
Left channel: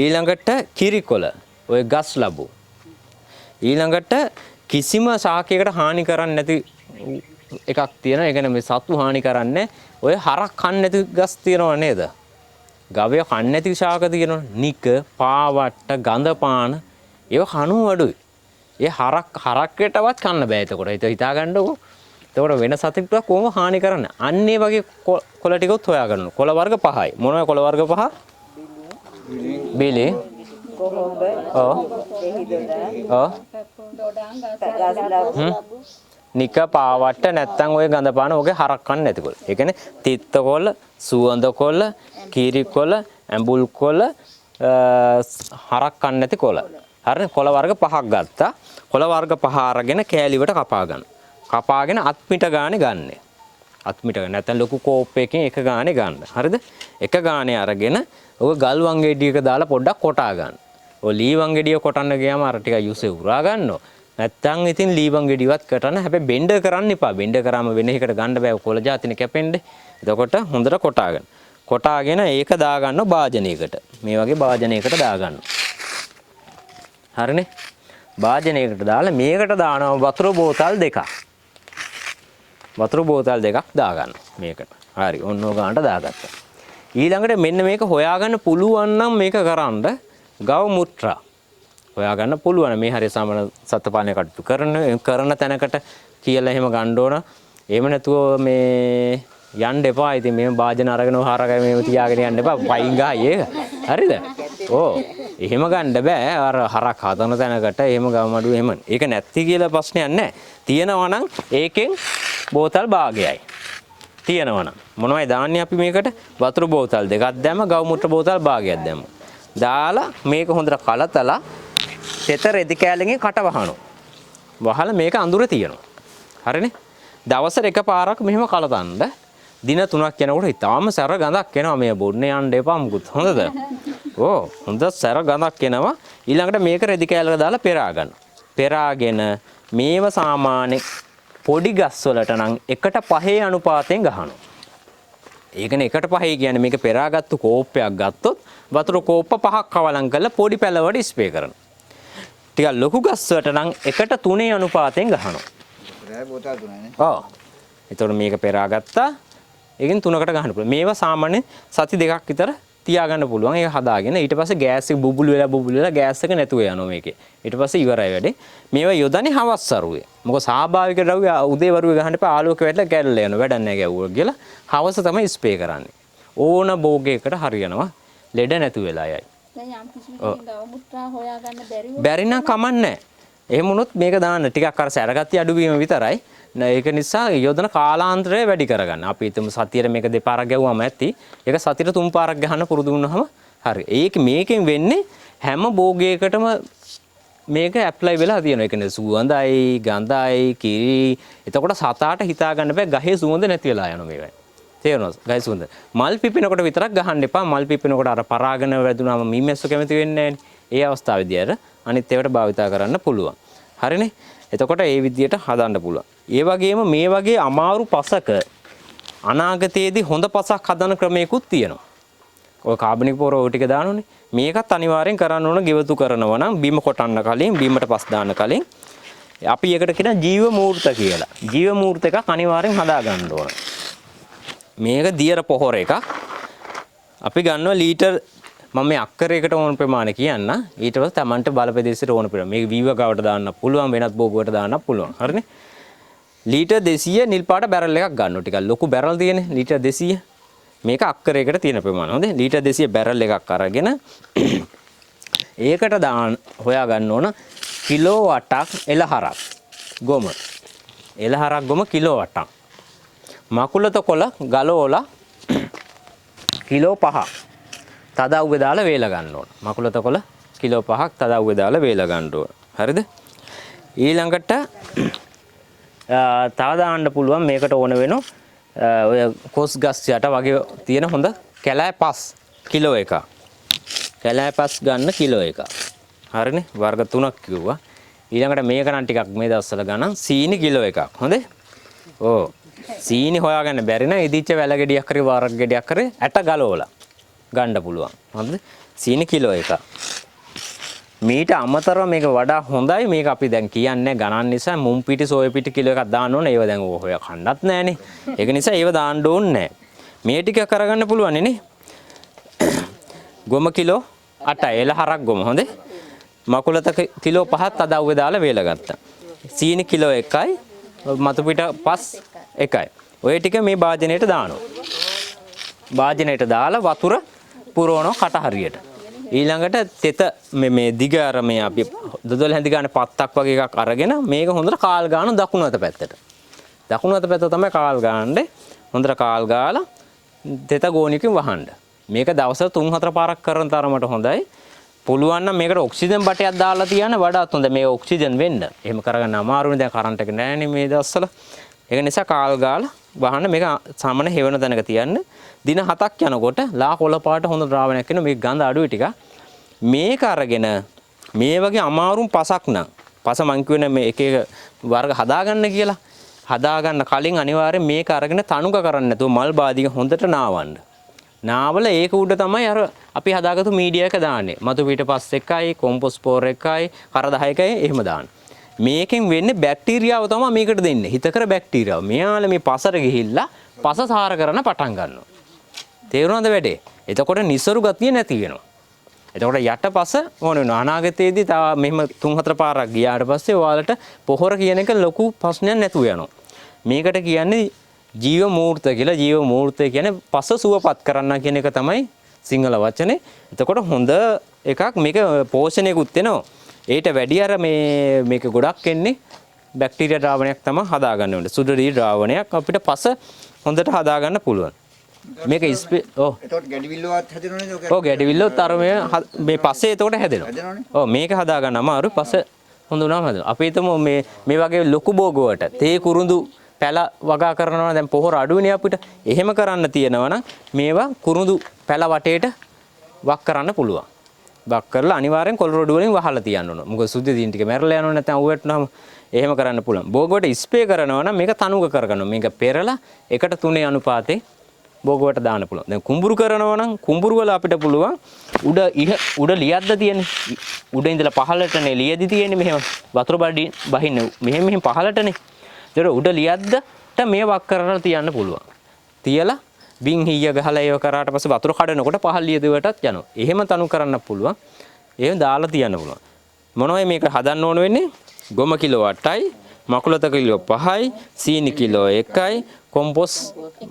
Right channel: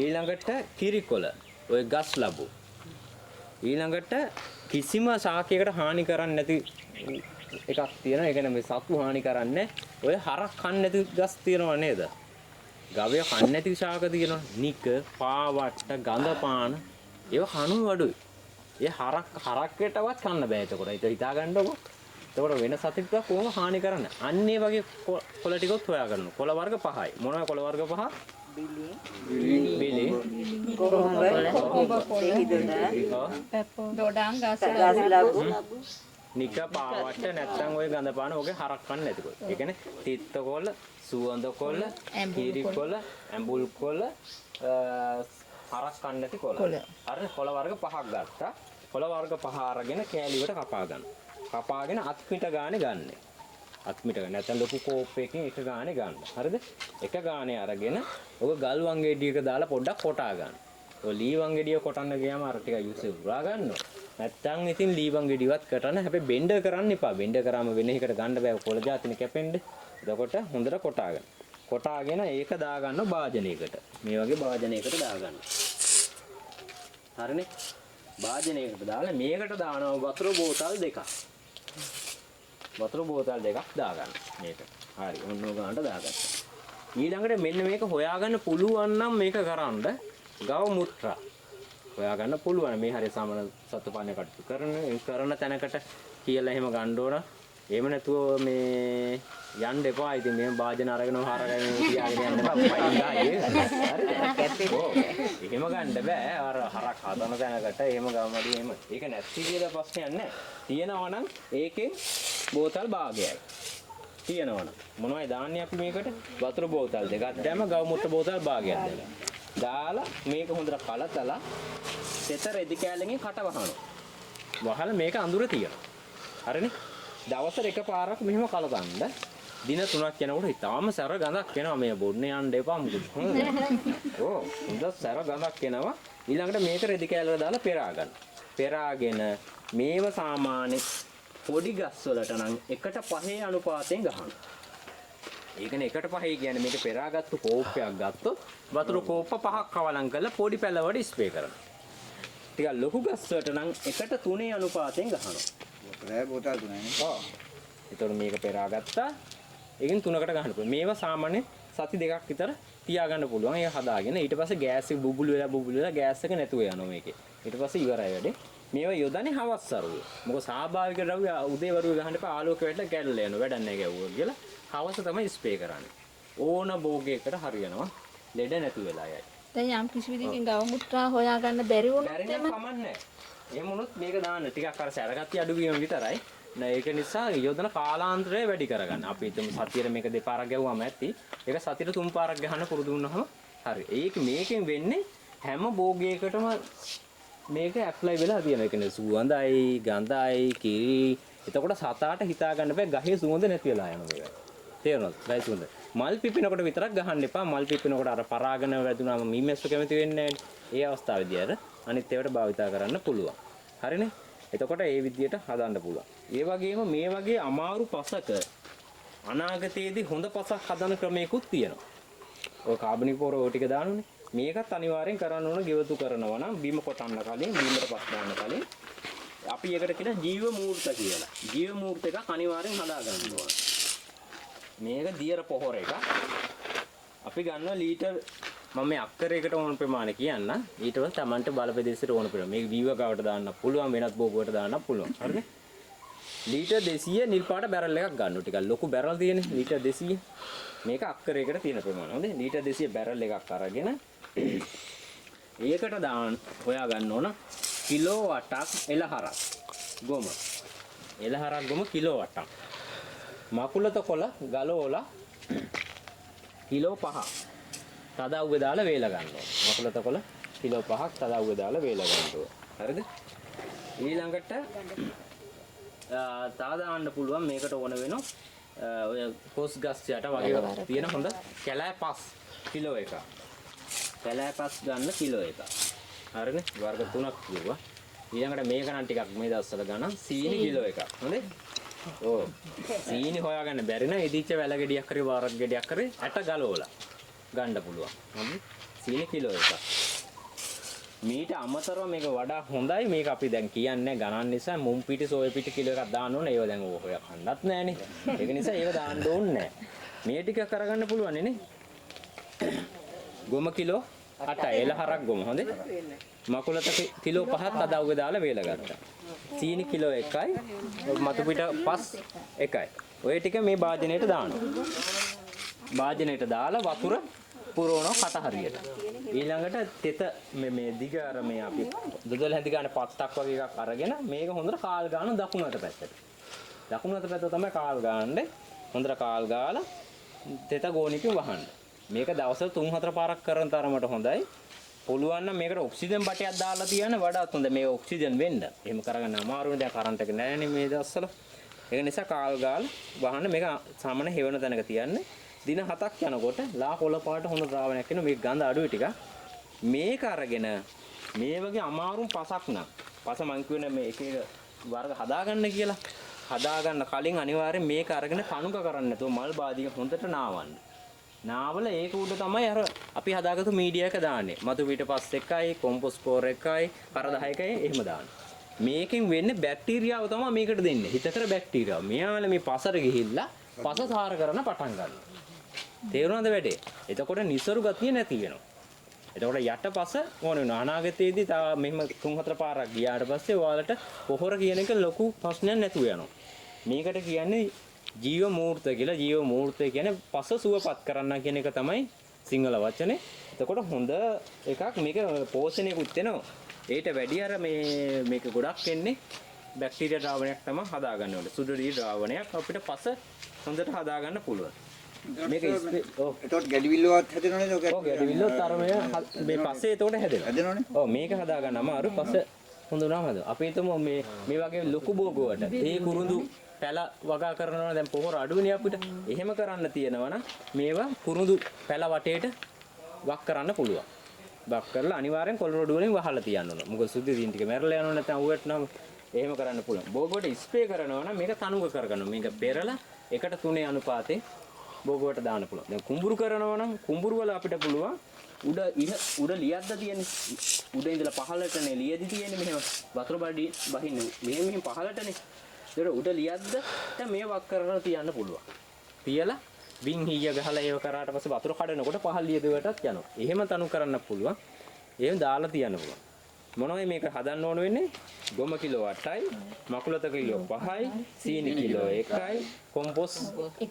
ඊළඟට කිරි කොළ. ඔය ගස් ලැබු. ඊළඟට කිසිම ශාකයකට හානි කරන්නේ නැති එකක් තියෙනවා. ඒ කියන්නේ මේ සත්තු හානි කරන්නේ ඔය හරක් කන්නේ නැති ගස් තියෙනව නේද? ගවය කන්නේ නැති ශාක තියෙනවා. නික, පාවට්ට, ගඳ පාන ඒව කණු අඩුයි. ඒ හරක්කටවත් කන්න බෑ එතකොට. ඒක හිතා ගන්නකො. එතකොට වෙන සතෙකුට කොහොම හානි කරන්නේ? අන්න ඒ වගේ කොළ ටිකත් හොයා ගන්න. කොළ වර්ග 5යි. මොනවද කොළ වර්ග 5? බිලි. කොහොඹ. ඔව්. නික පාවට්ට නැත්තම් ඔය ගඳ පාන ඔගේ හරක් කන්නේ නැති කොළ. ඒ කියන්නේ තිත්ත කොළ, සුවඳ කොළ, කිරි කොළ, ඇඹුල් කොළ, හරක් කන්නේ නැති කොළ. හරිද? කොළ වර්ග 5ක් ගත්තා. කොළ වර්ග 5 අරගෙන කෑලිවට කපා ගන්න. කපාගෙන අත් මිට ගානේ ගන්න. අත් මිට ගන්න. නැත්නම් ලොකු කෝප්පයකින් එක ගානේ ගන්න. හරිද? එක ගානේ අරගෙන ඔය ගල් වංගෙඩියක දාලා පොඩ්ඩක් කොටා ගන්න. ඔය ලී වංගෙඩිය කොටන්න ගියාම අර ටික යුසේ උරා ගන්නවා. නැත්තම් ඉතින් ලී වංගෙඩියවත් කටන්න. හැබැයි බෙන්ඩ කරන්න එපා. බෙන්ඩ කරාම වෙන එකකට ගන්න බෑ. කොළ જાතිනේ කැපෙන්නේ. එතකොට හොඳට කොටාගන්න. කොටාගෙන ඒක දාගන්න භාජනයකට. මේ වගේ භාජනයකට දාගන්න. හරිනේ? භාජනයකට දාලා මේකට දානවා වතුර බෝතල් දෙකක්. වතුර බෝතල් දෙකක් දාගන්න මේකට. හරි. ඔන්න ඔය ගන්නට දාගත්තා. ඊළඟට මෙන්න මේක හොයාගන්න පුළුවන් නම් මේක කරන්න ගව මුත්‍රා හොයාගන්න පුළුවන්. මේ හරිය සමන සත්පාලනය කටයුතු කරන තැනකට කියලා එහෙම ගන්න ඕන. එහෙම නැතුව මේ යන්න එපා. ඉතින් මේ වාජන අරගෙන හරගය මේව තියාගෙන යන්න එපා. පයින් ගහයි ඒක. හරිද? ඕ එහෙම ගන්න බෑ. අර හරක් හදන තැනකට එහෙම ගමඩු එහෙම. ඒක නැති කියලා ප්‍රශ්නයක් නැහැ. තියෙනවා නම් ඒකෙන් බෝතල් භාගයයි. තියෙනවා නම් මොනවයි දාන්නේ අපි මේකට? වතුර බෝතල් දෙකක් දැම්ම, ගව මුත්‍ර බෝතල් භාගයක් දැම්ම. දාලා මේක හොඳට කලතලා තෙත රෙදි කෑල්ලකින් කට වහනවා. වහලා මේක අඳුරේ තියනවා. හරිනේ? දවසට එකපාරක් මෙහෙම කලතන්න. දින 3ක් යනකොට ඊටාම සැර ගඳක් එනවා. මේ බොන්න යන්න එපා මුකුත්. හොඳද? ඕ හොඳ සැර ගඳක් එනවා. ඊළඟට මේක රෙදි කෑල්ලක දාලා පෙරා ගන්න. පෙරාගෙන මේව සාමාන්‍ය පොඩි ගස් වලට නම් 1:5 අනුපාතයෙන් ගහනවා. ඒ කියන්නේ 1:5 කියන්නේ මේක පෙරාගත්තු කෝප්පයක් ගත්තොත් වතුර කෝප්ප 5ක් කවලම් කරලා පොඩි පැලවට ස්ප්‍රේ කරනවා. ටිකක් ලොකු ගස් වලට නම් 1:3 අනුපාතයෙන් ගහනවා. රෑ බෝතල් 3යි. ඔව්. එතකොට මේක පෙරාගත්තා. ඒකෙන් 3කට ගහන්න පුළුවන්. මේවා සාමාන්‍යයෙන් සති 2ක් විතර තියාගන්න පුළුවන්. ඒක හදාගෙන ඊට පස්සේ ගෑස් එක බුබුලු වෙලා ගෑස් එක නැතුව යනවා මේකේ. ඊට පස්සේ ඉවරයි වැඩේ. මේවා යොදන්නේ හවස් සරුවේ. මොකද ස්වාභාවික ද්‍රව්‍ය උදේ වරුවේ ගහන්න එපා. ආලෝක වැටලා කැඩල යනවා. වැඩක් නැහැ ගැව්වා කියලා. හවස තමයි ස්ප්‍රේ කරන්නේ. ඕන භෝගයකට හරියනවා. ලෙඩ නැතු වෙලා යයි. දැන් යම් කිසි විදිහකින් ගව මුත්‍රා හොයාගන්න බැරි නම් කමන්නේ. එහෙම වුණොත් මේක දාන්න ටිකක් අර සැරගතිය අඩුවීම විතරයි. ඒක නිසා යොදන කාලාන්තරය වැඩි කරගන්න. අපි හිතමු සතියේ මේක දෙපාරක් ගැව්වම ඇති. ඒක සතියේ 3 පාරක් ගහන්න පුරුදු වුණාම හරි. ඒක මේකෙන් වෙන්නේ හැම භෝගයකටම මේක ඇප්ලයි වෙලා තියෙනවා. ඒ කියන්නේ සුවඳයි, ගඳයි, කිරි. එතකොට සතාට හිතා ගන්න බෑ ගහේ සුවඳ නැති වෙලා යනවා මේකයි. තේරෙනවද? ගහේ සුවඳ. මල් පිපෙනකොට විතරක් ගහන්න එපා. මල් පිපෙනකොට අර පරාගන වැදුනාම මීමැස්සු කැමති වෙන්නේ නැහැ. ඒ අවස්ථාවේදී අර අනිත් ඒවාට භාවිතා කරන්න පුළුවන්. හරිනේ? එතකොට ඒ විදියට හදන්න පුළුවන්. ඒ වගේම මේ වගේ අමාරු පසක අනාගතයේදී හොඳ පසක් හදන ක්‍රමයකුත් තියෙනවා. ඔය කාබනික පොර ඔය ටික දානෝනේ. මේකත් අනිවාර්යෙන් කරන්න ඕන ගෙවතු කරනවා නම් බිම කොටන්න කලින් බිමට පස් දාන්න කලින් අපි එකට කියන ජීව මූර්ත කියලා. ජීව මූර්ත එකක් අනිවාර්යෙන් හදා ගන්න ඕන. මේක දියර පොහොර එකක්. අපි ගන්නවා ලීටර් මම මේ අක්කරයකට ඕන ප්‍රමාණය කියන්න. ඊට පස්සේ Tamanට බලපෙදෙසට ඕන ප්‍රමාණය. මේක වීව ගාවට දාන්න පුළුවන් වෙනත් බෝගුවට දාන්න පුළුවන්. හරිනේ? ලීටර් 200 නිල් පාට බැරල් එකක් ගන්නවා. ටිකක් ලොකු බැරල් තියෙන්නේ ලීටර් 200. මේක අක්කරයකට තියෙන ප්‍රමාණය. හොඳේ. ලීටර් 200 බැරල් එකක් අරගෙන ඒකට දාන්න හොයා ගන්න ඕන කිලෝ 8ක් එළහරක් ගොම. එළහරක් ගොම කිලෝ 8ක්. මකුලත කොළ ගලෝලා කිලෝ 5ක්. තදව්වේ දාලා වේල ගන්න ඕන. මකුලතකොළ කිලෝ 5ක් තදව්වේ දාලා වේල ගන්න ඕන. හරිද? ඊළඟට තව දාන්න පුළුවන් මේකට ඕන වෙන ඔය කොස් ගස් යට වගේ තියෙන හොඳ කැලෑ පස් කිලෝ එකක්. කැලෑ පස් ගන්න කිලෝ එකක්. හරිනේ? වර්ග 3ක් කිව්වා. ඊළඟට මේක නම් ටිකක් මේ දවස්වල ගණන් සීනි කිලෝ එකක්. හොඳේ? ඕ. සීනි හොයාගන්න බැරි නම් ඉදිච්ච වැල ගෙඩියක් හරි වරක් ගෙඩියක් හරි ඇට ගලවලා ගන්න පුළුවන්. හරිද? සීනි කිලෝ එකක්. මීට අමතරව මේක වඩා හොඳයි. මේක අපි දැන් කියන්නේ ගණන් නිසා මුම් පිටි සෝය පිටි කිලෝ එකක් දාන්න ඕනේ. ඒව දැන් ඔය කන්නත් නැහනේ. ඒක නිසා ඒව දාන්න ඕනේ නැහැ. මේ ටික කරගන්න පුළුවන් නේ. ගොම කිලෝ 8යි. එළ හරක් ගොම. හොඳේ? මකුලත කිලෝ 5ක් තදව්වේ දාලා වේල ගත්තා. සීනි කිලෝ 1යි. මතු පිට පස් 1යි. ඔය ටික මේ භාජනයට දානවා. භාජනයට දාලා වතුර පුරවනවා කට හරියට. ඊළඟට තෙත මේ දිග අර මේ අපි දොඩොල් හැඳි ගන්න පත්තක් වගේ එකක් අරගෙන මේක හොඳට කාල් ගන්න දකුණු අත පැත්තට. දකුණු අත පැත්ත තමයි කාල් ගන්නනේ. හොඳට කාල් ගාලා තෙත ගෝණියකින් වහන්න. මේක දවසට 3-4 පාරක් කරන තරමට හොඳයි. පුළුවන් නම් මේකට ඔක්සිජන් බටයක් දාලා තියන්න වඩාත් හොඳයි. මේ ඔක්සිජන් වෙන්න. එහෙම කරගන්න අමාරුනේ. දැන් කරන්ට් එක නැහැනේ මේ දවස්වල. ඒක නිසා කාල් ගාලා වහන්න මේක සාමාන්‍ය හෙවන තැනක තියන්න. දින 7ක් යනකොට ලා කොළ පාට හොඳ ද්‍රාවණයක් වෙන මේක ගඳ අඩුයි ටික. මේක අරගෙන මේ වගේ අමාරුම් පසක් නම් පස මං කියුවේ මේ එක එක වර්ග හදාගන්න කියලා. හදාගන්න කලින් අනිවාර්යෙන් මේක අරගෙන තනුක කරන්න නැතුව මල් බාදික හොඳට නාවන්න. නාවල ඒක උඩ තමයි අර අපි හදාගත්තු මීඩියා එක දාන්නේ. මතු පිට පස් එකයි, කොම්පොස්ට් ස්පෝර් එකයි, කර 10කයි එහෙම දාන්න. මේකෙන් වෙන්නේ බැක්ටීරියාව තමයි මේකට දෙන්නේ. හිතකර බැක්ටීරියාව. මෙයාලා මේ පසට ගිහිල්ලා පස සාර කරන පටන් ගන්නවා. තේරුණාද වැඩේ? එතකොට නිසරු ගතිය නැති වෙනවා. එතකොට යටපස ඕන වෙනවා. අනාගතයේදී තව මෙහෙම 3-4 පාරක් ගියාට පස්සේ ඔයාලට පොහොර කියන එක ලොකු ප්‍රශ්නයක් නැතුව යනවා. මේකට කියන්නේ ජීව මූර්ත කියලා. ජීව මූර්තය කියන්නේ පස සුවපත් කරන්න කියන එක තමයි සිංහල වචනේ. එතකොට හොඳ එකක් මේක පෝෂණයකුත් වෙනවා. ඒට වැඩි අර මේක ගොඩක් එන්නේ බැක්ටීරියා ද්‍රාවණයක් තමයි හදාගන්න ඕනේ. සුදුරි ද්‍රාවණයක් අපිට පස හොඳට හදාගන්න පුළුවන්. මේක එතකොට ගැඩිවිල්ලවත් හැදෙනවනේ ඔක. ඔව් ගැඩිවිල්ලවත් අර මේ පස්සේ එතකොට හැදෙනවා. ඔව් මේක හදාගන්න අමාරුයි. පස්සේ හොඳ වුණාම හැදෙනවා. අපි හිතමු මේ වගේ ලොකු බෝගුවට තේ කුරුඳු පැල වගා කරනවා දැන් පොහොර අඩුවනේ අපිට. එහෙම කරන්න තියෙනවා නම් මේවා කුරුඳු පැල වටේට වක් කරන්න පුළුවන්. වක් කරලා අනිවාර්යෙන් කොළ රොඩු වලින් වහලා තියන්න ඕන. මොකද සුද්ධි දින ටික මැරලා යනවා නැත්නම් උවටනම එහෙම කරන්න පුළුවන්. බෝගුවට ස්ප්‍රේ කරනවා නම් මේක තනුක කරගන්නවා. මේක පෙරලා 1:3 අනුපාතේ බෝගුවට දාන්න පුළුවන්. දැන් කුඹුරු කරනවා නම් කුඹුරු වල අපිට පුළුවන් උඩ ලියද්ද තියෙන්නේ. උඩ ඉඳලා පහළටනේ ලියදි තියෙන්නේ මෙහෙම වතුර බඩි බහින්න මෙහෙම පහළටනේ. ඒතර උඩ ලියද්දට මේ වක් කරලා තියන්න පුළුවන්. තියලා බින් හීය ගහලා ඒව කරාට පස්සේ වතුර කඩනකොට පහළ ලියදුවටත් යනවා. එහෙම තනු කරන්න පුළුවන්. එහෙම දාලා තියන්න පුළුවන්. මොනවයි මේක හදන්න ඕන වෙන්නේ? ගොම කිලෝ 8යි, මකුලත කිලෝ 5යි, සීනි කිලෝ 1යි, කොම්පොස්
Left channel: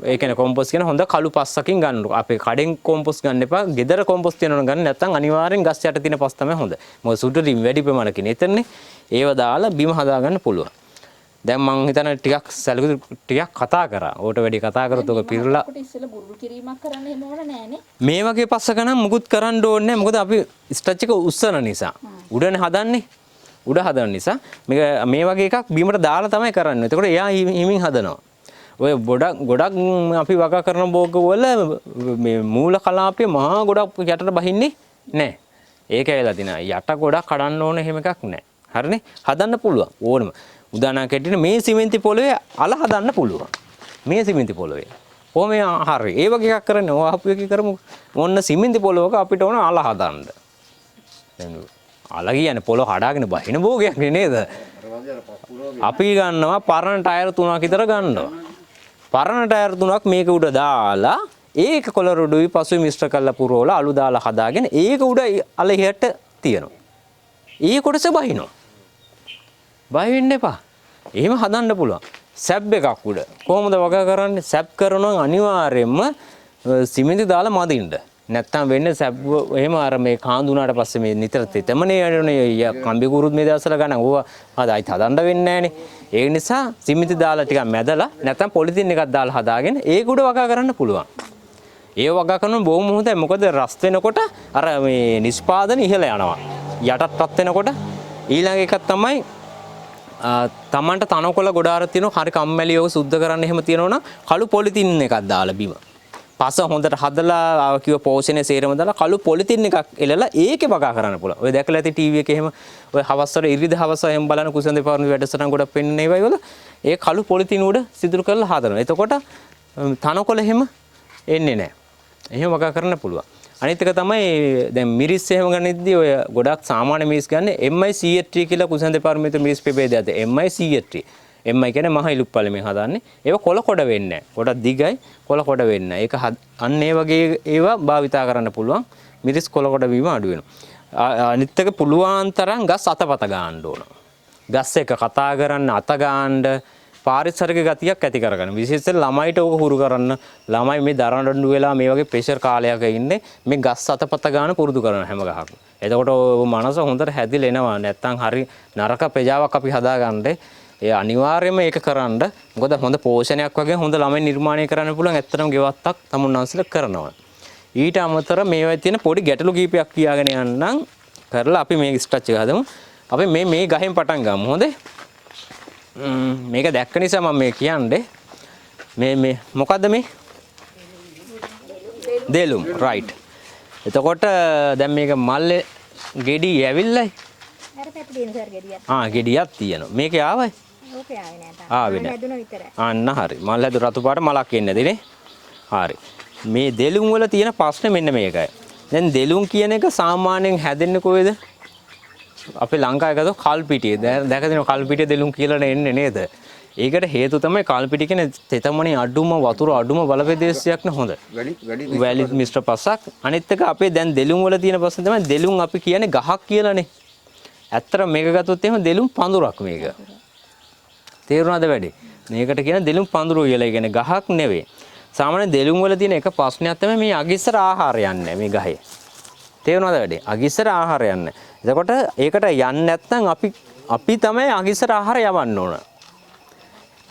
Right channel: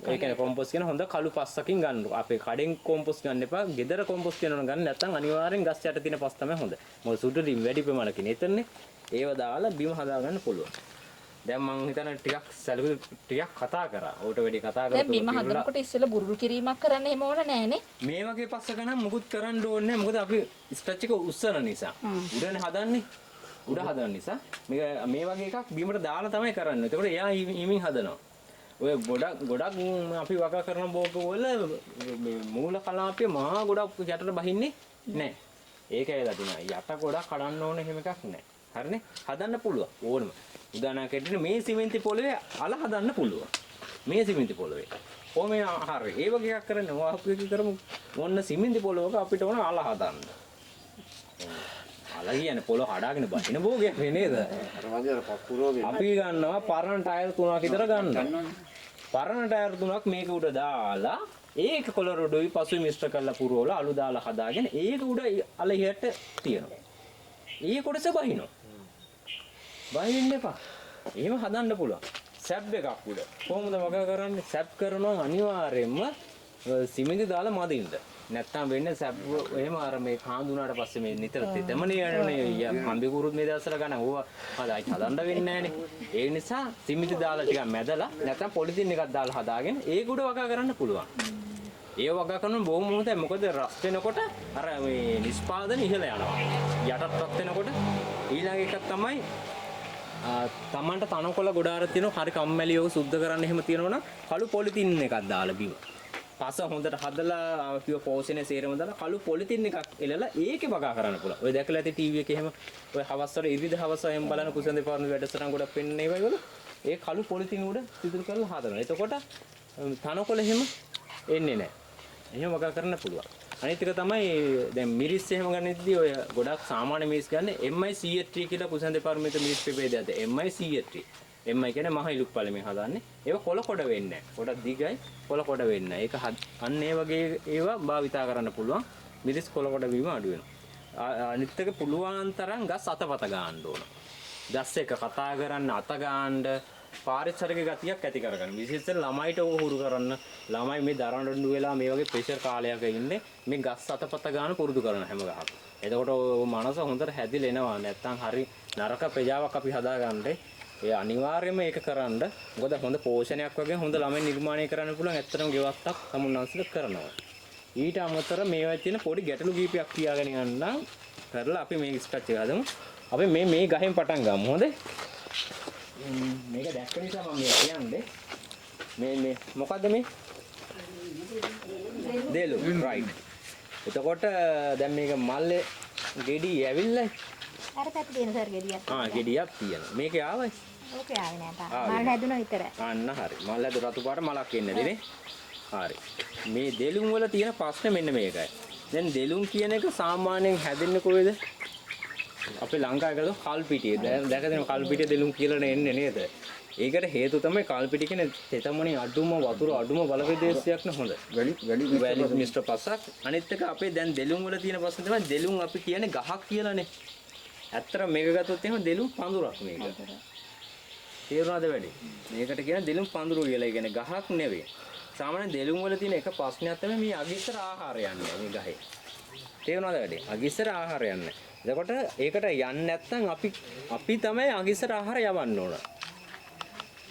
ඒ කියන්නේ කොම්පොස් කියන හොඳ කළු පස්සකින් ගන්න. අපි කඩෙන් කොම්පොස් ගන්න එපා. ගෙදර කොම්පොස් තියනවා ගන්න නැත්නම් අනිවාර්යෙන් ගස් යට තියෙන පස් තමයි හොඳ. මොකද සුදුරින් වැඩි ප්‍රමාණකින් එතනනේ. ඒව දාලා බිම හදා ගන්න පුළුවන්. දැන් මං හිතන්නේ ටිකක් කතා කරා. ඕට වැඩි කතා කරොත් ඔක පිරලා අපිට ඉස්සෙල්ලා බුරුල් කිරීමක් කරන්න එහෙම ඕන නැහනේ. මේ වගේ පස්සක නම් මුකුත් කරන්න ඕනේ නැහැ. මොකද අපි ස්ට්‍රච් එක උස්සන නිසා. උඩනේ හදන්නේ. උඩ හදන නිසා මේ වගේ එකක් බිමට දාලා තමයි කරන්නේ. එතකොට එයා හිමින් හදනවා. ඔය ගොඩක් අපි වගා කරන බෝග වල මේ මූල කලාපයේ මහා ගොඩක් යටට බහින්නේ නැහැ. ඒක ඇවිල්ලා තිනා යට ගොඩක් කඩන්න ඕන එහෙම එකක් නැහැ. හරිනේ? හදන්න පුළුවන් ඕනම. උදාහරණයක් ඇටියට මේ සිමෙන්ති පොළවේ අල හදන්න පුළුවන්. මේ සිමෙන්ති පොළවේ. කොහොම හරි. ඒ වගේ එකක් කරන්නේ. ඔය අපි එක කරමු. මොන්න සිමෙන්ති පොළවක අපිට ඕන අල හදන්න. අල කියන්නේ පොළොව කඩාගෙන බහින බෝගයක් නේද? අපි ගන්නවා පරණ ටයර් 3ක් විතර ගන්නවා. පරණ ටයර් 3ක් මේක උඩ දාලා ඒක කොළ රොඩුයි පසුයි මිශ්‍ර කරලා පුරවලා අලු දාලා හදාගෙන ඒක උඩ අල ඉහට තියනවා. ඒ කොටස බහිනවා. බහින්න එපා. එහෙම හදන්න පුළුවන්. සැබ් එකක් උඩ. කොහොමද වගා කරන්නේ? සැබ් කරනවා අනිවාර්යයෙන්ම සිමෙන්ති දාලා මදින්න. නැත්තම් වෙන්නේ සැබ් එහෙම අර මේ කාඳු උනාට පස්සේ මේ නිතර තෙතමනේ යන්නේ කම්බි කුරුත් මේ දවස්වල ගන්න ඕවා හදායි හදන්න වෙන්නේ නැහනේ. ඒ නිසා සිමෙන්ති දාලා ටිකක් මැදලා නැත්තම් පොලිතින් එකක් දාලා හදාගෙන ඒක උඩ වගා කරන්න පුළුවන්. ඒ වගා කරන බොහොම හොඳයි. මොකද රස් වෙනකොට අර මේ නිෂ්පාදන ඉහළ යනවා. යටටපත් වෙනකොට ඊළඟ එකක් තමයි තමන්ට තනකොළ ගොඩාර තියෙනවා. හරි කම්මැලි යෝග සුද්ධ කරන්න එහෙම තියෙනවනම් කළු පොලිතින් එකක් දාලා බිම. පස හොඳට හදලා කිව්ව පෝෂණය සේරම දාලා කළු පොලිතින් එකක් එලලා ඒකේ වගා කරන්න පුළුවන්. ඔය දැකලා ඇති ටීවී එකේ එහෙම ඔය හවස්වල ඉරිද හවස එහෙම බලන කුසඳ දෙපාරම වැඩසටහන් ගොඩක් පෙන්වන්නේ ඒවයි වල ඒ කළු පොලිතින් උඩ සිදුරු කරලා හදනවා. එතකොට තනකොළ එහෙම එන්නේ නැහැ. එහෙම වගා කරන්න පුළුවන්. අනිත් එක තමයි දැන් මිරිස් එහෙම ගන්නෙද්දී ඔය ගොඩක් සාමාන්‍ය මිරිස් ගන්න MI CHT කියලා කුසඳ දෙපාරමිත මිරිස් ප්‍රභේදයක්. MI CHT. MI කියන්නේ මහ ඉලුක් පළමෙන් හදන්නේ. ඒක කොළ කොට වෙන්නේ නැහැ. ගොඩක් දිගයි කොළ කොට වෙන්නේ නැහැ. ඒක අන්න ඒ වගේ ඒවා භාවිතා කරන්න පුළුවන්. මිරිස් කොළ කොට වීම අඩු වෙනවා. අනිත් එක පුළුවන් තරම් ගස් අතපත ගන්න ඕන. ගස් එක කතා කරන්න අත ගන්න පාරිසරික ගතියක් ඇති කරගන්න. විශේෂයෙන් ළමයිට ඕක හුරු කරන්න. ළමයි මේ දරඬු වෙලා මේ වගේ ප්‍රෙෂර් කාලයක ඉන්නේ මේ ගස් අතපත ගන්න පුරුදු කරන හැම ගහක්ම. එතකොට මනස හොඳට හැදිලා එනවා. නැත්තම් හරි නරක ප්‍රජාවක් අපි හදාගන්නේ. ඒ අනිවාර්යයෙන්ම ඒක කරන්න. මොකද හොඳ පෝෂණයක් වගේ හොඳ ළමයි නිර්මාණය කරන්න පුළුවන් ඇත්තටම ගෙවත්තක් තමුන්වන්සලා කරනවා. ඊට අමතරව මේවා තියෙන පොඩි ගැටලු කීපයක් කියාගෙන යන්නම් කරලා අපි මේ ස්ට්‍රච් එක හදමු. අපි මේ ගහෙන් පටන් ගමු. හොඳේ? මේක දැක්ක නිසා මම මේ කියන්නේ මේ මොකද්ද මේ? දෙලුම් රයිට්. එතකොට දැන් මේක මල්ලේ ගෙඩි ඇවිල්ලා අර පැත්තේ තියෙන සර් ගෙඩියක්. ගෙඩියක් තියෙනවා. මේකේ ආවයි? ඕකේ ආවේ නෑ තාම. ආවේ නෑ. හැදුණා විතරයි. අන්න හරි. මල් හැදු රතු පාට මලක් එන්නේ නැතිනේ. හරි. මේ දෙලුම් වල තියෙන ප්‍රශ්නේ මෙන්න මේකයි. දැන් දෙලුම් කියන එක සාමාන්‍යයෙන් හැදෙන්නේ කොහෙද? අපි ලංකාවේ ගත්තොත් කල්පිටියේ. දැක දෙනවා කල්පිටියේ දෙලුම් කියලා එන්නේ නේද? ඒකට හේතු තමයි කල්පිටිය කියන්නේ තෙතමනේ අඩුම වතුර අඩුම බලපෑදේශයක් නේ හොඳ. වැලි මිශ්‍ර පසක්. අනිත් එක අපේ දැන් දෙලුම් වල තියෙන ප්‍රශ්නේ තමයි දෙලුම් අපි කියන්නේ ගහක් කියලානේ. ඇත්තට මේක ගත්තොත් එහෙම දෙලුම් පඳුරක් මේක. තේරුණාද වැඩි? මේකට කියන දෙලුම් පඳුරෝ කියලා. ඒ කියන්නේ ගහක් නෙවෙයි. සාමාන්‍ය දෙලුම් වල තියෙන එක ප්‍රශ්නයක් තමයි මේ අගිස්සර ආහාරය යන්නේ මේ ගහේ. තේරුණාද වැඩි? අගිස්සර ආහාරය යන්නේ. එතකොට ඒකට යන්නේ නැත්නම් අපි තමයි අගිස්සර ආහාරය යවන්න ඕන.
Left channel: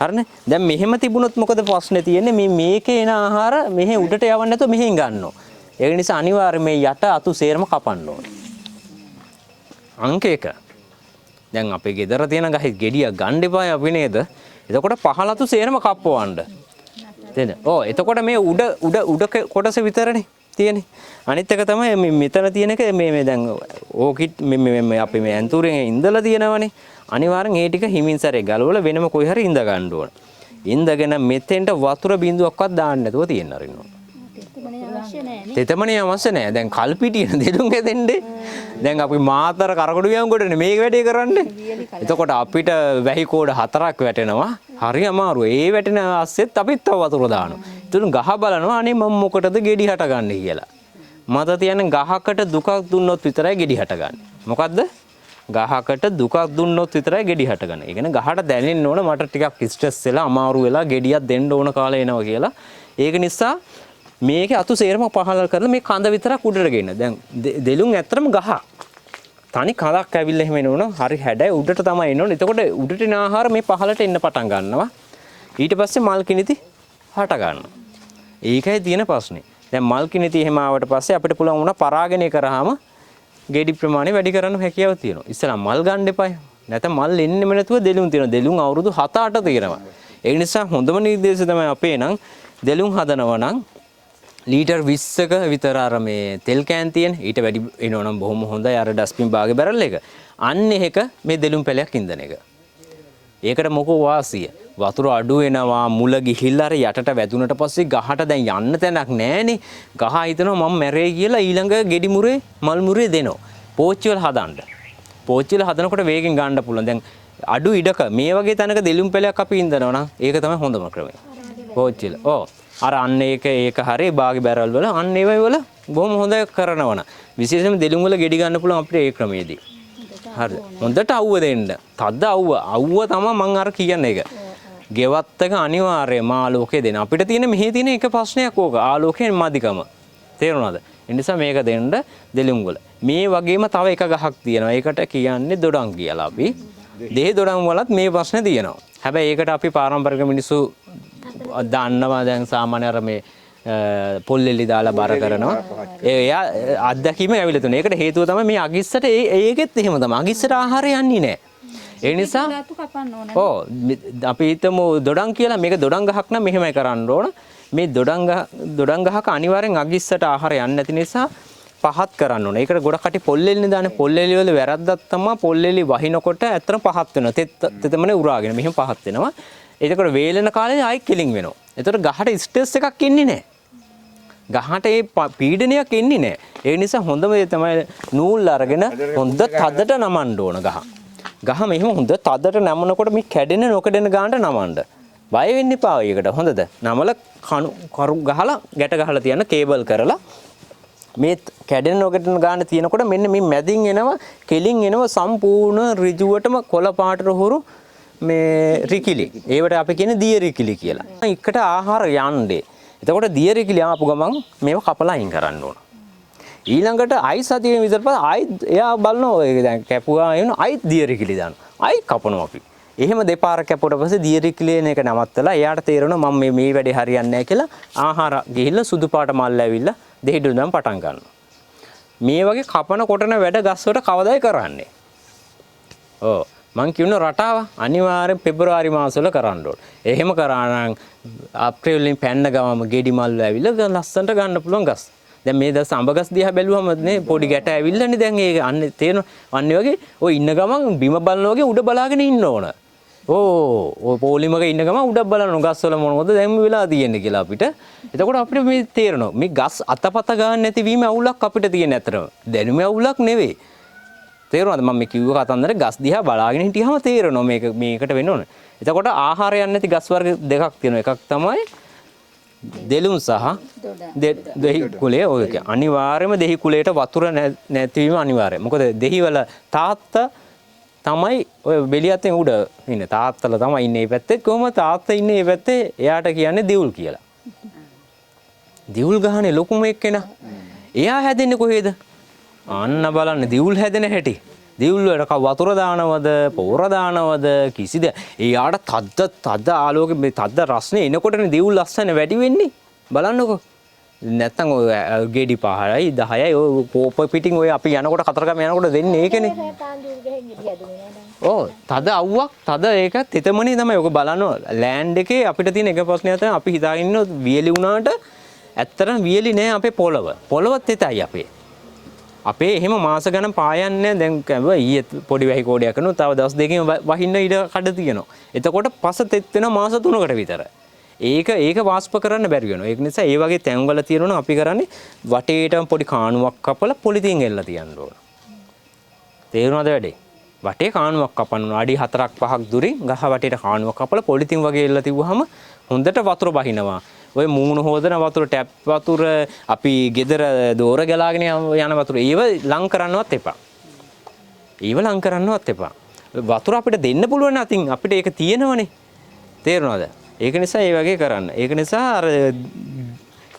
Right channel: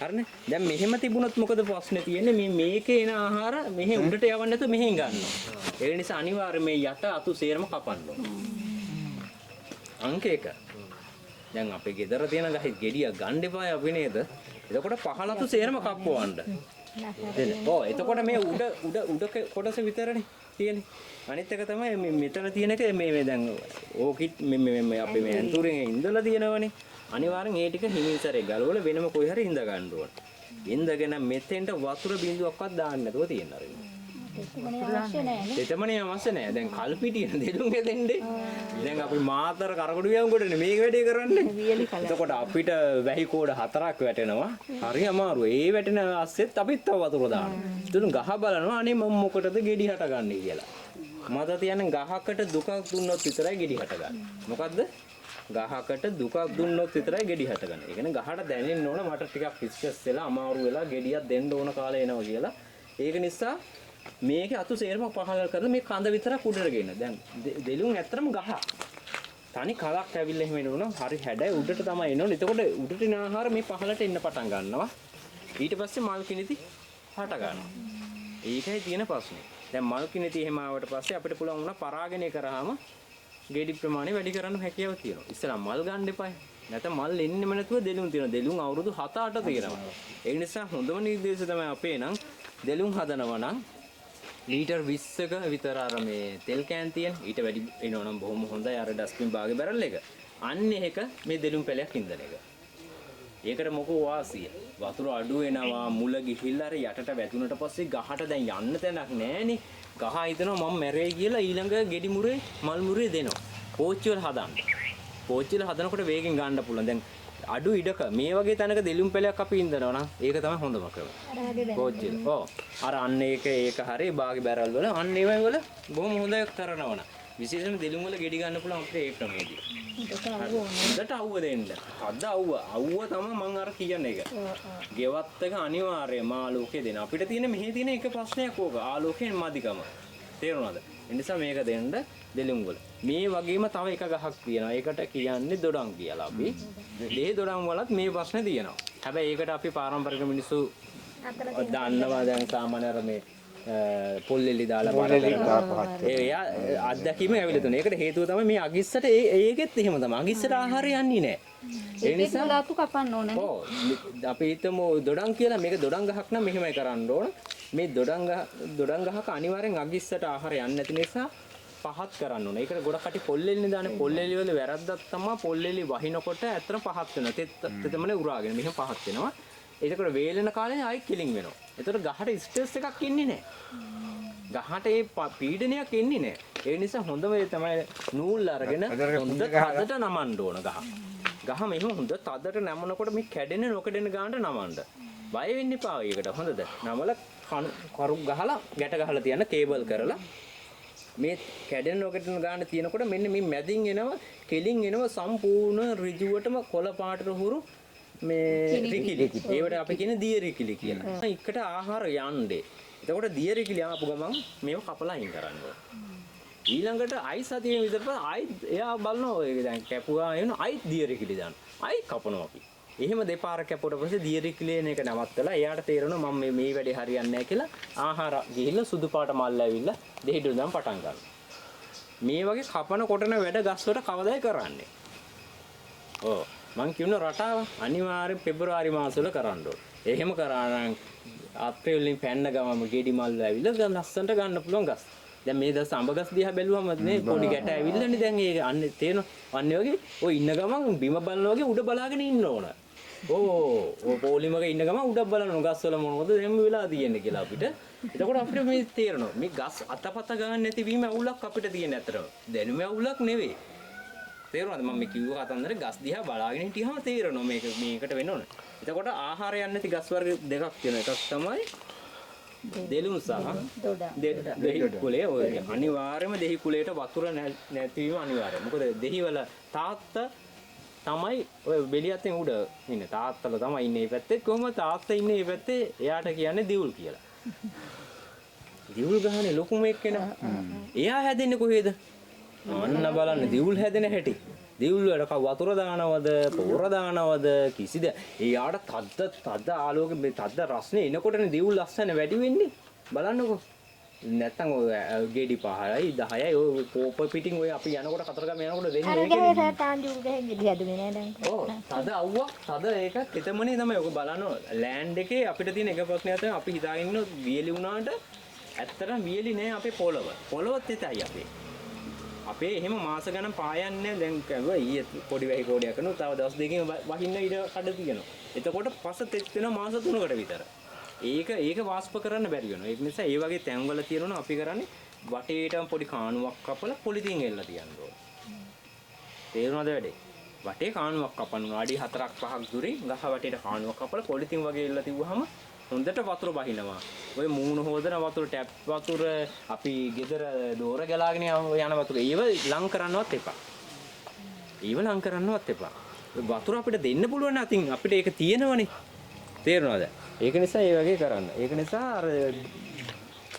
හරිනේ? දැන් මෙහෙම තිබුණොත් මොකද ප්‍රශ්නේ තියෙන්නේ? මේකේ එන ආහාර මෙහෙ උඩට යවන්න නැතුව මෙහෙන් ගන්නවා. ඒක නිසා අනිවාර්යයෙන් මේ යට අතු සේරම කපන්න ඕන. අංක 1. දැන් අපේ ගෙදර තියෙන ගහේ ගෙඩිය ගන්න එපායි අපි නේද? එතකොට පහලතු සේරම කප්පවන්න. නේද? ඔව් එතකොට මේ උඩ කොටස විතරනේ තියෙන්නේ. අනිත් එක තමයි මෙතන තියෙන එක මේ දැන් ඕකිට් මේ අපි මේ ඇන්තුරෙන් ඉඳලා තියෙනවනේ. අනිවාර්යෙන් ඒ ටික හිමින් සැරේ ගලවලා වෙනම කොයි හරි ඉඳ ගන්න ඕන. ඉඳගෙන මෙතෙන්ට වතුර බිඳුවක්වත් දාන්න නැතුව තියෙන්න අරිනවා. තෙතමනේ අවශ්‍ය නැහැ. දැන් කල්පිටියන දෙලුම් හැදෙන්නේ. දැන් අපි මාතර කරකොඩු ගියන්කොටනේ මේක වැඩේ කරන්නේ. එතකොට අපිට වැහි කෝඩ 4ක් වැටෙනවා. හරි අමාරු. ඒ වැටෙන අස්සෙත් අපිත් තව වතුර දානවා. ඉතින් ගහ බලනවා අනේ මම මොකටද ගෙඩි හටගන්නේ කියලා. මට තියන්නේ ගහකට දුකක් දුන්නොත් විතරයි ගෙඩි හටගන්නේ. මොකද්ද? ගහකට දුකක් දුන්නොත් විතරයි ගෙඩි හටගන්නේ. ඒ කියන්නේ ගහට දැනෙන්න ඕන මට ටිකක් ස්ට්‍රෙස් වෙලා අමාරු වෙලා ගෙඩියක් දෙන්න ඕන කාලේ එනවා කියලා. ඒක නිසා මේකේ අතු සේරම පහල කරලා මේ කඳ විතරක් උඩට ගෙන්න. දැන් දෙලුම් ඇත්තටම ගහ. තනි කඳක් ඇවිල්ලා එහෙම එනවනම් හරි හැඩයි උඩට තමයි එනවනේ. එතකොට උඩට එන ආහාර මේ පහලට එන්න පටන් ගන්නවා. ඊට පස්සේ මල් කිනිති හට ගන්නවා. ඒකයි තියෙන ප්‍රශ්නේ. දැන් මල් කිනිති එහෙම ආවට පස්සේ අපිට පුළුවන් වුණා පරාගණය කරාම ගෙඩි ප්‍රමාණය වැඩි කරන්න හැකියාව තියෙනවා. ඉස්සලා මල් ගන්න එපායි. නැත්නම් මල් එන්නෙම නැතුව දෙලුම් තියෙනවා. දෙලුම් අවුරුදු 7-8 තියෙනවා. ඒ නිසා හොඳම නිර්දේශය තමයි අපේ නම් දෙලුම් හදනවා නම් ලීටර් 20ක විතර අර මේ තෙල් කෑන් තියෙන ඊට වැඩි එනවනම් බොහොම හොඳයි අර ඩස්බින් බාගේ බැරල් එක. අන්න ඒක මේ දෙලුම් පැලයක් ඉඳන එක. ඒකට මොකෝ වාසිය. වතුර අඩු වෙනවා මුල ගිහිල්ලා අර යටට වැදුනට පස්සේ ගහට දැන් යන්න තැනක් නැහනේ. ගහ හිතනවා මම මැරෙයි කියලා ඊළඟ ගෙඩි මුරේ මල් මුරේ දෙනවා. පෝච්චි වල හදන්න. පෝච්චි වල හදනකොට වේගෙන් ගන්න පුළුවන්. දැන් අඩු ඉඩක මේ වගේ තැනක දෙලුම් පැලයක් අපි ඉඳනවා නම් ඒක තමයි හොඳම ක්‍රමය. පෝච්චි වල. ඔව්. අර අන්න ඒක හරිය බාගේ බැරල් වල අන්න ඒ වල බොහොම හොඳ කරනවන. විශේෂයෙන්ම දෙලුම් වල ගෙඩි ගන්න පුළුවන් අපිට ඒ ක්‍රමයේදී. හරි. හොඳට අවුව දෙන්න. තද්ද අවුව තමයි මම අර කියන්නේ ඒක. ගෙවත් එක අනිවාර්යයෙන්ම ආලෝකය දෙන්න. අපිට තියෙන මෙහි තියෙන එක ප්‍රශ්නයක් ඕක. ආලෝකයෙන් මදිකම. තේරුණාද? ඒ නිසා මේක දෙන්න දෙලුම් වල. මේ වගේම තව එක ගහක් තියෙනවා. ඒකට කියන්නේ දොඩම් කියලා අපි. දෙහි දොඩම් වලත් මේ ප්‍රශ්නේ තියෙනවා. හැබැයි ඒකට අපි පාරම්පරික මිනිස්සු දන්නවා දැන් සාමාන්‍ය අර මේ පොල්ලෙලි දාලා බාර කරනවා. එයා අත්දැකීම ඇවිල්ලා තුනේ. ඒකට හේතුව තමයි මේ අගිස්සට ඒකෙත් එහෙම තමයි. අගිස්සට ආහාරය යන්නේ නැහැ. ඒ නිසා ඔව් අපි හිතමු දොඩම් කියලා මේක දොඩම් ගහක් නම් මෙහෙමයි කරන්න ඕන. මේ දොඩම් ගහක අනිවාර්යෙන් අගිස්සට ආහාරය යන්නේ නැති නිසා පහත් කරන්න ඕන. ඒකට ගොඩක් කටි පොල්ලෙලිනේ දාන්නේ. පොල්ලෙලි වල වැරද්දක් තමයි පොල්ලෙලි වහිනකොට ඇත්තටම පහත් වෙනවා. තෙතමනේ උරාගෙන මෙහෙම පහත් වෙනවා. ඒකට වේලෙන කාලේ ආයි කිලින් වෙනවා. ඒතකොට ගහට ස්ට්‍රෙස් එකක් එන්නේ නැහැ. ගහට ඒ පීඩනයක් එන්නේ නැහැ. ඒ නිසා හොඳම දේ තමයි නූල් අරගෙන හොඳ තදට නමන්න ඕන ගහ. ගහ මෙහෙම හොඳ තදට නමනකොට මේ කැඩෙන නොකඩෙන ගානට නමන්න. බය වෙන්න එපා ඒකට. හොඳද? නමල කරු ගහලා ගැට ගහලා තියන්න කේබල් කරලා මේ කැඩෙන නොකඩෙන ගාන තියෙනකොට මෙන්න මේ මැදින් එනවා කෙලින් එනවා සම්පූර්ණ ඍජුවටම කොළ පාටට හුරු මේ රිකිලි. ඒවට අපි කියන්නේ දිය රිකිලි කියලා. එකට ආහාර යන්නේ. එතකොට දිය රිකිලි ආපු ගමන් මේව කපලා අයින් කරන්න ඕන. ඊළඟට අයි සතියේ විතර පස්සේ ආයි එයා බලනවා ඒක දැන් කැපුවා එන ආයි දිය රිකිලි දානවා. ආයි කපනවා අපි. එහෙම දෙපාර කැපුවට පස්සේ දිය රිකිලි එන එක නවත්තලා එයාට තේරෙනවා මම මේ වැඩේ හරියන්නේ නැහැ කියලා ආහාර ගිහිල්ලා සුදු පාට මල් ඇවිල්ලා දෙහිඩු නම් පටන් ගන්නවා. මේ වගේ කපන කොටන වැඩ ගස්වලට කවදායි කරන්නේ. ඔව් මං කියන රටාව අනිවාර්යෙන් පෙබරවාරි මාසවල කරන්න ඕන. එහෙම කරා නම් අප්‍රේල් වලින් පැන්න ගමම ගෙඩි මල් ඇවිල්ලා ලස්සනට ගන්න පුළුවන් ගස්. දැන් මේ දවස් අඹ ගස් දිහා බැලුවම නේ පොඩි ගැට ඇවිල්ලානේ දැන් ඒක අන්න තේරෙනවා. අන්නේ වගේ ඔය ඉන්න ගමන් බිම බලනවා වගේ උඩ බලාගෙන ඉන්න ඕන. ඔය පොලිමක ඉන්න ගමන් උඩ බලන ගස් වල මොනවද දැන් වෙලා තියෙන්නේ කියලා අපිට. එතකොට අපිට මේ තේරෙනවා මේ ගස් අතපත ගන්න නැති වීම අවුලක් අපිට තියෙන ඇතරම. දැනුම අවුලක් නෙවෙයි. තේරුණාද මම මේ කිව්ව කතන්දර ගස් දිහා බලාගෙන හිටියාම තේරෙනවා මේකට වෙන්න ඕන. එතකොට ආහාරයක් නැති ගස් වර්ග දෙකක් තියෙනවා. එකක් තමයි දෙලුම් සහ දෙහි කුලය. ඔය අනිවාර්යයෙන්ම දෙහි කුලයට වතුර නැතිවීම අනිවාර්යයි. මොකද දෙහි වල තාත්තා තමයි ඔය බෙලියත්ෙන් උඩ ඉන්නේ. තාත්තලා තමයි ඉන්නේ මේ පැත්තේ. කොහොමද තාත්තා ඉන්නේ මේ පැත්තේ? එයාට කියන්නේ දිවුල් කියලා. දිවුල් ගහනේ ලොකුම එක්කෙනා. එයා හැදෙන්නේ කොහෙද? අන්න බලන්න දිවුල් හැදෙන හැටි. දිවුල් වලට වතුර දානවද, පොර දානවද කිසිද? එයාට තද ආලෝකෙ මේ තද රස්නේ එනකොටනේ දිවුල් ලස්සන වැඩි වෙන්නේ. බලන්නකෝ. නැත්තම් ඔය ගෙඩි 5යි 10යි ඔය පොප පිටින් ඔය අපි යනකොට කතරගම යනකොට දෙන්නේ ඒකනේ. ඔව් තද අවුවක් තද ඒක තෙතමනේ තමයි ඔක බලන්න ලෑන්ඩ් එකේ අපිට තියෙන එක ප්‍රශ්නය තමයි අපි හිතාගෙන ඉන්න වියලි වුණාට ඇත්තටම වියලි නෑ අපේ පොළව. පොළව තෙතයි අපේ. අපේ එහෙම මාස ගණන් පායන්නේ දැන් ඊයේ පොඩි වැහි කෝඩයක් කරනවා තව දවස් දෙකකින් වහින්න ඉඩ කඩ තියෙනවා. එතකොට පස තෙත් වෙන මාස 3කට විතර. ඒක වාෂ්ප කරන්න බැරි වෙනවා. ඒක නිසා ඒ වගේ තැන්වල තියෙනවා අපි කරන්නේ වටේටම පොඩි කාණුවක් කපලා පොලිතින් එල්ලලා තියන්න ඕන. තේරුණාද වැඩේ? වටේ කාණුවක් කපන්න අඩි 4ක් 5ක් දුරින් ගහ වටේට කාණුවක් කපලා පොලිතින් වගේ එල්ලලා තිබුවාම හොඳට වතුර බහිනවා. ඔය මූණු හොදන වතුර ටැප් වතුර අපි ගෙදර දෝර ගලාගෙන යන වතුර ඒව ලං කරන්නවත් එපා. ඒව ලං කරන්නවත් එපා. වතුර අපිට දෙන්න පුළුවන් අතින් අපිට ඒක තියෙනවනේ. තේරුණාද? ඒක නිසා ඒ වගේ කරන්න. ඒක නිසා අර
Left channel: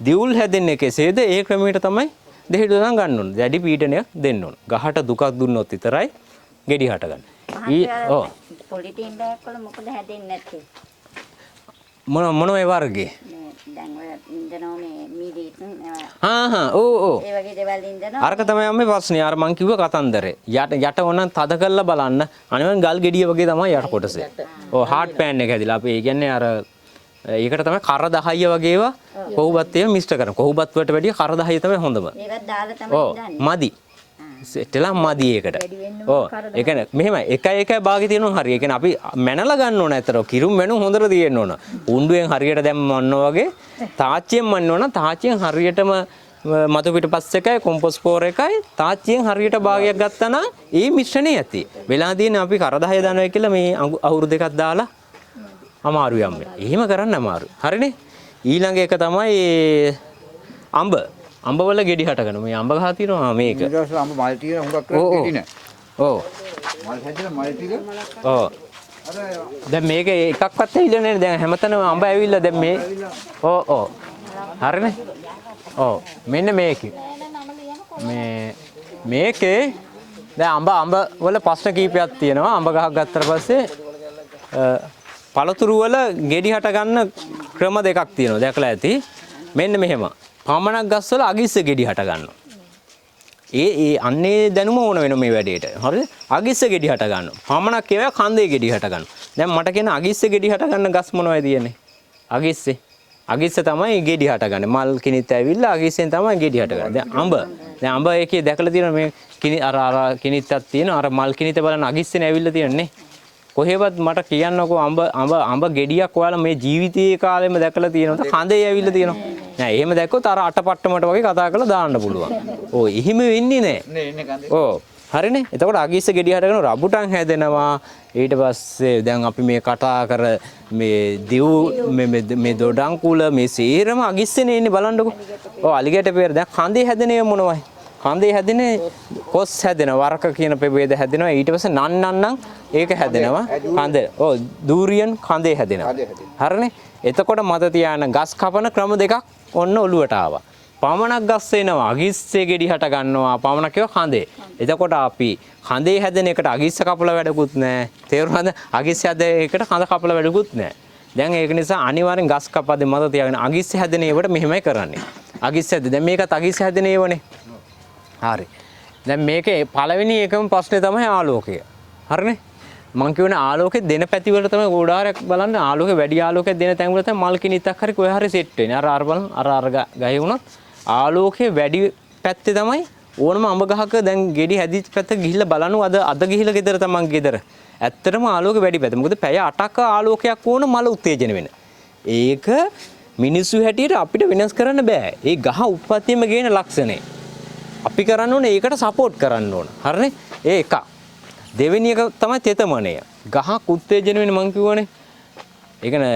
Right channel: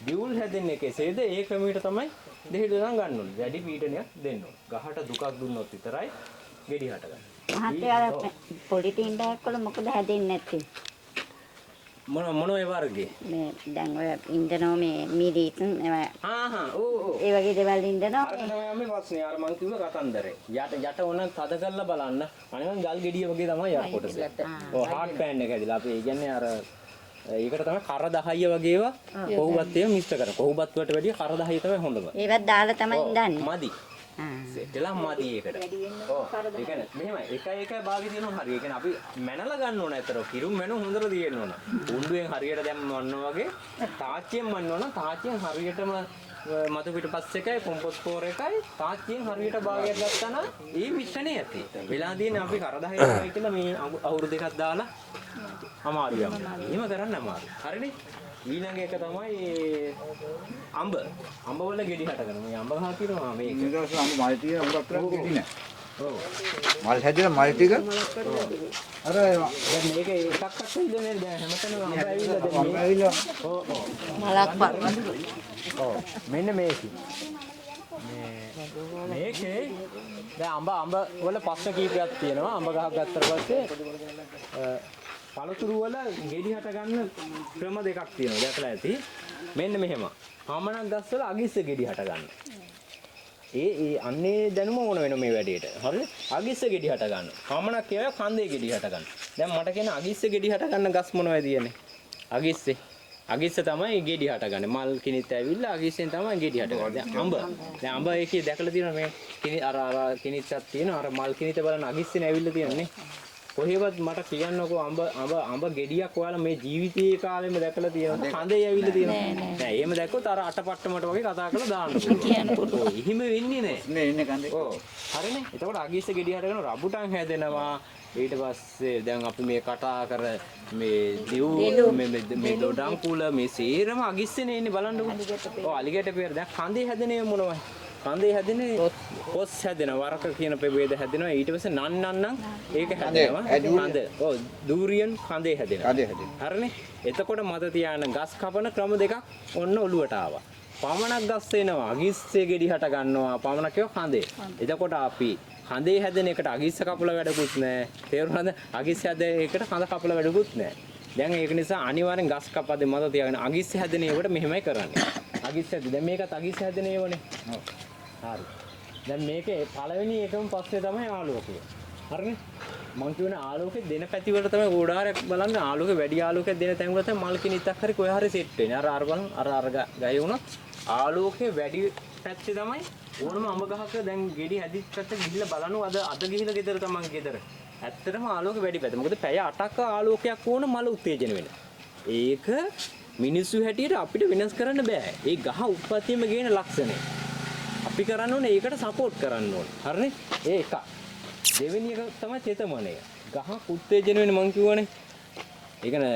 දිවුල් හැදෙන්නේ කෙසේද? ඒ ක්‍රමයට තමයි දෙහිඩ දන් ගන්න ඕනේ. දැඩි පීඩනයක් දෙන්න ඕනේ. ගහට දුකක් දුන්නොත් විතරයි ගෙඩි හටගන්නේ. ඔව්. පොලිතින් බෑග් වල මොකද හැදෙන්නේ නැත්තේ? මොන ඒ වර්ගේ මේ දැන් ඔය ඉන්දනෝ මේ මීඩීත් ඕ ඒ වගේ දේවල් ඉන්දනෝ අරක තමයි මේ ප්‍රශ්නේ අර මං කිව්ව කතන්දරේ යට ඕනනම් තද කරලා බලන්න අනිවාර්යෙන් ගල් ගෙඩිය වගේ තමයි යට කොටසේ ඔව් හાર્ඩ් පෑන් එක හැදිලා අපි ඒ කියන්නේ අර ඒකට තමයි කර 10 වගේ ඒවා කොහොබත් ඒවා මික්ස් කරන කොහොබත් වලට වැඩිය කර 10 තමයි හොඳම ඒවත් දාලා තමයි දාන්නේ මදි සෙට්ටලා මදි ඒකට ඔව් ඒ කියන්නේ මෙහෙමයි එකයි භාගෙ තියෙනවා හරිය. ඒ කියන්නේ අපි මැනලා ගන්න ඕන ඇතර කිරුම් මැනුම් හොඳට තියෙන්න ඕන. උණ්ඩුවෙන් හරියට දැම්මන්න වගේ තාච්චියෙන් මන්න ඕන. තාච්චියෙන් හරියටම මතු පිටපස් එකයි කොම්පොස් පෝර එකයි තාච්චියෙන් හරියට භාගයක් ගත්තා නම් ඒ මිශ්‍රණය ඇති. වෙලා තියෙන අපි කර 10 දානවා කියලා මේ අවුරු දෙකක් දාලා අමාරුයි යන්නේ. එහෙම කරන්න අමාරුයි. හරිනේ? ඊළඟ එක තමයි අඹ වල ගෙඩි හටගන මේ අඹ ගහ තියෙනවා මේක. මේ දවස් අඹ මල් තියෙන හුඟක් ගෙඩි නෑ. ඔව්. මල් හැදෙන මල් ටික. ඔව්. අර දැන් මේක එකක්වත් ඇවිල්ලා නෑ. දැන් හැමතැනම අඹ ඇවිල්ලා දැන් මේ ඔව්. හරිනේ? ඔව්. මෙන්න මේකේ. මේකේ දැන් අඹ වල ප්‍රශ්න කීපයක් තියෙනවා. අඹ ගහක් ගත්තට පස්සේ පළතුරු වල ගෙඩි හට ගන්න ක්‍රම දෙකක් තියෙනවා. දැකලා ඇති. මෙන්න මෙහෙම. පමණක් ගස්වල අගිස්ස ගෙඩි හට ගන්නවා. ඒ අන්නේ දැනුම ඕන වෙන මේ වැඩේට. හරිද? අගිස්ස ගෙඩි හට ගන්නවා. පමණක් කියනවා කන්දේ ගෙඩි හට ගන්නවා. දැන් මට කියන අගිස්ස ගෙඩි හට ගන්න ගස් මොනවද තියෙන්නේ? අගිස්සේ. අගිස්ස තමයි ගෙඩි හටගන්නේ. මල් කිනිත් ඇවිල්ලා අගිස්සෙන් තමයි ගෙඩි හටගන්නේ. දැන් අඹ. දැන් අඹ එකේ දැකලා තියෙනවා මේ අර කිනිත්තක් තියෙනවා. අර මල් කිනිත බලන්න අගිස්සෙන් ඇවිල්ලා තියෙන්නේ. කොහෙවත් මට කියන්නකෝ අඹ ගෙඩියක් ඔයාලා මේ ජීවිතයේ කාලෙම දැකලා තියෙනවද? කඳේ ඇවිල්ලා තියෙනවා. නෑ එහෙම දැක්කොත් අර අටපට්ටමට වගේ කතා කරලා දාන්න පුළුවන්. ඔව් එහෙම වෙන්නේ නෑ. නේ ඉන්නේ කඳේ. ඔව්. හරිනේ. එතකොට අගිස්ස ගෙඩිය හටගෙන රබුටන් හැදෙනවා. ඊට පස්සේ දැන් අපි මේ කතා කර මේ දෙව් මේ දොඩම් කුල මේ සේරම අගිස්සනේ ඉන්නේ බලන්නකෝ. ඔව් අලිගැට පෙර දැන් කඳේ හැදෙනේ මොනවයි? කඳේ හැදෙනේ කොස් හැදෙනවා වරක කියන ප්‍රභේද හැදෙනවා. ඊට පස්සේ නන්නම් ඒක හැදෙනවා. කඳ. ඔව් දූරියන් කඳේ හැදෙනවා. හරිනේ. එතකොට මත තියාන ගස් කපන ක්‍රම දෙකක් ඔන්න ඔළුවට ආවා. පමණක් ගස් වෙනවා අගිස්සේ ගෙඩි හට ගන්නවා පමණක් ඒවා කඳේ. එතකොට අපි කඳේ හැදෙන එකට අගිස්ස කපලා වැඩකුත් නැහැ. තේරුණාද? අගිස්ස හැදෙන එකට කඳ කපලා වැඩකුත් නැහැ. දැන් ඒක නිසා අනිවාර්යෙන් ගස් කපද්දී මත තියාගෙන අගිස්ස හැදෙන ඒවට මෙහෙමයි කරන්නේ. අගිස්ස හැද දැන් මේකත් අගිස්ස හැදෙන ඒවනේ. හරි. දැන් මේකේ පළවෙනි එකම ප්‍රශ්නේ තමයි ආලෝකය. හරිනේ? මං කියවනේ ආලෝකේ දෙන පැති වල තමයි ගෝඩාරයක් බලන්න ආලෝකේ වැඩි ආලෝකයක් දෙන තැන් වල තමයි මල් කිනිත්තක් හරි කොහේ හරි සෙට් වෙන්නේ. අර බලන්න අර ගහේ වුණත් ආලෝකේ වැඩි පැත්තේ තමයි ඕනම අඹ ගහක දැන් ගෙඩි හැදිච්ච පැත්ත ගිහිල්ලා බලනවා අද ගිහිල්ලා ගෙදර තමන් ගෙදර. ඇත්තටම ආලෝකේ වැඩි පැත්ත. මොකද පැය 8ක ආලෝකයක් ඕන මල උත්තේජන වෙන. ඒක මිනිස්සු හැටියට අපිට වෙනස් කරන්න බෑ. ඒ ගහ උප්පත්තියම ගේන ලක්ෂණේ. අපි කරන්න ඕනේ ඒකට සපෝට් කරන්න ඕන. හරිනේ? ඒ එක. දෙවෙනි එක තමයි තෙතමනය. ගහක් උත්තේජන වෙන්නේ මං කියවනේ. ඒ කියන්නේ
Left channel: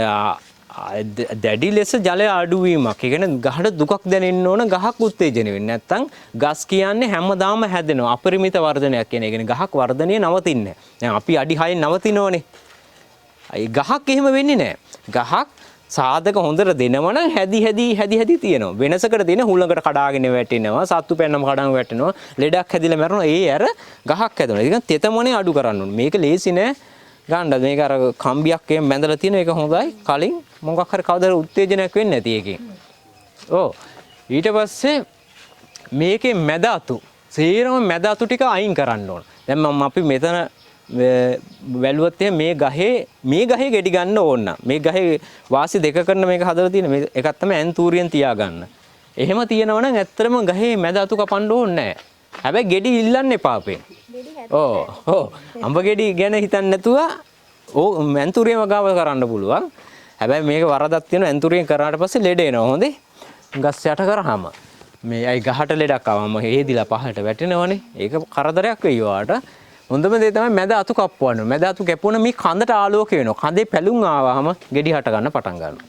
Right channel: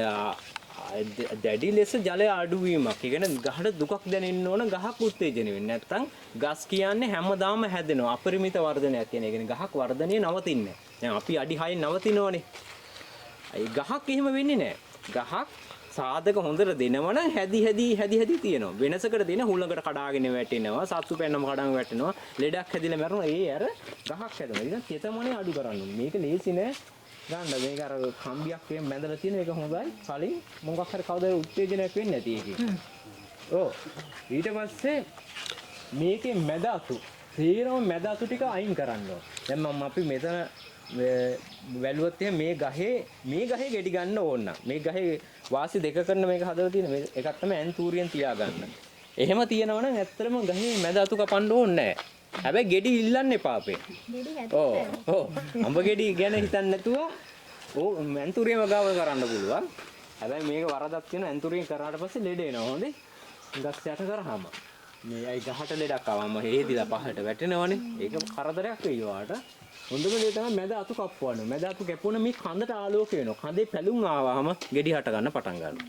දැඩි ලෙස ජලය අඩුවීමක්. ඒ කියන්නේ ගහට දුකක් දැනෙන්න ඕන ගහක් උත්තේජන වෙන්නේ. නැත්තම් ගස් කියන්නේ හැමදාම හැදෙනවා. අපරිමිත වර්ධනයක් කියන. ඒ කියන්නේ ගහක් වර්ධනය නවතින්නේ නැහැ. දැන් අපි අඩි 6න් නවතිනෝනේ. ඒ ගහක් එහෙම වෙන්නේ නැහැ. ගහක් සාධක හොඳට දෙනවනම් හැදි තියෙනවා. වෙනසකට දෙන හුලඟට කඩාගෙන වැටෙනවා. සත්තු පැන්නම කඩාගෙන වැටෙනවා. ලෙඩක් හැදිලා මැරෙනවා. ඒ අර ගහක් හැදෙනවා. ඒක තෙතමනේ අඩු කරන්න ඕනේ. මේක ලේසි නෑ. ගන්න මේක අර කම්බියක් එහෙම බැඳලා තියෙන එක හොඳයි. කලින් මොකක් හරි කවදාද උත්තේජනයක් වෙන්නේ නැති එකකින්. ඔව්. ඊට පස්සේ මේකේ මැද අතු. සේරම මැද අතු ටික අයින් කරන්න ඕන. දැන් මම අපි මෙතන වැළුවත් මේ ගහේ ගෙඩි ගන්න ඕන. මේ ගහේ වාසි දෙක කරන මේක හදලා තියෙන මේ එකක් තමයි ඇන්තූරියන් තියාගන්න. එහෙම තියෙනවනම් ඇත්තටම ගහේ මැද අතු කපන්න ඕනේ නැහැ. හැබැයි ගෙඩි ඉල්ලන්න එපා අපේ. ඔව් අඹ ගෙඩි ගැන හිතන්නේ නැතුව ඇන්තූරියම ගාව කරන්න පුළුවන්. හැබැයි මේක වරදක් තියෙනවා ඇන්තූරියන් කරාට පස්සේ ලෙඩ එනවා හොඳේ. ගස් යට කරාම මේ අයි ගහට ලෙඩක් ආවම හේදිලා පහට වැටෙනවනේ. ඒක කරදරයක් වෙයි වාට. හොඳම දේ තමයි මැද අතු කප්පවන්න. මැද අතු කැපුණා මේ කඳට ආලෝකය වෙනවා. කඳේ පැලුම් ආවම ගෙඩි හට ගන්න පටන් ගන්නවා.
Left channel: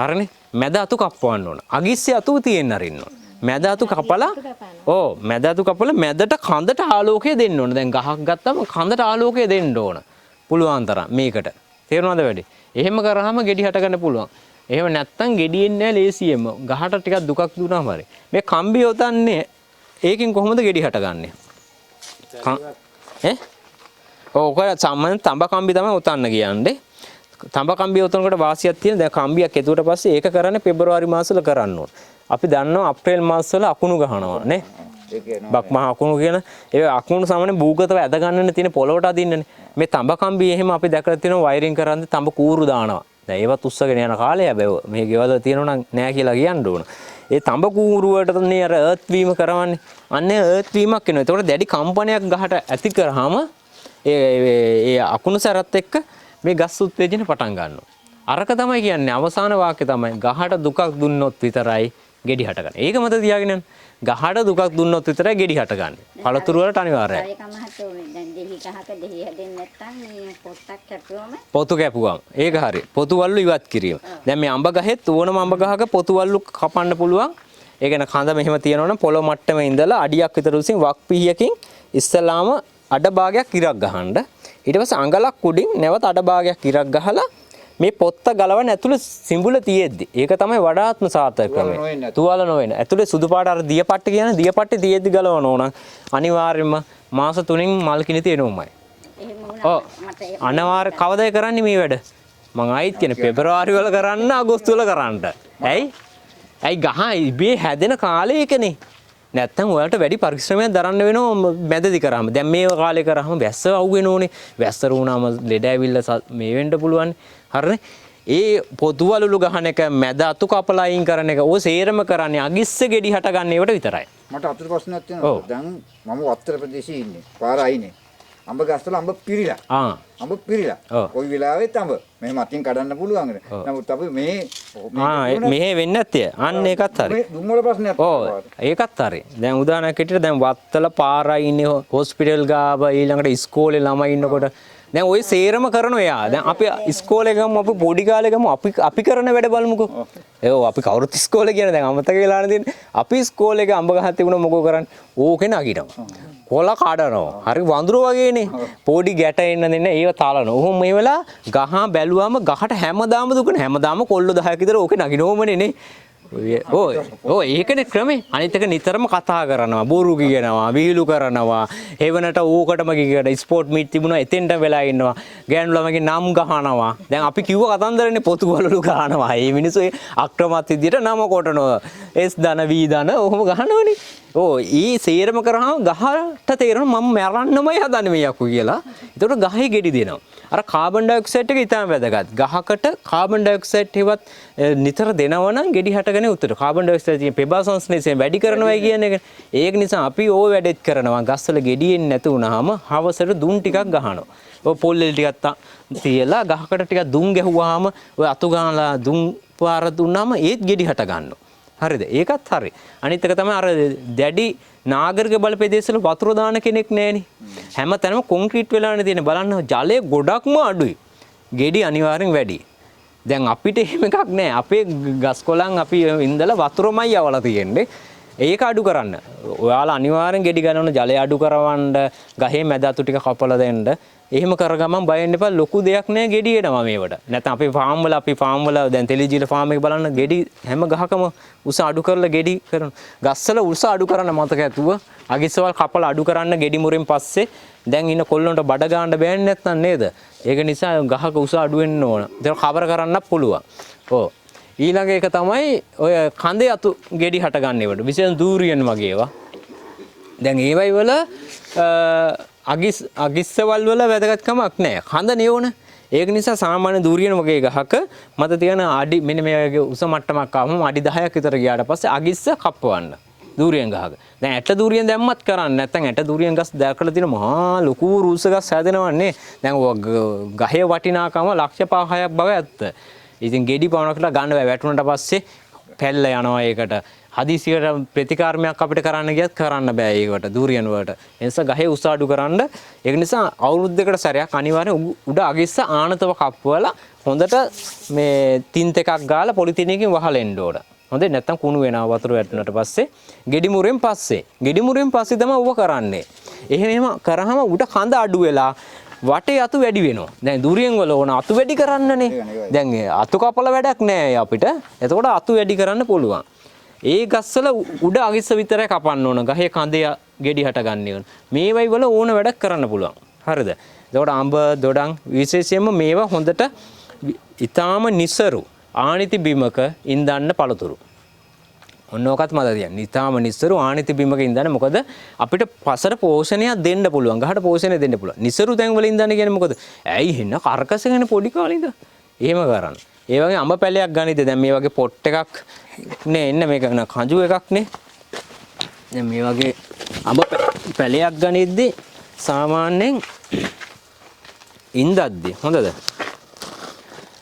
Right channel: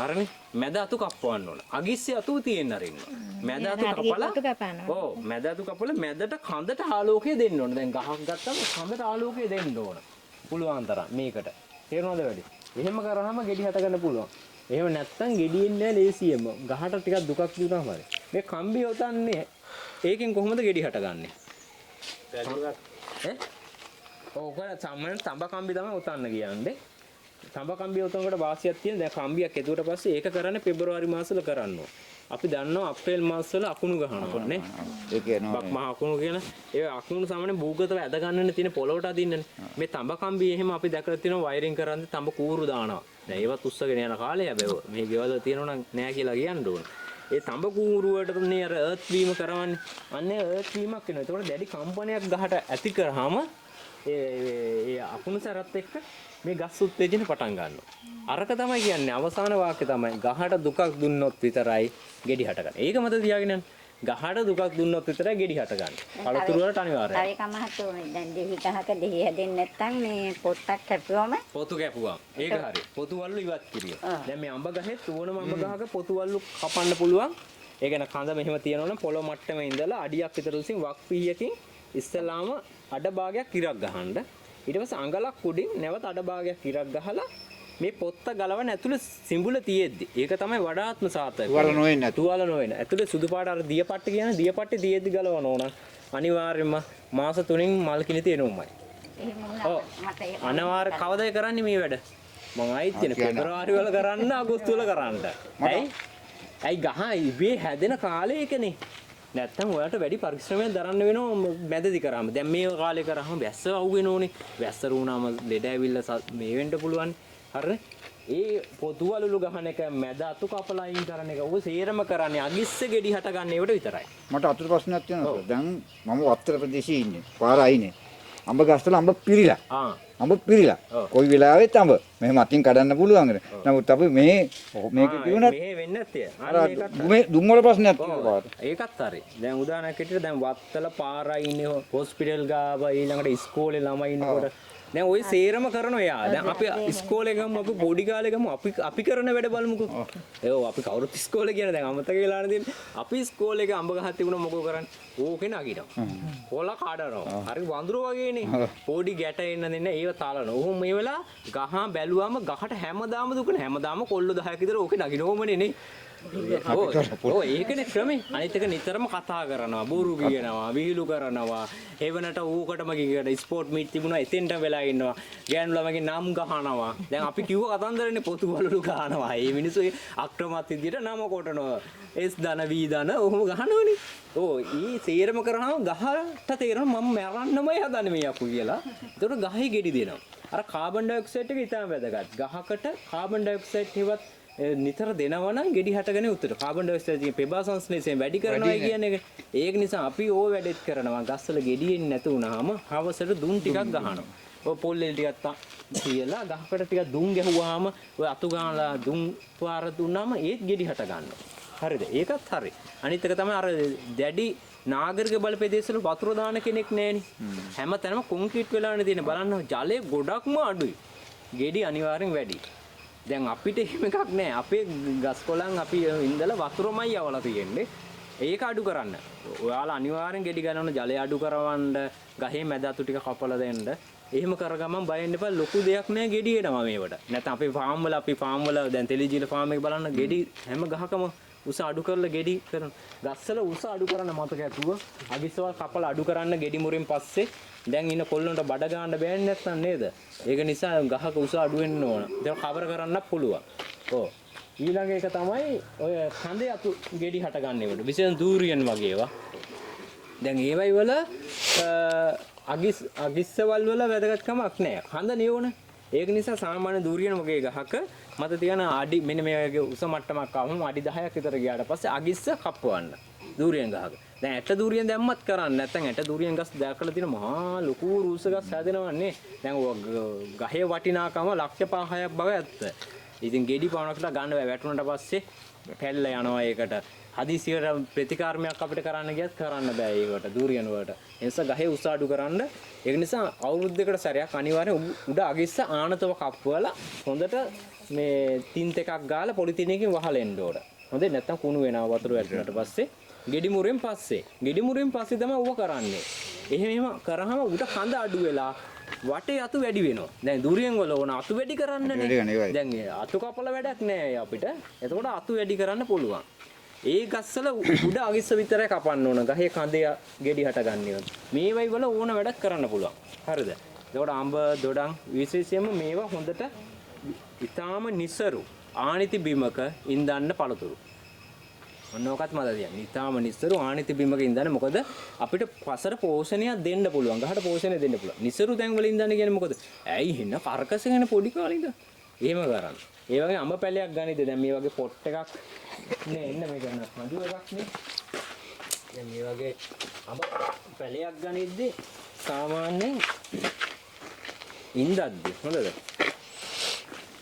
හරිනේ? මැද අතු කප්පවන්න ඕන. අගිස්සේ අතු තියෙන්න අරින්න ඕන. මැද අතු කපලා මැද අතු කපලා මැදට කඳට ආලෝකය දෙන්න ඕන. දැන් ගහක් ගත්තම කඳට ආලෝකය දෙන්න ඕන. පුළුවන් තරම් මේකට. තේරුණාද වැඩි? එහෙම කරාම ගෙඩි හට ගන්න පුළුවන්. එහෙම නැත්තම් ගෙඩි එන්නේ නැහැ ලේසියෙම. ගහට ටිකක් දුකක් දුන්නාම හරි. මේ කම්බිය උතන්නේ ඒකෙන් කොහොමද ගෙඩි හටගන්නේ? ඔක සාමාන්‍ය තඹ කම්බි තමයි උතන්න කියන්නේ. තඹ කම්බිය උතනකොට වාසියක් තියෙන. දැන් කම්බියක් එතුවට පස්සේ ඒක කරන්නේ පෙබරවාරි මාසවල කරන්න ඕන. අපි දන්නවා අප්‍රේල් මාසවල අකුණු ගහනවා නේ. බක් මහ අකුණු කියන ඒ අකුණු සාමාන්‍ය භූගතව ඇද ගන්නනේ තියෙන පොළොවට අදින්නනේ. මේ තඹ කම්බි එහෙම අපි දැකලා තියෙනවා වයරින් කරන්නේ තඹ කූරු දානවා. දැන් ඒවත් උස්සගෙන යන කාලේ හැබැයි මේ ගෙවල් තියෙනවා නම් නෑ කියලා කියන්න ඕන. ඒ තඹ කූරු වලටනේ අර අර්ත් වීම කරවන්නේ. අන්නේ අර්ත් වීමක් වෙනවා. ඒතකොට දැඩි කම්පනයක් ගහට ඇති කරාම ඒ අකුණු සැරත් එක්ක මේ ගස් උත්තේජන පටන් ගන්නවා. අරක තමයි කියන්නේ අවසාන වාක්‍ය තමයි ගහට දුකක් දුන්නොත් විතරයි ගෙඩි හටගන්නේ. ඒක මත තියාගෙන යන්න. ගහට දුකක් දුන්නොත් විතරයි ගෙඩි හටගන්නේ. පළතුරු වලට අනිවාර්යයි. ඒක මහත්වනේ දැන් දෙහි කහක දෙහි හැදෙන්නේ නැත්නම් මේ පොත්තක් කැපුවම පොතු කැපුවම ඒක හරි. පොතු වල්ලු ඉවත් කිරීම. දැන් මේ අඹ ගහෙත් ඕනම අඹ ගහක පොතු වල්ලු කපන්න පුළුවන්. ඒ කියන්නේ කඳ මෙහෙම තියෙනවනම් පොළොව මට්ටමේ ඉඳලා අඩියක් විතර උසින් වක් පිහියකින් ඉස්සලාම අඩ භාගයක් ඉරක් ගහන්න. ඊට පස්සේ අඟලක් උඩින් නැවත අඩ භාගයක් ඉරක් ගහලා මේ පොත්ත ගලවන ඇතුළේ සිඹුල තියෙද්දි ඒක තමයි වඩාත්ම සාර්ථක කරන්නේ. තුවාල නොවෙන. ඇතුළේ සුදු පාට අර දියපට්ටි කියන දියපට්ටි තියෙද්දි ගලවන ඕන. අනිවාර්යයෙන්ම මාස 3න් මල් කිනිති එනොමයි. ඔව්. අනිවාර්ය කවදාද කරන්නේ මේ වැඩ? මම ආයිත් කියන්නේ පෙබරවාරි වල කරන්න අගෝස්තු වල කරන්න. ඇයි? ඇයි ගහ ඉබේ හැදෙන කාලයකනේ. නැත්තම් ඔයාලට වැඩි පරිශ්‍රමයක් දරන්න වෙනවා මැදදි කරාම. දැන් මේ කාලේ කරාම වැස්ස අවු වෙනෝනේ. වැස්ස රුණාම ලෙඩ ඇවිල්ලා මේ වෙන්න පුළුවන්. හරිනේ. ඒ පොතුවලුළු ගහන එක මැද අතු කපලා අයින් කරන එක ඔය සේරම කරන්නේ අගිස්ස ගෙඩි හට ගන්න ඒවට විතරයි. මට අතුරු ප්‍රශ්නයක් තියෙනවා. දැන් මම වත්තර ප්‍රදේශයේ ඉන්නේ. පාර අයිනේ. අඹ ගස්වල අඹ පිරිලා. අඹ පිරිලා. කොයි වෙලාවෙත් අඹ මෙහෙම අතින් කඩන්න පුළුවන්. නමුත් අපි මෙහෙ වෙන්නේ නැත්තේ. අන්න ඒකත් හරි. මේ දුම්වල ප්‍රශ්නයක් තියෙනවා. ඒකත් හරි. දැන් උදාහරණයක් හිටියට දැන් වත්තල පාර අයිනේ හොස්පිටල් ගාව ඊළඟට ඉස්කෝලේ ළමයි ඉන්නකොට දැන් ওই සේරම කරනවා යා. දැන් අපි ඉස්කෝලේ ගමු අපි පොඩි කාලේ ගමු අපි කරන වැඩ බලමුකෝ. ඒව අපි කවුරුත් ඉස්කෝලේ කියන දැන් අමතක වෙලා නැතිනේ. අපි ඉස්කෝලේ එක අඹ ගහක් තිබුණා මොකෝ කරන්නේ? ඕකේ නගිනවා. කොළ කඩනවා. හරි වඳුර වගේනේ. පොඩි ගැට එන්න දෙන්න ඒව තාලනවා. ඔහොම මේ වෙලා ගහ බැලුවාම ගහට හැමදාම දුකනේ. හැමදාම කොල්ල 10ක් විතර ඕකේ නගිනවමනේ නේ. ඕ ඒකනේ ක්‍රමේ. අනිත් එක නිතරම කතා කරනවා, බොරු කියනවා, වීලු කරනවා. හේවනට ඕකටම ගිහකට ස්පෝර්ට් මීට් තිබුණා එතෙන්ට වෙලා ඉන්නවා. ගෑනු ළමගේ නම් ගහනවා. දැන් අපි කිව්ව කතන්දරනේ පොතු වලලු ගහනවා. මේ මිනිස්සු අක්‍රමත් විදියට නම කොටනවා. S දන V දන ඔහොම ගහනවනේ. ඊ සේරම කරාම ගහට තේරෙනවා මම මරන්නමයි හදන්නේ මේ යකු කියලා. ඒකට ගහේ ගෙඩි දෙනවා. අර කාබන් ඩයොක්සයිඩ් එක ඉතාම වැදගත්. ගහකට කාබන් ඩයොක්සයිඩ් හෙවත් නිතර දෙනවනම් ගෙඩි හටගෙන උත්තර. කාබන් ඩයොක්සයිඩ් තියෙන පෙබා සංශ්ලේෂණය වැඩි කරනවා කියන එක. ඒක නිසා අපි ඕව වැඩෙත් කරනවා. ගස්වල ගෙඩි එන්නේ නැතු වුනහම හවසට දුම් ටිකක් ගහනවා. ඔය පොල්ලෙල් ටිකක් තියලා ගහකට ටිකක් දුම් ගැහුවාම ඔය අතු ගානලා දුම් පාර දුන්නාම ඒත් ගෙඩි හට ගන්නවා. හරිද? ඒකත් හරි. අනිත් එක තමයි අර දැඩි නාගරික බලපෑදේශවල වතුර දාන කෙනෙක් නැහෙනේ. හැම තැනම කොන්ක්‍රීට් වෙලානේ තියෙන්නේ. බලන්න ජලය ගොඩක්ම අඩුයි. ගෙඩි අනිවාර්යෙන් වැඩි. දැන් අපිට එහෙම එකක් නැහැ. අපේ ගස් කොළන් අපි ඉඳලා වතුරමයි යවලා තියෙන්නේ. ඒක අඩු කරන්න. ඔයාලා අනිවාර්යෙන් ගෙඩි ගන්නවන ජලය අඩු කරවන්න, ගහේ මැද අතු ටික කපලා දෙන්න. එහෙම කරගමන් බය වෙන්න එපා. ලොකු දෙයක් නෑ ගෙඩි එනවා මේවට. නැත්නම් අපේ ෆාම් වල දැන් තෙලිජිල ෆාම් එක බලන්න ගෙඩි හැම ගහකම උස අඩු කරලා ගෙඩි කරන. ගස්වල උස අඩු කරන්න මතක ඇතුව අගිස්සවල් කපලා අඩු කරන්න ගෙඩි මුරෙන් පස්සේ දැන් ඉන්න කොල්ලන්ට බඩ ගන්න බෑනේ නැත්නම් නේද? ඒක නිසා ගහක උස අඩු වෙන්න ඕන. ඒක කවර කරන්නත් පුළුවන්. ඊළඟ එක තමයි ඔය කඳේ අතු ගෙඩි හට ගන්න ඒවට. විශේෂයෙන් දූරියන් වගේ ඒවා. දැන් ඒවයි වල අගිස්සවල් වල වැදගත්කමක් නැහැ. කඳ නියෝන. ඒක නිසා සාමාන්‍ය දූරියන් වගේ ගහක මත තියෙන අඩි මෙන්න මේ වගේ උස මට්ටමක් ආවම අඩි 10ක් විතර ගියාට පස්සේ අගිස්ස කප්පවන්න. දූරියන් ගහක. දැන් ඇට දූරියන් දැම්මත් කරන්නේ නැත්නම් ඇට දූරියන් ගස් දැකලා තියෙන මහා ලොකු රූස ගස් හැදෙනවන්නේ. දැන් ගහේ වටිනාකම ලක්ෂ 5ක් බව ඇත්ත. ඉතින් ගෙඩි පවණකට ගන්න බෑ. වැටුණට පස්සේ පැල්ල යනවා ඒකට. හදිසියට ප්‍රතිකාරමයක් අපිට කරන්න ගියත් කරන්න බෑ ඒකට දූරියන් වලට. ඒ නිසා ගහේ උස අඩු කරන්න. ඒක නිසා අවුරුද්දකට සැරයක් අනිවාර්යෙන් උඩ අගිස්ස ආනතව කප්පුවලා හොඳට මේ තින්ත එකක් ගාලා පොලිතින් එකකින් වහලෙන්න ඕන. හොඳේ නැත්තම් කුණු වෙනවා වතුර වැටුණාට පස්සේ. ගෙඩි මුරෙන් පස්සේ තමයි ඔබ කරන්නේ. එහෙම කරාම උඩ කඳ අඩු වෙලා වටේ අතු වැඩි වෙනවා. දැන් දූරියන් වල ඕන අතු වැඩි කරන්නනේ. දැන් අතු කපලා වැඩක් නෑ අපිට. එතකොට අතු වැඩි කරන්න පුළුවන්. ඒ ගස්වල උඩ අගිස්ස විතරයි කපන්න ඕන. ගහේ කඳේ ගෙඩි හට ගන්න ඕන. මේවයි වල ඕන වැඩක් කරන්න පුළුවන්. හරිද? එතකොට අඹ, දොඩම් විශේෂයෙන්ම මේවා හොඳට ඊටාම නිසරු ආනිති බිමක ඉඳන්න පළතුරු. ඔන්න ඔකත් මතක තියන්න. ඊටාම නිසරු ආනිති බිමක ඉඳන්න. මොකද අපිට පසර පෝෂණයක් දෙන්න පුළුවන්. ගහට පෝෂණය දෙන්න පුළුවන්. නිසරු තැන් වල ඉඳන්න කියන්නේ මොකද? ඇයි හින්න කරකසගෙන පොඩි කාලේ ඉඳලා. එහෙම කරන්න. ඒ වගේ අඹ පැලයක් ගනිද්දී දැන් මේ වගේ පොට් එකක් නේ එන්න මේක කඳු එකක් නේ. දැන් මේ වගේ අඹ පැලයක් ගනිද්දී සාමාන්‍යයෙන් ඉඳද්දී හොඳද?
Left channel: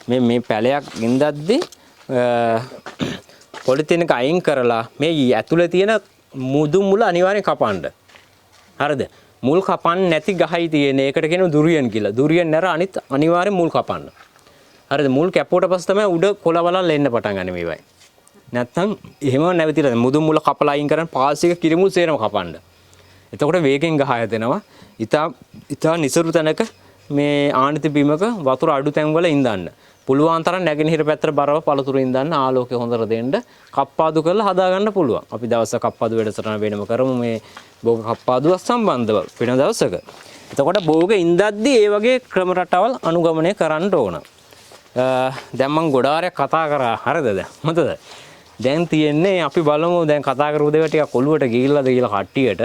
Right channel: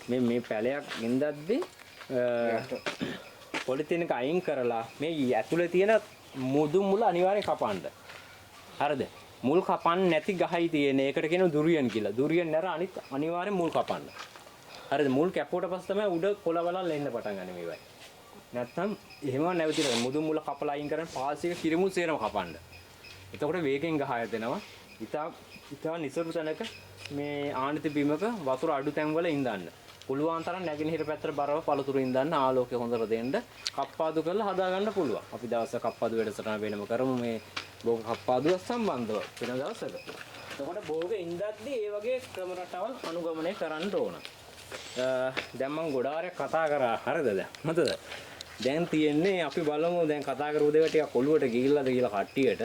මේ පැලයක් ඉඳද්දී පොලිතින් එක අයින් කරලා මේ ඇතුලේ තියෙන මුදු මුල අනිවාර්යෙන් කපන්න. හරිද? මුල් කපන්න නැති ගහයි තියෙන. ඒකට කියනවා දුරියන් කියලා. දුරියන් නැර අනිත් අනිවාර්යෙන් මුල් කපන්න. හරිද? මුල් කැපුවට පස්සේ තමයි උඩ කොළවලල් එන්න පටන් ගන්න මේවයි. නැත්තම් එහෙම නැවතිලා මුදු මුල කපලා අයින් කරන් පාසික කිරිමුල් සේරම කපන්න. එතකොට වේගෙන් ගහ යදෙනවා. ඉතා නිසරු තැනක මේ ආනිති බිමක වතුර අඩු තැන් වල ඉඳන්න. පුළුවන් තරම් නැගෙනහිර පැත්තට බරව පළතුරු ඉඳන්න ආලෝකය හොඳට දෙන්න කප්පාදු කරලා හදා ගන්න පුළුවන්. අපි දවසක් කප්පාදු වැඩසටහන වෙනම කරමු මේ භෝග කප්පාදුව සම්බන්ධව වෙන දවසක. එතකොට භෝග ඉඳද්දී ඒ වගේ ක්‍රම රටාවල් අනුගමනය කරන්න ඕන. දැන් මම ගොඩාරයක් කතා කරා හරිද? හොඳද? දැන් තියෙන්නේ අපි බලමු දැන් කතා කරපු දේවල් ටිකක් ඔළුවට ගිහිල්ලාද කියලා කට්ටියට.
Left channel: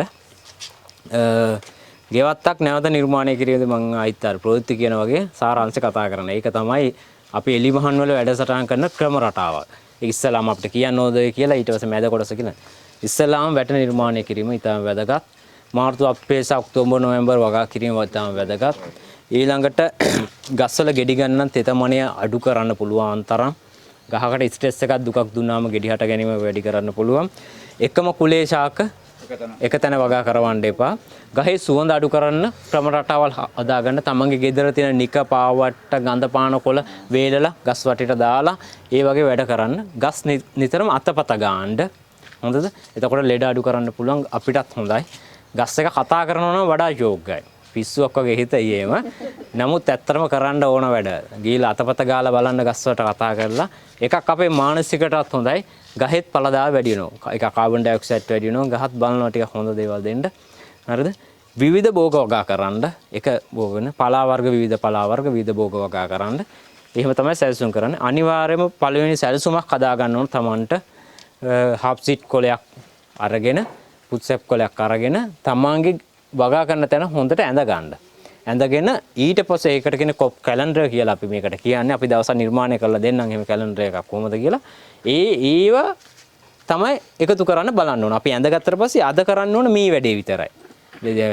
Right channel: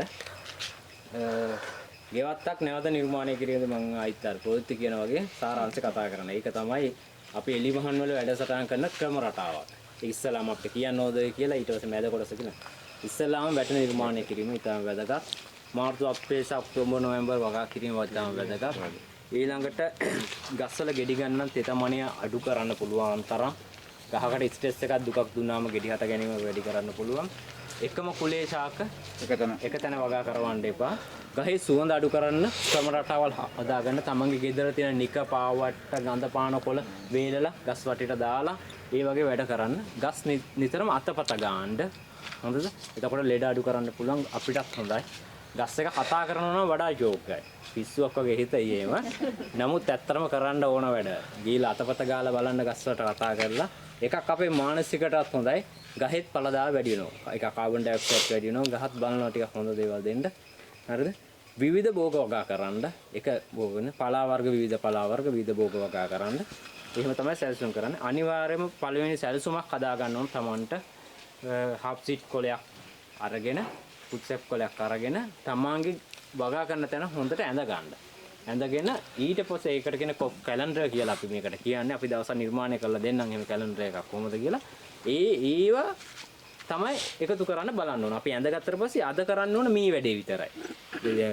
ගෙවත්තක් නැවත නිර්මාණය කිරීමද මම ආයිත් අර ප්‍රවෘත්ති කියන වගේ සාරාංශ කතා කරන. ඒක තමයි අපි එලිමහන් වල වැඩසටහන් කරන ක්‍රම රටාවක්. ඒක ඉස්සලාම අපිට කියන්න ඕද කියලා ඊට පස්සේ මැද කොටස කියලා. ඉස්සලාම වැට නිර්මාණය කිරීම ඉතාම වැදගත්. මාර්තු අප්‍රේල් ඔක්තෝබර් නොවැම්බර් වගා කිරීම ඉතාම වැදගත්. ඊළඟට ගස්වල ගෙඩි ගන්න තෙතමනය අඩු කරන්න පුළුවන් තරම් ගහකට ස්ට්‍රෙස් එකක් දුකක් දුන්නාම ගෙඩි හට ගැනීම වැඩි කරන්න පුළුවන්. එකම කුලේ ශාක එක තැන වගා කරවන්න එපා. ගහේ සුවඳ අඩු කරන්න ක්‍රම රටාවල් හදාගන්න. තමන්ගේ ගෙදර තියෙන නික පාවට්ට ගඳ පාන කොළ වේලලා ගස් වටේට දාලා ඒ වගේ වැඩ කරන්න. ගස් නිතරම අතපත ගාන්න. හොඳද? එතකොට ලෙඩ අඩු කරන්න පුළුවන් අපිටත් හොඳයි. ගස් එක කතා කරනවා නම් වඩා යෝග්‍යයි. පිස්සුවක් වගේ හිත ඊයේම. නමුත් ඇත්තටම කරන්න ඕන වැඩ. ගිහලා අතපත ගාලා බලන්න ගස් වලට කතා කරලා එකක් අපේ මානසිකටත් හොඳයි. ගහෙත් පළදාව වැඩි වෙනවා. එක කාබන් ඩයොක්සයිඩ් වැඩි වෙනවා. ගහත් බලනවා ටිකක් හොඳ දේවල් දෙන්න. හරිද? විවිධ භෝග වගා කරන්න. එක භෝගන පලා වර්ග විවිධ පලා වර්ග විවිධ භෝග වගා කරන්න. එහෙම තමයි සැලසුම් කරන්නේ. අනිවාර්යයෙන්ම පළවෙනි සැලසුමක් හදා ගන්න ඕන තමන්ට. හාප් සීට් කොලයක් අරගෙන පුත්සෙප් කොලයක් අරගෙන තමන්ගේ වගා කරන තැන හොඳට ඇඳ ගන්න. ඇඳගෙන ඊට පස්සේ ඒකට කියන කැලෙන්ඩර් කියලා අපි මේකට කියන්නේ. අපි දවසක් නිර්මාණය කරලා දෙන්නම් එහෙම කැලෙන්ඩර් එකක් කොහොමද කියලා. ඒව තමයි එකතු කරන්න බලන්න ඕන. අපි ඇඳගත්තට පස්සේ අද කරන්න ඕන මේ වැඩේ විතරයි.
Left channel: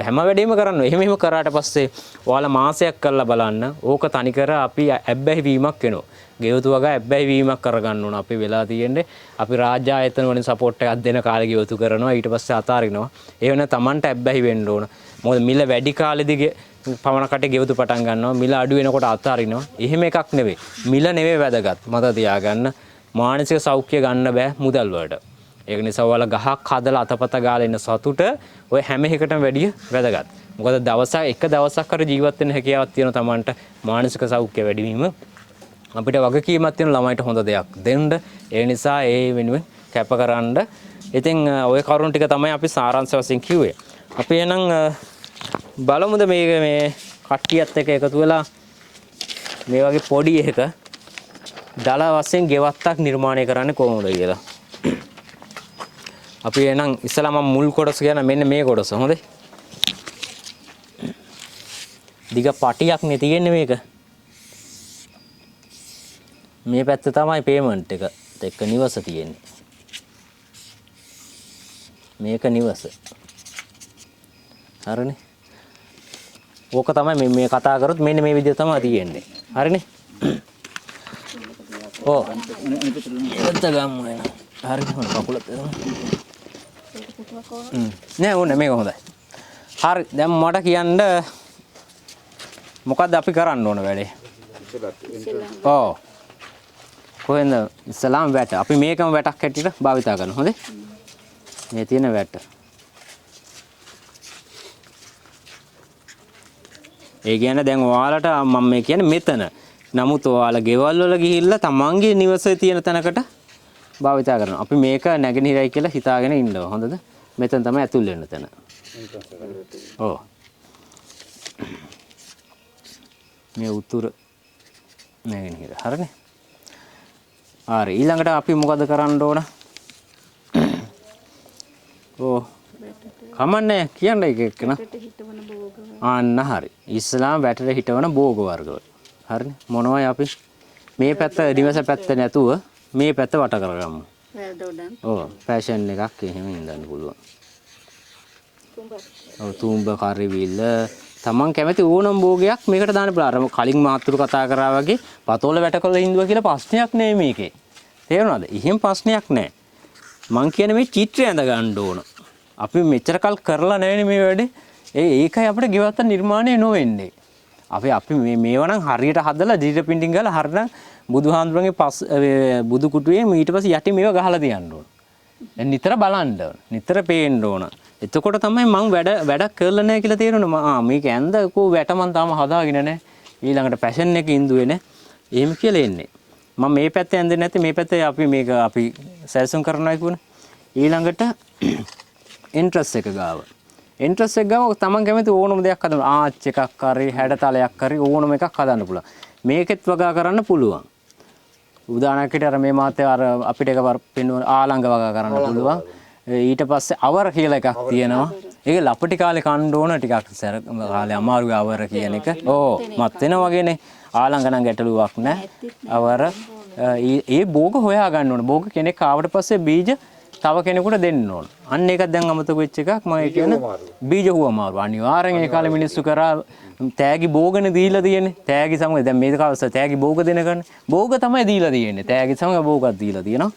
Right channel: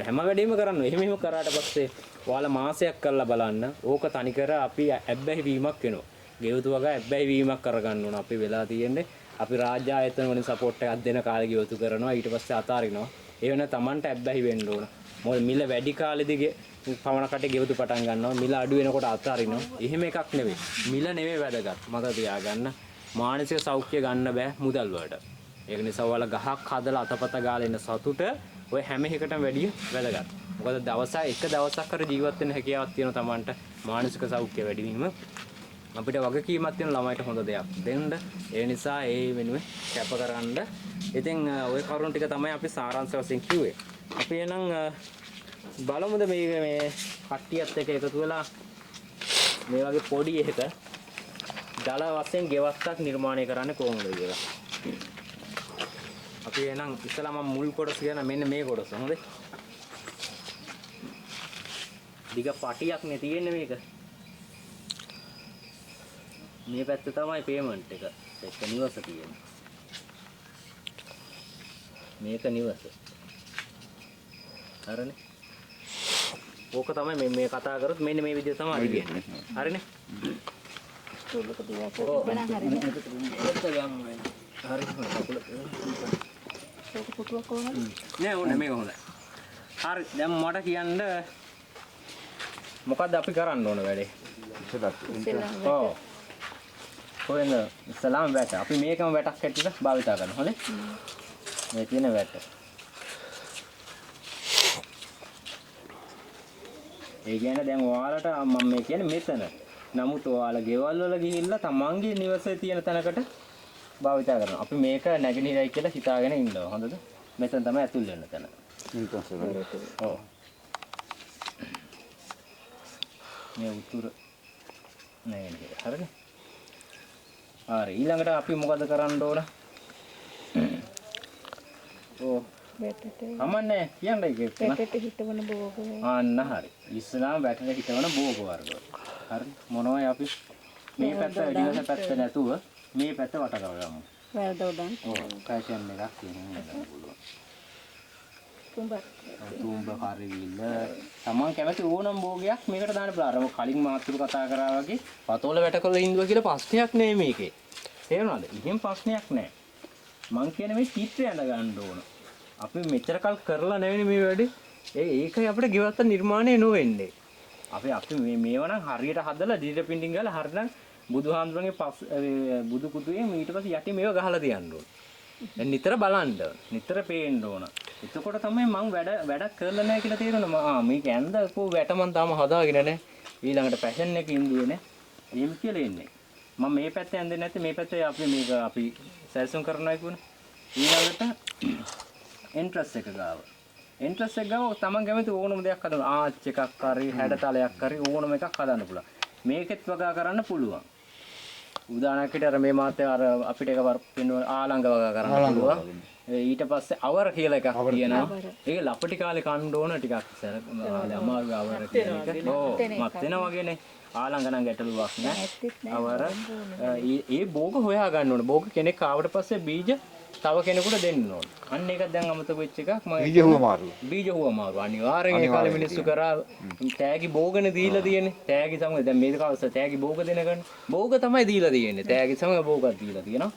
හැම වැඩේම කරන්න. එහෙම කරාට පස්සේ ඔයාලා මාසයක් කරලා බලන්න. ඕක තනිකර අපි ඇබ්බැහි වීමක් වෙනවා. ගෙවතු වගා ඇබ්බැහි වීමක් කරගන්න ඕන. අපි වෙලා තියෙන්නේ අපි රාජ්‍ය ආයතන වලින් සපෝට් එකක් දෙන කාලේ ගෙවතු කරනවා. ඊට පස්සේ අතාරිනවා. ඒ වෙන තමන්ට ඇබ්බැහි වෙන්න ඕන. මොකද මිල වැඩි කාලෙදී පවණ කටේ ගෙවතු පටන් ගන්නවා. මිල අඩු වෙනකොට අතාරිනවා. එහෙම එකක් නෙවෙයි. මිල නෙවෙයි වැදගත්. මතක තියාගන්න. මානසික සෞඛ්‍ය ගන්න බෑ මුදල් වලට. ඒක නිසා ඔයාලා ගහක් හදලා අතපත ගාලා ඉන්න සතුට ඔය හැම එකකටම වැඩිය වැදගත්. මොකද එක දවසක් කර ජීවත් වෙන්න හැකියාවක් තියෙන තමන්ට මානසික සෞඛ්‍ය වැඩි වීම අපිට වගකීමක් තියෙන ළමයිට හොඳ දෙයක් දෙන්න. ඒ නිසා ඒ වෙනුවෙන් කැපකරන්න. ඉතින් ওই කරුණු ටික තමයි අපි සාරාංශ වශයෙන් කිව්වේ. අපි එහෙනම් බලමුද මේ කට්ටියත් එක්ක එකතු වෙලා මේ වගේ පොඩි එකක දල වශයෙන් ගෙවත්තක් නිර්මාණය කරන්නේ කොහොමද කියලා. අපි එහෙනම් ඉස්සලා මම මුල් කොටස කියන මෙන්න මේ කොටස හොඳේ. දිග පටියක් නේ තියෙන්නේ මේක. මේ පැත්ත තමයි පේමන්ට් එක එක්ක නිවස තියෙන්නේ. මේක නිවස. හරිනේ. ඕක තමයි මේ කතා කරොත් මෙන්න මේ විදිහ තමයි තියෙන්නේ. හරිනේ. ඔව්. එතන ගමු එන. හරි කකුලත් නෑ ඕනේ මේක හොඳයි. හරි දැන් මට කියන්න මොකද්ද අපි කරන්න ඕන වැඩේ? ඔව්. කොහෙන්ද ඉස්ලාම් වැට. අපි මේකම වැටක් හැටියට භාවිතා කරනවා. හොඳේ? මේ තියෙන වැට. ඒ කියන්නේ දැන් ඔයාලට මම මේ කියන්නේ මෙතන. නමුත් ඔයාලා ගෙවල් වල ගිහිල්ලා තමන්ගේ නිවසේ තියෙන තැනකට භාවිතා කරනවා. අපි මේක නැගෙනහිරයි කියලා හිතාගෙන ඉන්නවා. හොඳද? මෙතන තමයි ඇතුල් වෙන්න තැන. ඔව්. මේ උතුර නැගෙනහිර. හරිනේ? හරි ඊළඟට අපි මොකද කරන්න ඕන? ඔව්. කමන්නේ කියන්න එක එක්කන. අන්න හරි. ඉස්ලාම් වැටේ හිටවන භෝග වර්ග. හරිනේ? මොනවයි අපි මේ පැත්ත නිවස පැත්ත නැතුව මේ පැත්ත වට කරගමු. වැරද උඩන්. ඔව් ෆැෂන් එකක් එහෙම ඉඳන්න පුළුවන්. ඔව් තුඹ කරිවිල තමන් කැමති ඕනම භෝගයක් මේකට දාන්න පුළුවන්. අර කලින් මාත්‍රු කතා කරා වගේ පතෝල වැටකල ඉඳුවා කියලා ප්‍රශ්නයක් නෙමෙයි මේකේ. තේරුණාද? එහෙම ප්‍රශ්නයක් නැහැ. මං කියන්නේ මේ චිත්‍රය ඇඳ ගන්න ඕන. අපි මෙච්චර කල් කරලා නැවෙනේ මේ වැඩේ. ඒකයි අපිට ගෙවත්ත නිර්මාණය නොවෙන්නේ. අපි මේවනම් හරියට හදලා දිට පින්ටින් ගාලා හරියට බුදුහාඳුරන්ගේ බුදු කුටුවේ ඊට පස්සේ යටි මේව ගහලා තියන්න ඕන. දැන් නිතර බලන්න නිතර පේන්න ඕන. එතකොට තමයි මම වැඩක් කරලා නැහැ කියලා තේරෙනවා. මේක ඇඳ කෝ වැට මන් තාම හදාගෙන නැහැ. ඊළඟට පැෂන් එක ඉඳුවේ නැහැ. එහෙම කියලා එන්නේ. මම මේ පැත්තේ ඇඳෙන්නේ නැති මේ පැත්තේ අපි සැලසුම් කරනවා කියුණා. ඊළඟට ඉන්ට්‍රස් එක ගාව. ඉන්ට්‍රස් එක ගාව තමන් කැමති ඕනම දෙයක් හදන්න. ආච් එකක් හරි හැඩතලයක් හරි ඕනම එකක් හදන්න පුළුවන්. මේකෙත් වගා කරන්න පුළුවන්. උදාහරණයකට අර මේ මාතේ අර අපිට එකවර පෙන්වන ආලංග වගා කරන්න පුළුවන්. ඊට පස්සේ අවර කියලා එකක් තියෙනවා. ඒක ලපටි කාලේ කන්න ඕන ටිකක් සැර කාලේ අමාරුයි අවර කියන එක. ඕ මත් වෙනා වගේනේ. ආලංග නම් ගැටලුවක් නැහැ. අවර ඒ භෝග හොයා ගන්න ඕන. භෝග කෙනෙක් ආවට පස්සේ බීජ තව කෙනෙකුට දෙන්න ඕන. අන්න ඒකක් දැන් අමතක වෙච්ච එකක් මම කියන්නේ බීජ හුවමාරු. අනිවාර්යෙන් ඒ කාලේ මිනිස්සු කරා තෑගි භෝගනේ දීලා තියෙන්නේ. තෑගි සමග දැන් මේ කාලේ තෑගි භෝග දෙනකන් භෝග තමයි දීලා තියෙන්නේ. තෑගි සමග භෝගයක් දීලා තියෙනවා.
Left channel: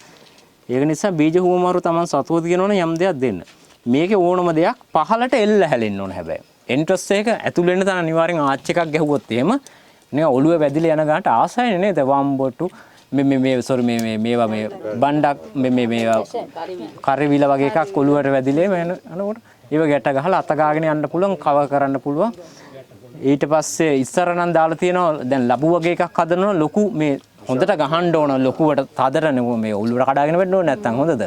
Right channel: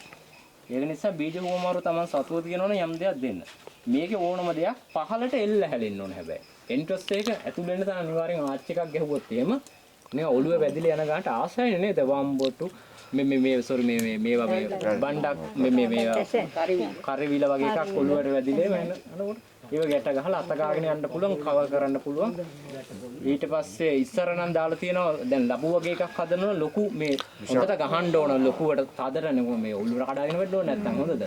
ඒක නිසා බීජ හුවමාරු Taman සතුව තියෙනවනේ යම් දෙයක් දෙන්න. මේකේ ඕනම දෙයක් පහලට එල්ල හැලෙන්න ඕන හැබැයි. එන්ට්‍රස් එක ඇතුළ වෙන්න තන අනිවාර්යෙන් ආච් එකක් ගැහුවොත් එහෙම නේ ඔළුව වැදිලා යන ගානට ආසයිනේ නේද වම්බොට්ටු මේ සෝරි මේවා මේ බණ්ඩක් මේ කරිවිල වගේ එකක් ඔළුවට වැදිලා යනකොට ඒව ගැට ගහලා අත ගාගෙන යන්න පුළුවන් කවර් කරන්න පුළුවන්. ඊට පස්සේ ඉස්සර නම් දාලා තියෙනවා දැන් ලබු වගේ එකක් හදනවා ලොකු මේ හොඳට ගහන්න ඕන ලොකුවට තදරන මේ ඔළුවට කඩාගෙන වෙන්න ඕනේ නැත්තම් හොඳද?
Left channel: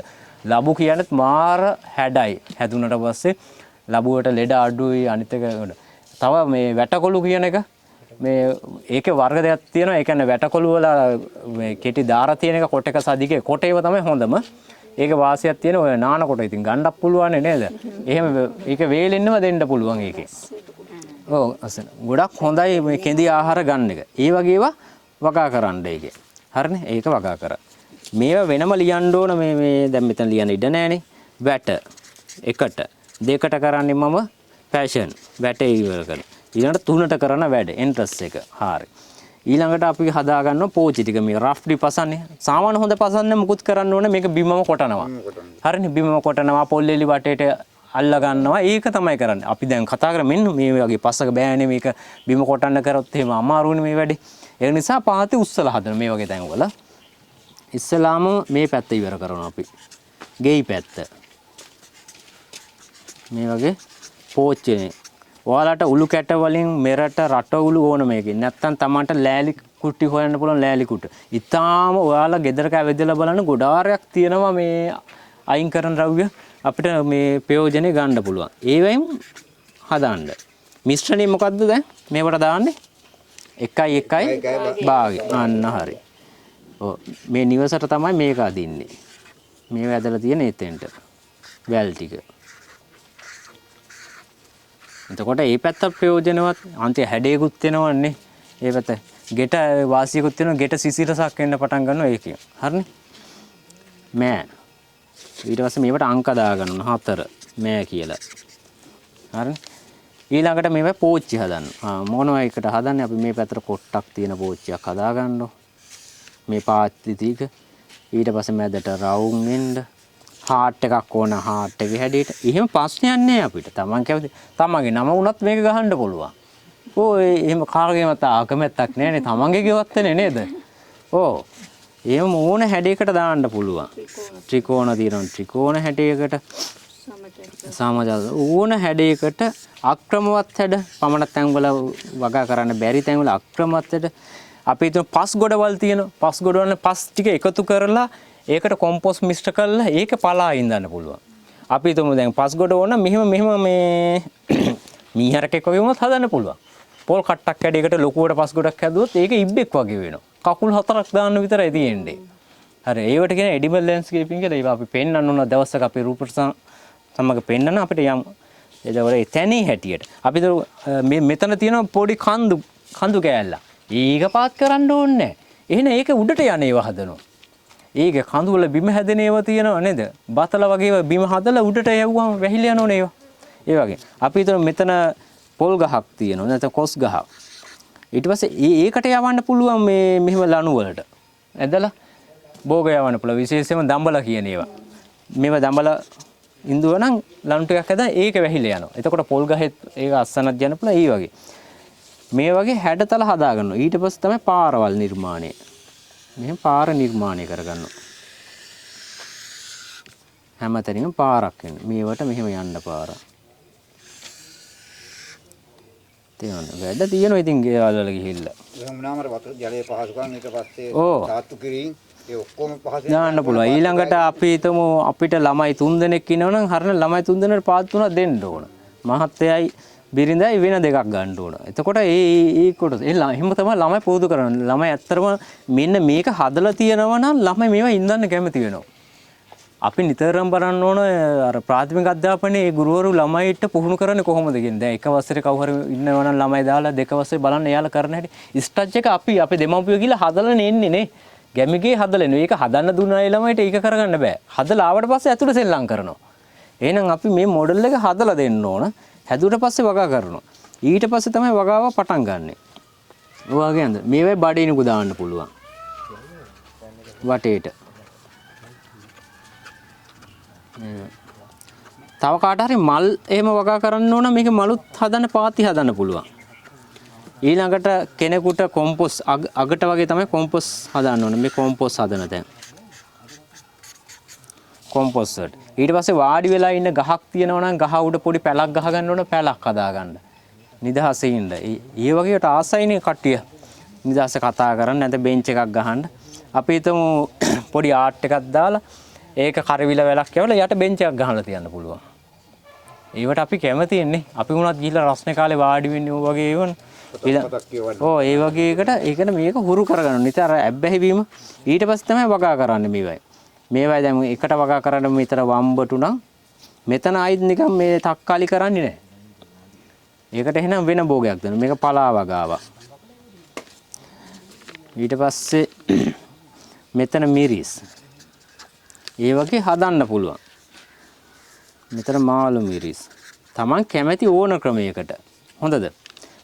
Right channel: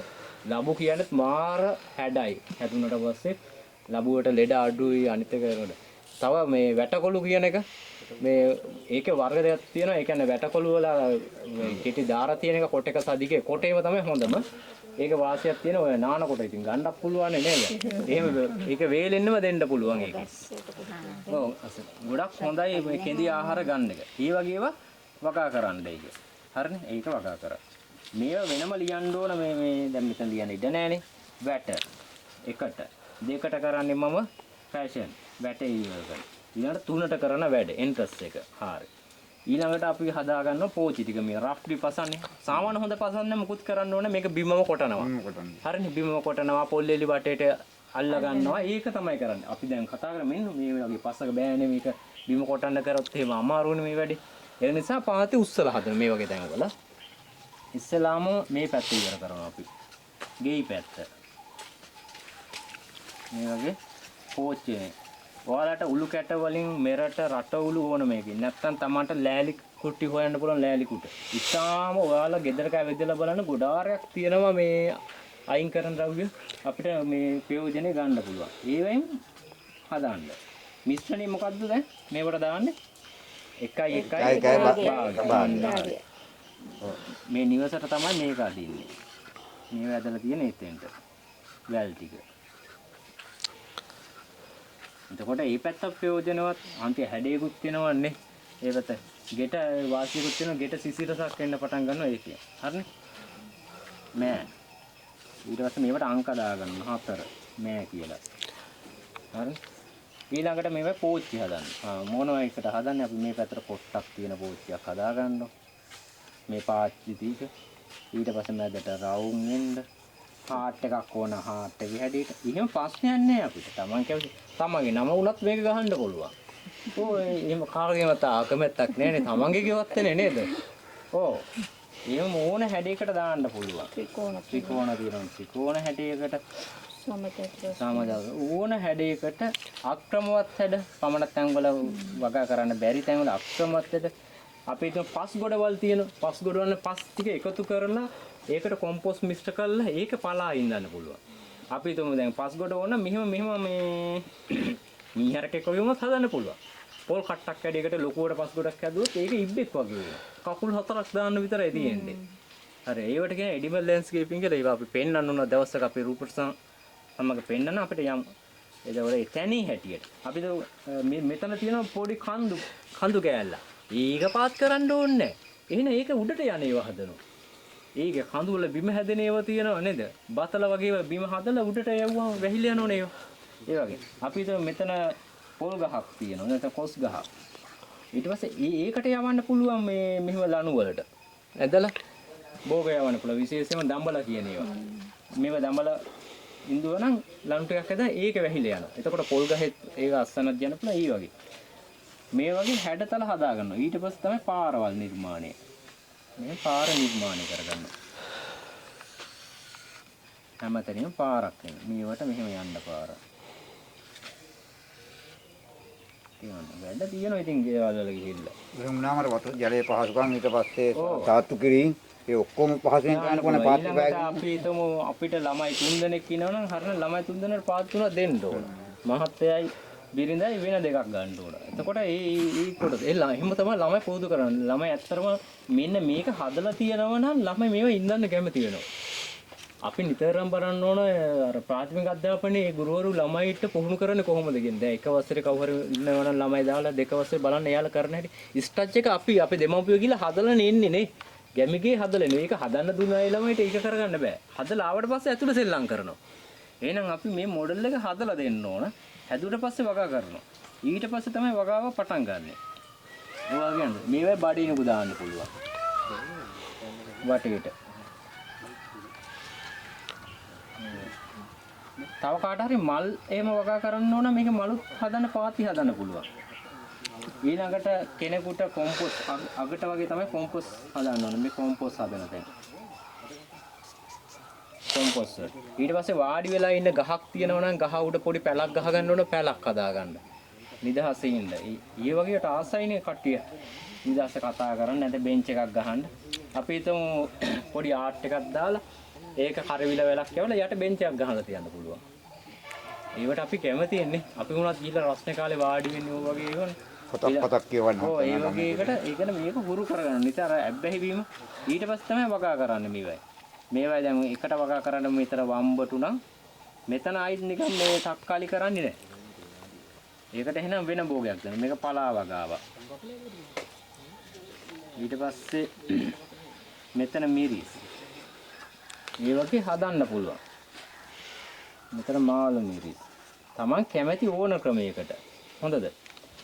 ලබු කියන්නේත් මාර හැඩයි. හැදුනට පස්සේ ලබුවට ලෙඩ අඩුයි අනිත් එක තව මේ වැටකොළු කියන එක මේ ඒකේ වර්ග දෙකක් තියෙනවා. ඒ කියන්නේ වැටකොළු වල මේ කෙටි දාර තියෙන එක කොට එක සදිගේ කොට ඒව තමයි හොඳම. ඒක වාසියක් තියෙන ඔය නාන කොට ඉතින් ගණ්ඩක් පුළුවන් නේද? එහෙම ඒක වේලෙන්නම දෙන්න පුළුවන් ඒකේ. ඔව් අසන ගොඩක් හොඳයි මේ කෙඳි ආහාර ගන්න එක. ඒ වගේ ඒවා වගා කරන්න ඒකේ. හරිනේ? ඒක වගා කරා. මේවා වෙනම ලියන්න ඕන මේ දැන් මෙතන ලියන්න ඉඩ නැහනේ. වැට එකට දෙකට කරන්නේ මම ෆැෂන් වැටේ ඉවර කරන. ඊළඟට තුනට කරන වැඩ එන්ට්‍රස් එක. හරි. ඊළඟට අපි හදා ගන්නවා පෝචි ටික මේ රෆ්ලි පසන්නේ. සාමාන්‍ය හොඳ පසන්නේ මුකුත් කරන්න ඕනේ මේක බිමම කොටනවා. හරිනේ බිමම කොටනවා පොල්ලෙලි වටේට අල්ල ගන්නවා. ඒක තමයි කරන්නේ. අපි දැන් කතා කරා මෙන්න මේ වගේ පස්සක බෑනේ මේක බිම කොටන්න කරොත් එහෙම අමාරුනේ මේ වැඩේ. ඒ නිසා පාතේ උස්සලා හදන මේ වගේ තැන්වල. ඉස්සලාම මේ පැත්ත ඉවර කරනවා අපි. ගෙයි පැත්ත. මේ වගේ පෝච්චිනේ. ඔයාලට උළු කැට වලින් මෙරට රට උළු ඕන මේකෙන්. නැත්තම් Tamanට ලෑලි කුට්ටි හොයන්න පුළුවන් ලෑලි කුට. ඉතාලම ඔයාලා ගෙදරක ඇවිදලා බලන්න ගොඩාරයක් තියෙනවා මේ අයින් කරන ද්‍රව්‍ය අපිට මේ ප්‍රයෝජනෙ ගන්න පුළුවන්. ඒවෙන් හදාන්න. මිශ්‍රණය මොකද්ද දැන්? මේවට දාන්නේ 1 භාගය. අන්න හරි. ඔව් මේ නිවසට තමයි මේක අදින්නේ. මේව ඇදලා තියෙන එතෙන්ට. වැල් ටික. එතකොට මේ පැත්ත ප්‍රයෝජනවත් අන්තිම හැඩයකුත් වෙනවන්නේ. ඒ පැත්ත ගෙට වාසියකුත් වෙනවා. ගෙට සිසිලසක් එන්න පටන් ගන්නවා ඒකේ. හරිනේ? මෑ. ඊට පස්සේ මේවට අංක දා ගන්නවා 4 මෑ කියලා. හරිනේ? ඊළඟට මේවා පෝච්චි හදන්න. මොනවා එකට හදන්නේ අපි මේ පැත්තට කොට්ටක් තියෙන පෝච්චියක් හදා ගන්නවා. මේ පාත්ලි ටික ඊට පස්සේ මැදට රවුම් එන්න හાર્ට් එකක් ඕන හાર્ට් එකේ හැඩයට. එහෙම ප්‍රශ්නයක් නෑ අපිට. Taman කැමති. Tamanගේ නම වුණත් මේක ගහන්න පුළුවන්. ඔය එහෙම කාර්යයම තාකමැත්තක් නෑනේ. Tamanගේ ගෙවත්තනේ නේද? ඕ. එහෙම ඕන හැඩයකට දාන්න පුළුවන්. ත්‍රිකෝණ තියෙනවා. ත්‍රිකෝණ හැඩයකට සමජාල ඕන හැඩයකට අක්‍රමවත් හැඩ පමණ තැන්වල වගා කරන්න බැරි තැන්වල අක්‍රමවත් හැඩ අපි හිතමු පස් ගොඩවල් තියෙනවා. පස් ගොඩවල් පස් ටික එකතු කරලා ඒකට කොම්පෝස්ට් මිශ්‍ර කරලා ඒක පලා ඉඳන්න පුළුවන්. අපි හිතමු දැන් පස් ගොඩ ඕන මෙහෙම මේ මීහරකෙක් වගේ වුණත් හදන්න පුළුවන්. පොල් කට්ටක් කැඩයකට ලොකුවට පස් ගොඩක් හැදුවොත් ඒක ඉබ්බෙක් වගේ වෙනවා. කකුල් 4ක් දාන්න විතරයි තියෙන්නේ. හරි ඒවට කියන එඩිබල් ලැන්ඩ්ස්කේපින් කියලා ඒවා අපි පෙන්වන්න ඕන දවසක අපේ රූපට සමග පෙන්වන්න අපිට යම් ඒදවල එතැනී හැටියට. අපි මේ මෙතන තියෙන පොඩි කඳු කෑල්ල. ඒක පාත් කරන්න ඕනේ නැහැ. එහෙනම් ඒක උඩට යන ඒවා හදනවා. ඒක කඳු වල බිම හැදෙන ඒවා තියෙනව නේද? බතල වගේ බිම හදලා උඩට යවුවම වැහිලා යනෝනේ ඒවා. ඒ වගේ. අපි හිතමු මෙතන පොල් ගහක් තියෙනවා නැත්නම් කොස් ගහක්. ඊට පස්සේ ඒකට යවන්න පුළුවන් මේ මෙහෙම ලණු වලට. ඇදලා භෝග යවන්න පුළුවන්. විශේෂයෙන්ම දඹල කියන ඒවා. මේවා දඹල ඉන්දුව නම් ලණු ටිකක් ඇදලා ඒක වැහිලා යනවා. එතකොට පොල් ගහෙත් ඒක අස්සනක් යන්න පුළුවන්. ඒ වගේ. මේ වගේ හැඩතල හදා ගන්නවා. ඊට පස්සේ තමයි පාරවල් නිර්මාණය. මෙහෙම පාර නිර්මාණය කරගන්නවා. හැමතැනම පාරක් වෙන. මේවට මෙහෙම යන්න පාර. තියෙනවා. වැඩ තියෙනවා ඉතින් ගෙවල් වල ගිහිල්ලා. මොනවාමර වතුර ජලයේ පහසුකම් ඊට පස්සේ සාත්තු කිරීම ඒ ඔක්කොම පහසෙන් දාන්න පුළුවන්. ඊළඟට අපි හිතමු අපිට ළමයි 3 දෙනෙක් ඉන්නවනම් හරින ළමයි 3 දෙනෙකුට පාත් තුනක් දෙන්න ඕන. මහත්තයයි බිරිඳයි වෙන දෙකක් ගන්න ඕන. එතකොට ඒ කොටස එහෙම තමයි ළමයි පුරුදු කරන්නේ. ළමයි ඇත්තටම මෙන්න මේක හදලා තියෙනවා නම් ළමයි මේවා ඉඳන්න කැමති වෙනවා. අපි නිතරම බලන්න ඕන අර ප්‍රාථමික අධ්‍යාපනයේ ඒ ගුරුවරු ළමයිට පුහුණු කරන්නේ කොහොමද කියන්නේ. දැන් එක වසරේ කවුරු හරි ඉන්නවා නම් ළමයි දාලා දෙක වසරේ බලන්න එයාලා කරන හැටි. ස්ටච් එක අපි අපේ දෙමාපියෝ කියලා හදලා එන්නේ නේ. ගැමිගේ හදලා නේ. ඒක හදන්න දුන්නා ඒ ළමයිට ඒක කරගන්න බෑ. හදලා ආවට පස්සේ ඇතුළේ සෙල්ලම් කරනවා. එහෙනම් අපි මේ මොඩල් එක හදලා දෙන්න ඕන. හැදුවට පස්සේ වගා කරනවා. ඊට පස්සේ තමයි වගාව පටන් ගන්නෙ. ඔය වගේ නේද? මේ වෙයි බඩේනිකු දාන්න පුළුවන්. වටේට. තව කාට හරි මල් එහෙම වගා කරන්න ඕන මේක මලුත් හදන්න පාති හදන්න පුළුවන්. ඊළඟට කෙනෙකුට කොම්පොස් අගට වගේ තමයි කොම්පොස් හදන්න ඕන. මේ කොම්පොස් හදන තැන. කොම්පොස් වලට. ඊට පස්සේ වාඩි වෙලා ඉන්න ගහක් තියෙනවා නම් ගහ උඩ පොඩි පැලක් ගහ ගන්න ඕන පැලක් හදා ගන්න. නිදහසේ ඉන්න. ඒ වගේට ආසයිනේ කට්ටිය. නිදහසේ කතා කරන්න නැත්නම් බෙන්ච් එකක් ගහන්න. අපි හිතමු පොඩි ආර්ට් එකක් දාලා ඒක කරවිල වැලක් යවලා යට බෙන්ච් එකක් ගහලා තියන්න පුළුවන්. ඒවට අපි කැමති ඉන්නේ. අපි වුණත් ගිහිල්ලා රස්නේ කාලේ වාඩි වෙන්නේ ඕ වගේ ඒවන. ඔව් ඒ වගේ එකට ඒකන මේක හුරු කරගන්න. නිතර ඇබ්බැහි වීම ඊට පස්සේ තමයි වගා කරන්නේ මේවයි. මේවයි දැන් එකට වගා කරන්න මෙතන වම්බටු නම් මෙතන ආයිත් නිකන් මේ තක්කාලි කරන්නේ නැහැ. ඒකට එහෙනම් වෙන භෝගයක් දෙන්න. මේක පලා වගාවක්. ඊට පස්සේ මෙතන මිරිස්. ඒ වගේ හදන්න පුළුවන්. මෙතන මාළු මිරිස්. Taman කැමති ඕන ක්‍රමයකට. හොඳද?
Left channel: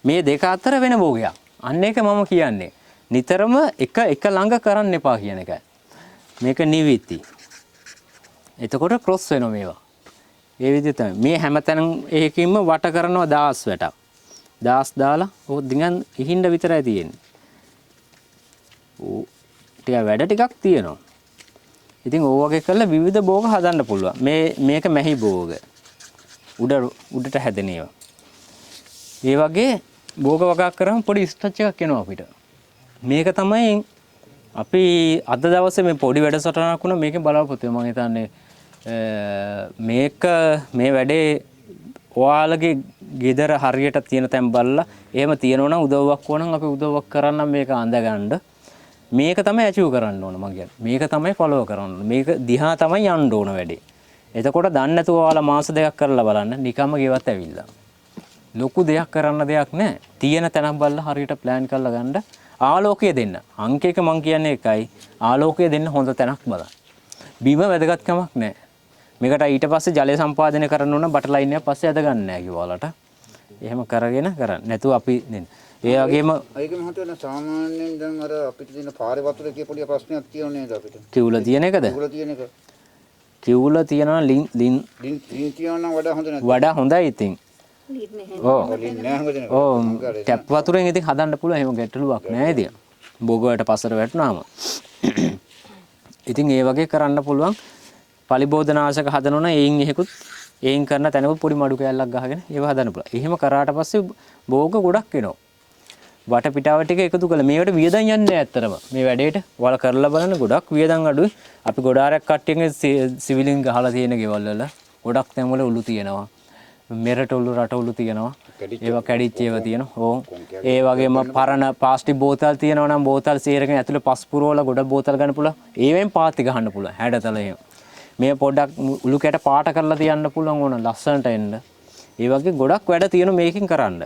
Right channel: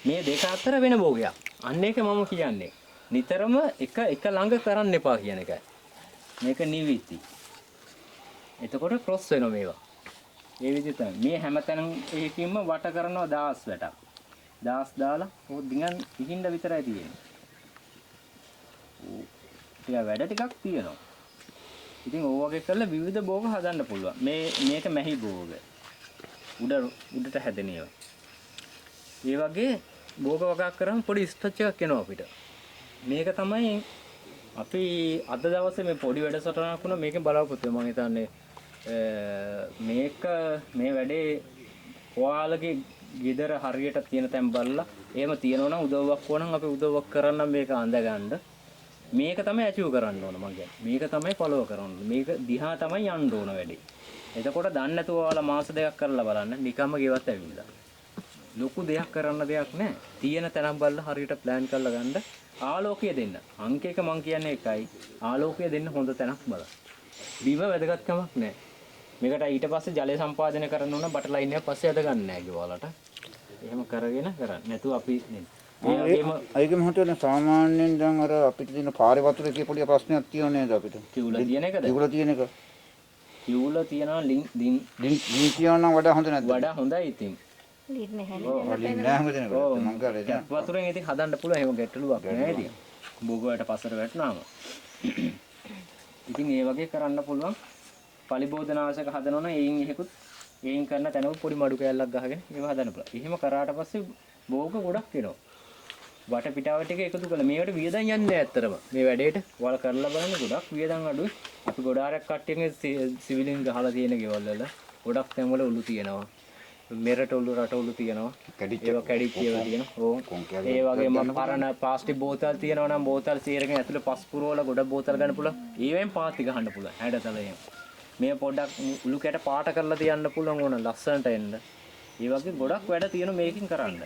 මේ දෙක අතර වෙන භෝගයක්. අන්න ඒක මම කියන්නේ. නිතරම එක ළඟ කරන්න එපා කියන එකයි. මේක නිවිති. එතකොට ක්‍රොස් වෙනවා මේවා. ඒ විදිහට තමයි. මේ හැමතැන එකකින්ම වට කරනවා 1000 වැටක්. 1000 දාලා ඕක දිගන් ඉහින්න විතරයි තියෙන්නේ. ඕ ටික වැඩ ටිකක් තියෙනවා. ඉතින් ඕ වගේ කරලා විවිධ භෝග හදන්න පුළුවන්. මේක මැහි භෝග. උඩට හැදෙන ඒවා. ඒ වගේ භෝග වගා කරාම පොඩි ස්ටච් එකක් එනවා අපිට. මේක තමයි අපි අද දවසේ මේ පොඩි වැඩසටහනක් වුණා මේකෙන් බලාපොරොත්තු වෙනවා. මම හිතන්නේ මේක මේ වැඩේ ඔයාලගේ ගෙදර හරියට තියෙන තැන් බලලා එහෙම තියෙනවා නම් උදව්වක් ඕනනම් අපි උදව්වක් කරන්නම් මේක අඳගන්න. මේක තමයි ඇචීව් කරන්න ඕන මම කියන්නේ. මේක තමයි ෆලෝ කරන්න ඕන. මේක දිහා තමයි යන්න ඕන වැඩේ. එතකොට දන්නේ නැතුව ඔයාලා මාස දෙකක් කරලා බලන්න නිකම්ම ගෙවත් ඇවිල්ලා. ලොකු දෙයක් කරන්න දෙයක් නැහැ. තියෙන තැනක් බලලා හරියට ප්ලෑන් කරලා ගන්න. ආලෝකය දෙන්න. අංක එක මම කියන්නේ එකයි. ආලෝකය දෙන්න හොඳ තැනක් බලන්න. බිම වැදගත්කමක් නැහැ. මේකට ඊට පස්සේ ජලය සම්පාදනය කරන්න ඕන බටර් ලයින් එක පස්සේ ඇද ගන්න නැහැ කිව්වාලට. එහෙම කරගෙන කරන්න. නැතුව අපි දෙන්න. ඒ වගේම ඒකෙම හොතන සාමාන්‍යයෙන් දැන් අර අපිට තියෙන පාරේ වතුර එකේ පොඩි ප්‍රශ්නයක් තියෙනවා නේද අපිට? කිව්ල තියෙන එකද? කිව්ල තියෙන එක. කිව්ල තියනවා ලින් කියනවා වඩා හොඳ නැද්ද? වඩා හොඳයි ඉතින්. ඔව්. ටැප් වතුරෙන් ඉතින් හදන්න පුළුවන්. එහෙම ගැටලුවක් නැහැ ඉතින්. බොග වලට පස්සට වැටුනාම. ඉතින් ඒ වගේ කරන්න පුළුවන්. පලිබෝධනාශක හදනවා නම් එයින් එහෙකුත් එයින් කරන තැනකුත් පොඩි මඩු කෑල්ලක් ගහගෙන ඒව හදන්න පුළුවන්. එහෙම කරාට පස්සේ භෝග ගොඩක් එනවා. වටපිටාව ටික එකතු කළා. මේවට වියදම් යන්නේ නැහැ ඇත්තටම. මේ වැඩේට ඔයාලා කරලා බලන්න ගොඩක් වියදම් අඩුයි. අපි ගොඩාරක් කට්ටියගේ සිවිලින් ගහලා තියෙන ගෙවල් වල ගොඩක් තැන් වල උළු තියෙනවා. මෙරට උළු රට උළු තියෙනවා. ඒවා කැඩිච්ච ඒවා තියෙනවා. ඕ. ඒ වගේම පරණ ප්ලාස්ටික් බෝතල් තියෙනවා නම් බෝතල් සේරගෙන ඇතුලේ පස් පුරවලා ගොඩක් බෝතල් ගන්න පුළුවන්. ඒවෙන් පාති ගහන්න පුළුවන්. හැඩතල එහෙම. මේ පොඩ්ඩක් උළු කැට පාට කරලා තියන්න පුළුවන් ඕන ලස්සනට එන්න. ඒ වගේ ගොඩක් වැඩ තියෙනවා මේකෙන් කරන්න.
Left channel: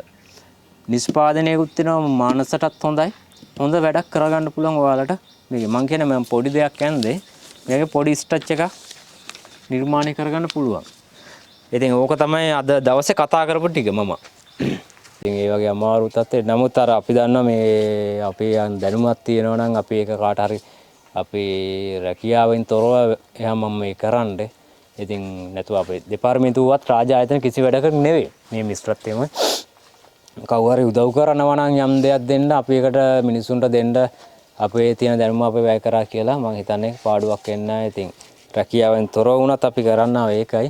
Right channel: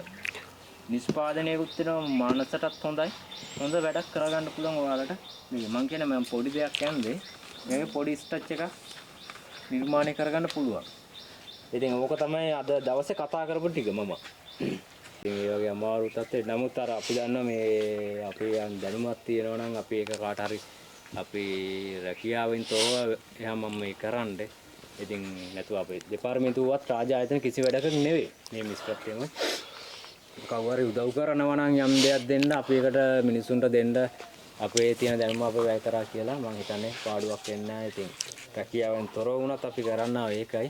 නිෂ්පාදනයකුත් තියෙනවා මානසටත් හොඳයි. හොඳ වැඩක් කරගන්න පුළුවන් ඔයාලට. මේක මම කියන්නේ මම පොඩි දෙයක් කියන්නේ මේකේ පොඩි ස්ටච් එකක් නිර්මාණය කරගන්න පුළුවන්. ඉතින් ඕක තමයි අද දවසේ කතා කරපු ටික මම. ඉතින් ඒ වගේ අමාරු තත්ත්වෙ නමුත් අර අපි දන්නවා මේ අපේ දැනුමක් තියෙනවා නම් අපි ඒක කාට හරි අපි රැකියාවෙන් තොරව එහා මම මේ කරන්නේ. ඉතින් නැතුව අපේ දෙපාර්තමේන්තුවත් රාජ්‍ය ආයතන කිසි වැඩකට නෙවෙයි. මේ මිශ්‍රත්වයම කවුරු හරි උදව් කරනවා නම් යම් දෙයක් දෙන්න අපි ඒකට මිනිසුන්ට දෙන්න අපේ තියෙන දැනුම අපි වැය කරා කියලා මම හිතන්නේ පාඩුවක් වෙන්නේ නැහැ. ඉතින් රැකියාවෙන් තොරව වුණත් අපි කරන්න ඒකයි.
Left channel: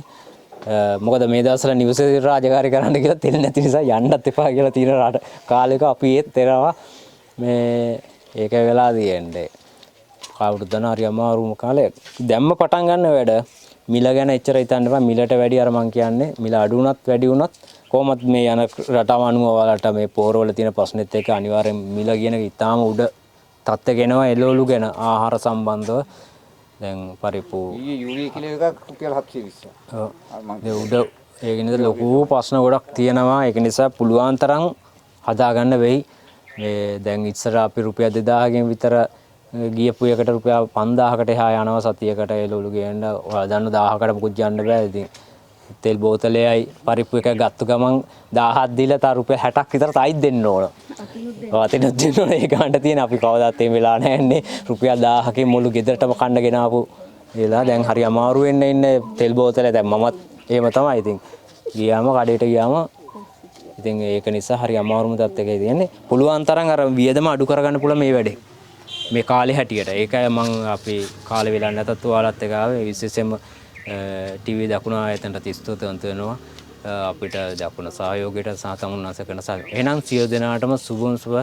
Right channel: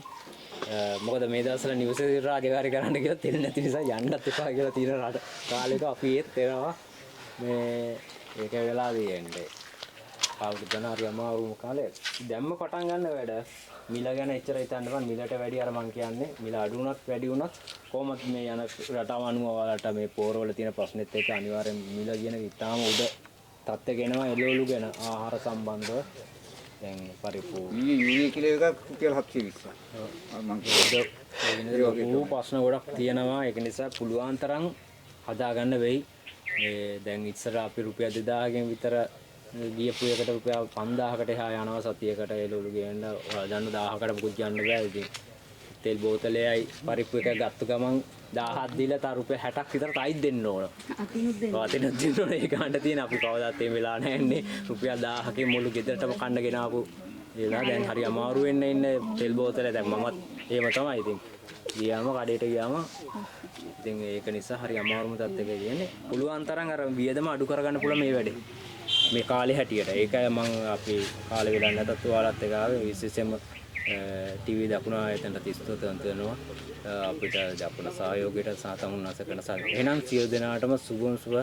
මොකද මේ දවස්වල නිවසේ රාජකාරී කරන්න කියලා තෙල් නැති නිසා යන්නත් එපා කියලා තියෙන කාලෙක අපි ඒත් එනවා මේ ඒක වෙලා තියෙන්නේ. කවුරුද දන්න හරි අමාරුම කාලයක්. දැම්ම පටන් ගන්න වැඩ මිල ගැන එච්චර හිතන්න එපා. මිලට වැඩි අර මං කියන්නේ මිල අඩු වුණත් වැඩි වුණත් කොහොමත් මේ යන රටාව අනුව ඔයාලට මේ පොරවල තියෙන ප්‍රශ්නෙත් එක්ක අනිවාර්යෙන් මිල කියන එක ඉතාම උඩ තත්ත්වයක එනවා එළවලු ගැන ආහාර සම්බන්ධව දැන් පරිපූර්ණ යූරියා කිලෝ එකක් රුපියල් 720. ඔව් මේ උඩ ඒ නිසා ලොකු ප්‍රශ්න ගොඩක් තියෙනවා. ඒක නිසා පුළුවන් තරම් හදාගන්න වෙයි. මේ දැන් ඉස්සර අපි රුපියල් 2000කින් විතර ගියපු එකට රුපියල් 5000කට එහා යනවා සතියකට එළවලු ගේන්න. ඔයාලා දන්න 1000කට මොකුත් යන්න බෑ. ඉතින් තෙල් බෝතලයයි පරිප්පු එකක් ගත්ත ගමන් 1000ක් දීලා තා රුපියල් 60ක් විතර තයිත් දෙන්න ඕන. ඔතන දෙන්න ඕන ඒ ගානට තියෙන අපි කවදාත් මේ වෙලා නැන්නේ රුපියල් 1000කින් මුළු ගෙදරටම කන්න ගෙනාවු ඒලා දැන් හරි අමාරු වෙන්න ඉන්නේ තෙල් බෝතලේ දැන් මමත් එහෙම තමයි ඉතින් ගියාම කඩේට ගියාම ඉතින් ඒක නිසා හරි අමාරුම තත්ත්වයක තියෙන්නේ. පුළුවන් තරම් අර වියදම අඩු කරගන්න පුළුවන් මේ වැඩේ. මේ කාලේ හැටියට. ඒකයි මම අපේ කාලේ වෙලා නැතත් ඔයාලත් එක්ක ආවේ විශේෂයෙන්ම ටීවී දකුණ ආයතනට ස්තුතිවන්ත වෙනවා. අපිට දකුණ සහයෝගයට සහ තමුන්නාස කරන සහ එහෙනම් සියලු දෙනාටම සුබම සුබ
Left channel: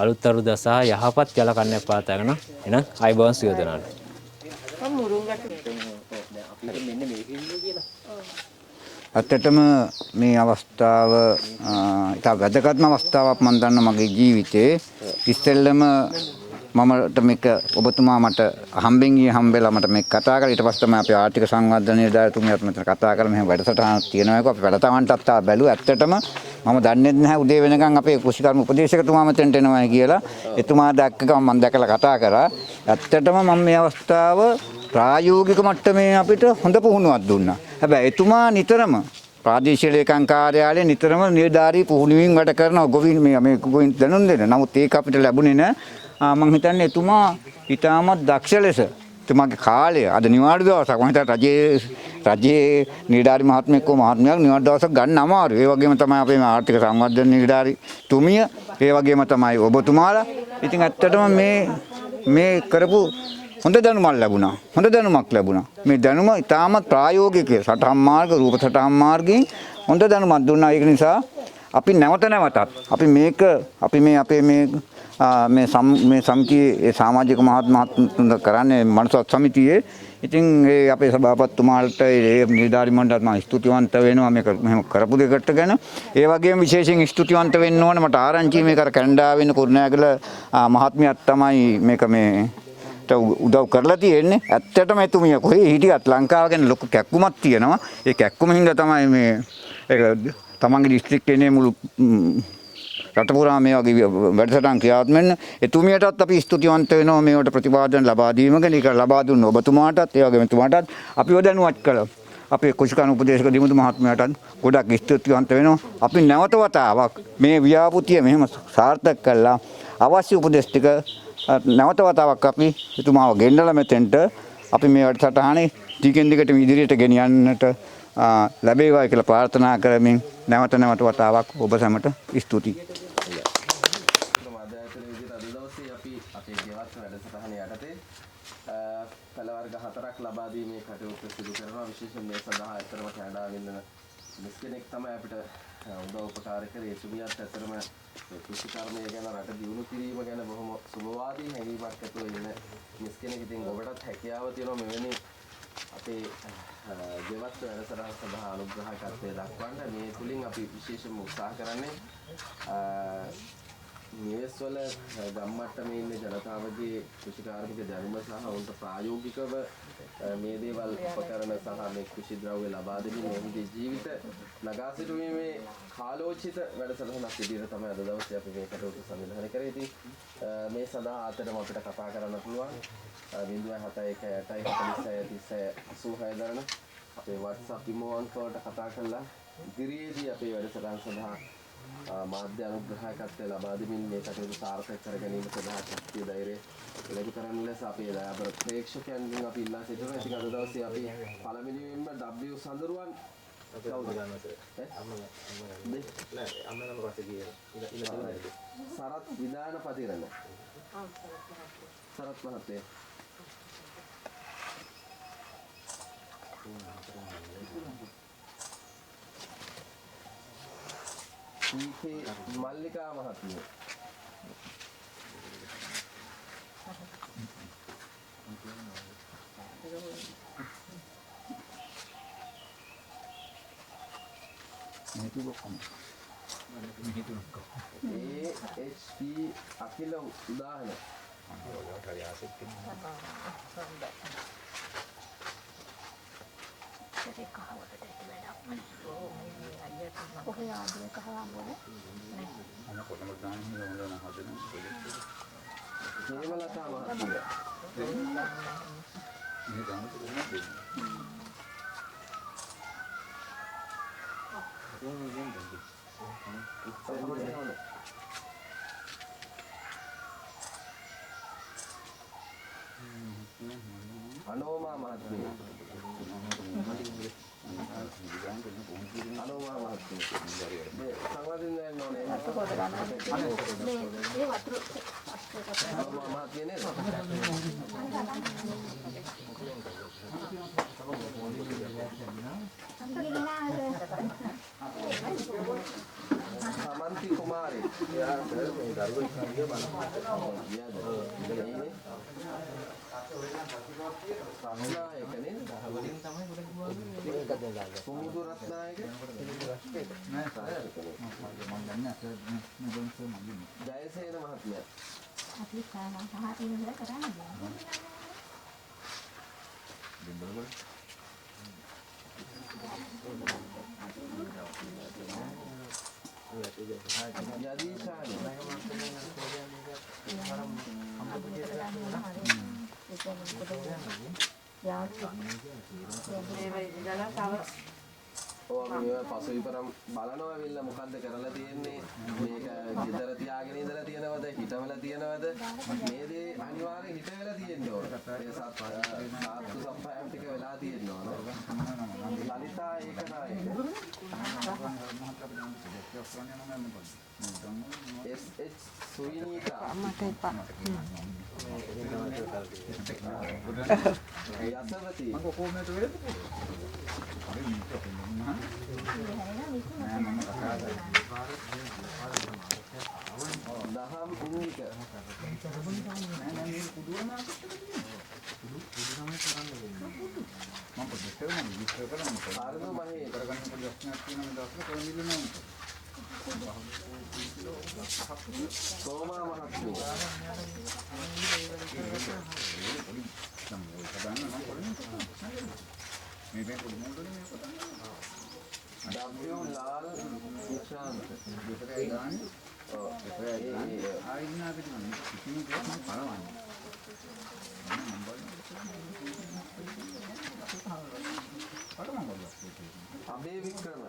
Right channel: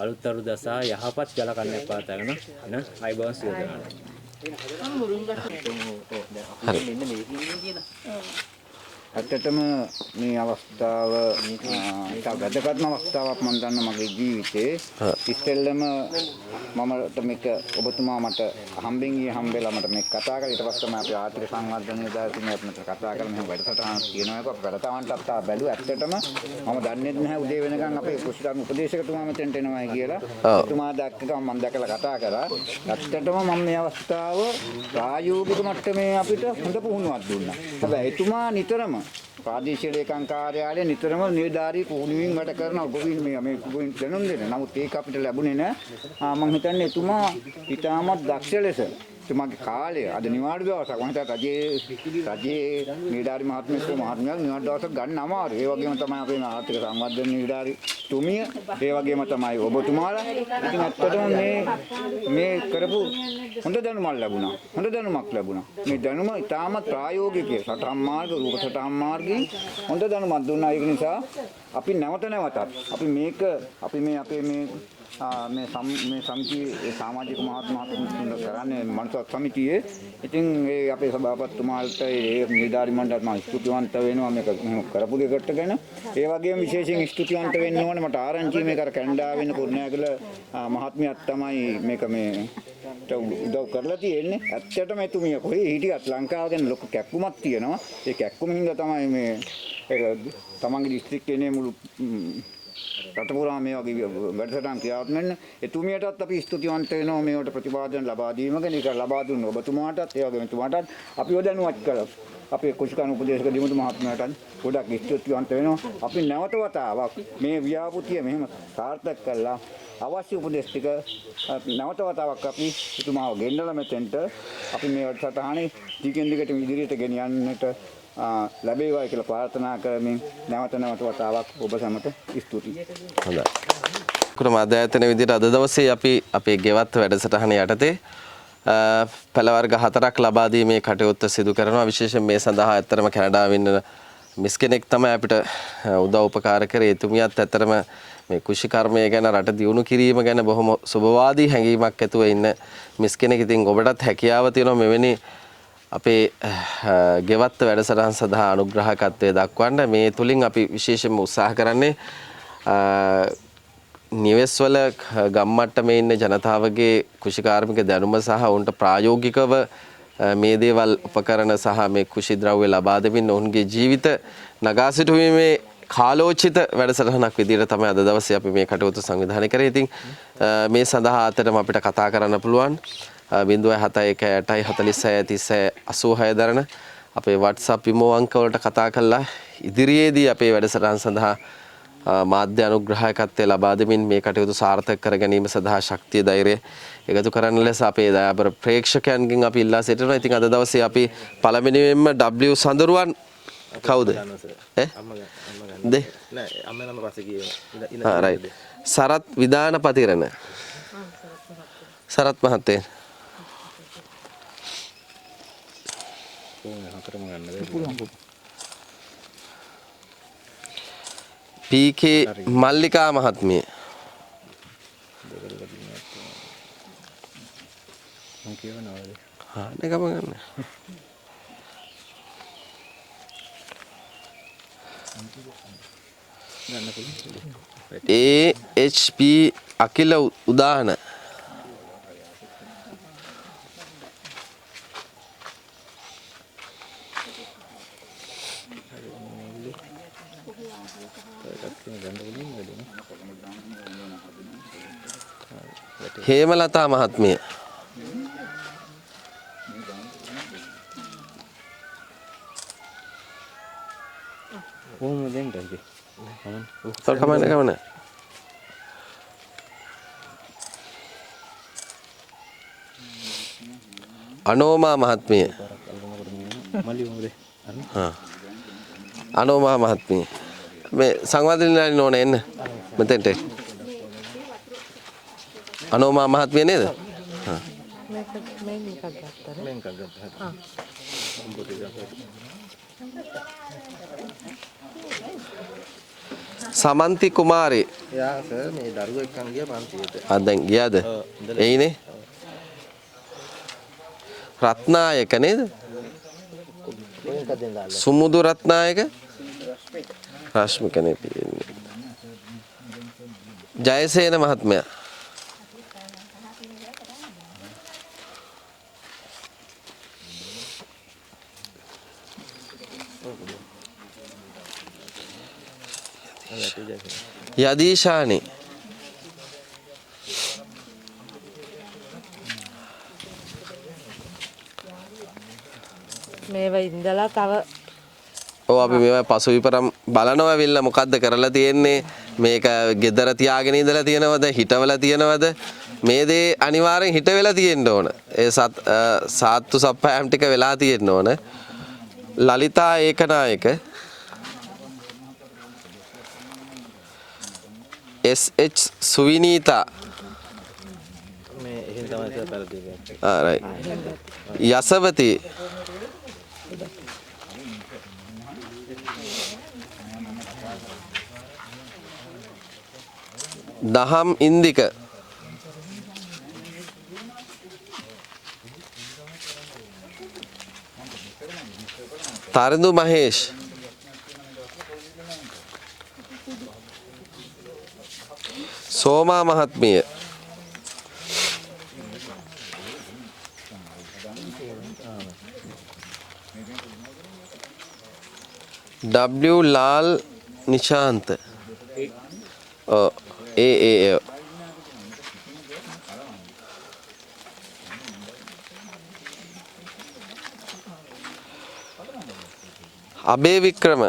අලුත් අවුරුද්ද සහ යහපත් ජල කන්නයක් පාතාගෙන එහෙනම් අයබෝන් සියලු දෙනාට. ඇත්තටම මේ අවස්ථාව ඉතා වැදගත්ම අවස්ථාවක් මම දන්න මගේ ජීවිතේ. ඉස්සෙල්ලම මමට මේක ඔබතුමා මට හම්බෙන් ගිය හම්බෙලා මට මේක කතා කරලා ඊට පස්සේ තමයි අපි ආර්ථික සංවර්ධන නිලධාරිතුමියත් මෙතන කතා කරලා මෙහෙම වැඩසටහනක් තියෙනවා එක අපි වැඩසටහනටත් බැලුවා. ඇත්තටම මම දන්නේ නැහැ උදේ වෙනකන් අපේ කුෂිකර්ම උපදේශකතුමා මෙතනට එනවා කියලා. එතුමා දැක්ක ගමන් මම දැකලා කතා කරා. ඇත්තටම මම මේ අවස්ථාව ප්‍රායෝගික මට්ටමේ අපිට හොඳ පුහුණුවක් දුන්නා. හැබැයි එතුමා නිතරම ප්‍රාදේශීය ලේකම් කාර්යාලයේ නිතරම නිලධාරී පුහුණුවින් වැඩ කරන ගොවින් මේ ගොවින් දැනුම් දෙන. නමුත් ඒක අපිට ලැබුණේ නැහැ. මම හිතන්නේ එතුමා ඊටමත් දක්ෂ ලෙස එතුමාගේ කාලය අද නිවාඩු දවසක් මම හිතා රජයේ නිලධාරී මහත්මයෙක් මහත්මයක් නිවාඩු දවසක් ගන්න අමාරුයි. ඒ වගේම තමයි අපේ ආර්ථික සංවර්ධන නිලධාරී තුමිය ඒ වගේම තමයි ඔබතුමාලා. ඉතින් ඇත්තටම මේ කරපු හොඳ දැනුමක් ලැබුණා. හොඳ දැනුමක් ලැබුණා. මේ දැනුම ඉතාමත් ප්‍රායෝගික සටහන් මාර්ග රූප සටහන් මාර්ගයෙන් හොඳ දැනුමක් දුන්නා. ඒක නිසා අපි නැවතත් අපි මේ අපේ මේ සමිතියේ සමාජික මහත්මතුන් කරන්නේ මනසත් සමිතියේ. ඉතින් ඒ අපේ සභාපතිතුමාලට ඒ නිලධාරී මණ්ඩලයට මම ස්තුතිවන්ත වෙනවා මේක මෙහෙම කරපු දෙකට ගැන. ඒ වගේම විශේෂයෙන් ස්තුතිවන්ත වෙන්න ඕන මට ආරංචි මේක අර කැනඩාවේ ඉන්න කුරුණෑගල මහත්මියක් තමයි මේක උදව් කරලා තියෙන්නේ. ඇත්තටම එතුමිය කොහේ හිටියත් ලංකාව ගැන ලොකු කැක්කුමක් තියෙනවා. ඒ කැක්කුම හින්දා තමයි මේ ඒක තමන්ගේ දිස්ත්‍රික්කයේ මුළු රට පුරා මේ වගේ වැඩසටහන් ක්‍රියාත්මක වෙන එතුමියටත් අපි ස්තුතිවන්ත වෙනවා මේවට ප්‍රතිපාදන ලබා දීම ගැන. ඒක ලබා දුන්න ඔබතුමාටත් ඒ වගේම එතුමාටත් අපිව දැනුවත් කළා. අපේ කුෂිකර්ම උපදේශක දිමුතු මහත්මයාටත් ගොඩක් ස්තුතිවන්ත වෙනවා. අපි නැවත වතාවක් මේ ව්‍යාපෘතිය මෙහෙම සාර්ථක කළා. අවශ්‍ය උපදෙස් ටික නැවත වතාවක් අපි එතුමාව ගෙන්නලා මෙතෙන්ට අපි මේ වැඩසටහනේ ටිකෙන් දිගට ඉදිරියට ගෙනියන්නට ලැබේවා කියලා ප්‍රාර්ථනා කරමින් නැවත වතාවක් ඔබ සැමට ස්තුතියි. හොඳයි. කුරුම අධ්‍යයන විදිහට අද දවසේ අපි අපේ ගෙවත් වැඩසටහන යටතේ පළ වර්ග 4ක් ලබා දීමේ කටයුත්ත සිදු කරනවා. විශේෂයෙන් මේ සඳහා ඇත්තටම කැනඩාවේ ඉන්න මිස් කෙනෙක් තමයි අපිට උදව් උපකාර කරේ. එතුමියත් ඇත්තටම මේ කුෂිකර්මය ගැන රට දියුණු කිරීම ගැන බොහොම සුබවාදී හැඟීමක් ඇතුව ඉන්න මිස් කෙනෙක්. ඉතින් ඔබටත් හැකියාව තියෙනවා මෙවැනි අපේ ගෙවත්ත වැඩසටහන් සඳහා අනුග්‍රහකත්වය දක්වන්න. මේ තුලින් අපි විශේෂයෙන්ම උත්සාහ කරන්නේ නිවෙස්වල ගම්මට්ටමේ ඉන්න ජනතාවගේ කුෂිකාර්මික දැනුම සහ ඔවුන්ට ප්‍රායෝගිකව මේ දේවල් උපකරණ සහ මේ කුෂි ද්‍රව්‍ය ලබා දෙමින් ඔවුන්ගේ ජීවිත නගා සිටුවීමේ කාලෝචිත වැඩසටහනක් විදිහට තමයි අද දවසේ අපි මේ කටයුතු සංවිධානය කරේ. ඉතින් මේ සඳහා අතරම අපිට කතා කරන්න පුළුවන් 07180463086 දරන අපේ WhatsApp විමෝ අංක වලට කතා කරලා ඉදිරියේදී අපේ වැඩසටහන් සඳහා මාධ්‍ය අනුග්‍රහකත්වය ලබා දෙමින් මේ කටයුතු සාර්ථක කර ගැනීම සඳහා ශක්තිය ධෛර්යය එකතු කරන්න ලෙස අපේ දයාබර ප්‍රේක්ෂකයන්ගෙන් අපි ඉල්ලා සිටිනවා. ඉතින් අද දවසේ අපි පළවෙනියෙන්ම W සඳරුවන් කවුද? රයිට්. සරත් විදාන පතිරණ. සරත් මහත්තයා. PK මල්ලිකා මහත්මිය. AHP අකිල උදාහන හේමලතා මහත්මිය කමන්න අනෝමා මහත්මිය අනෝමා මහත්මිය මේ සංවාදනයන් ඕන එන්න මෙතෙන්ට අනෝමා මහත්මිය නේද? සමන්ති කුමාරේ දැන් ගියාද? එයිනේ රත්නායක නේද? සුමුදු රත්නායක රශ්මික නේ තියෙන්නේ. ජයසේන මහත්මයා යදීශානි මේවා ඉඳලා තව ඔව් අපි මේවා පසු විපරම් බලනවා වෙන්න මොකද්ද කරලා තියෙන්නේ මේක ගෙදර තියාගෙන ඉඳලා තියෙනවද හිටවලා තියෙනවද මේ දේ අනිවාර්යෙන් හිට වෙලා තියෙන්න ඕන ඒ සාත්තු සප්පෑම් ටික වෙලා තියෙන්න ඕන ලලිතා ඒකනායක SH සුවිනීතා යසවති දහම් ඉන්දික තරිඳු මහේෂ් සෝමා මහත්මිය W ලාල් නිශාන්ත අබේ වික්‍රම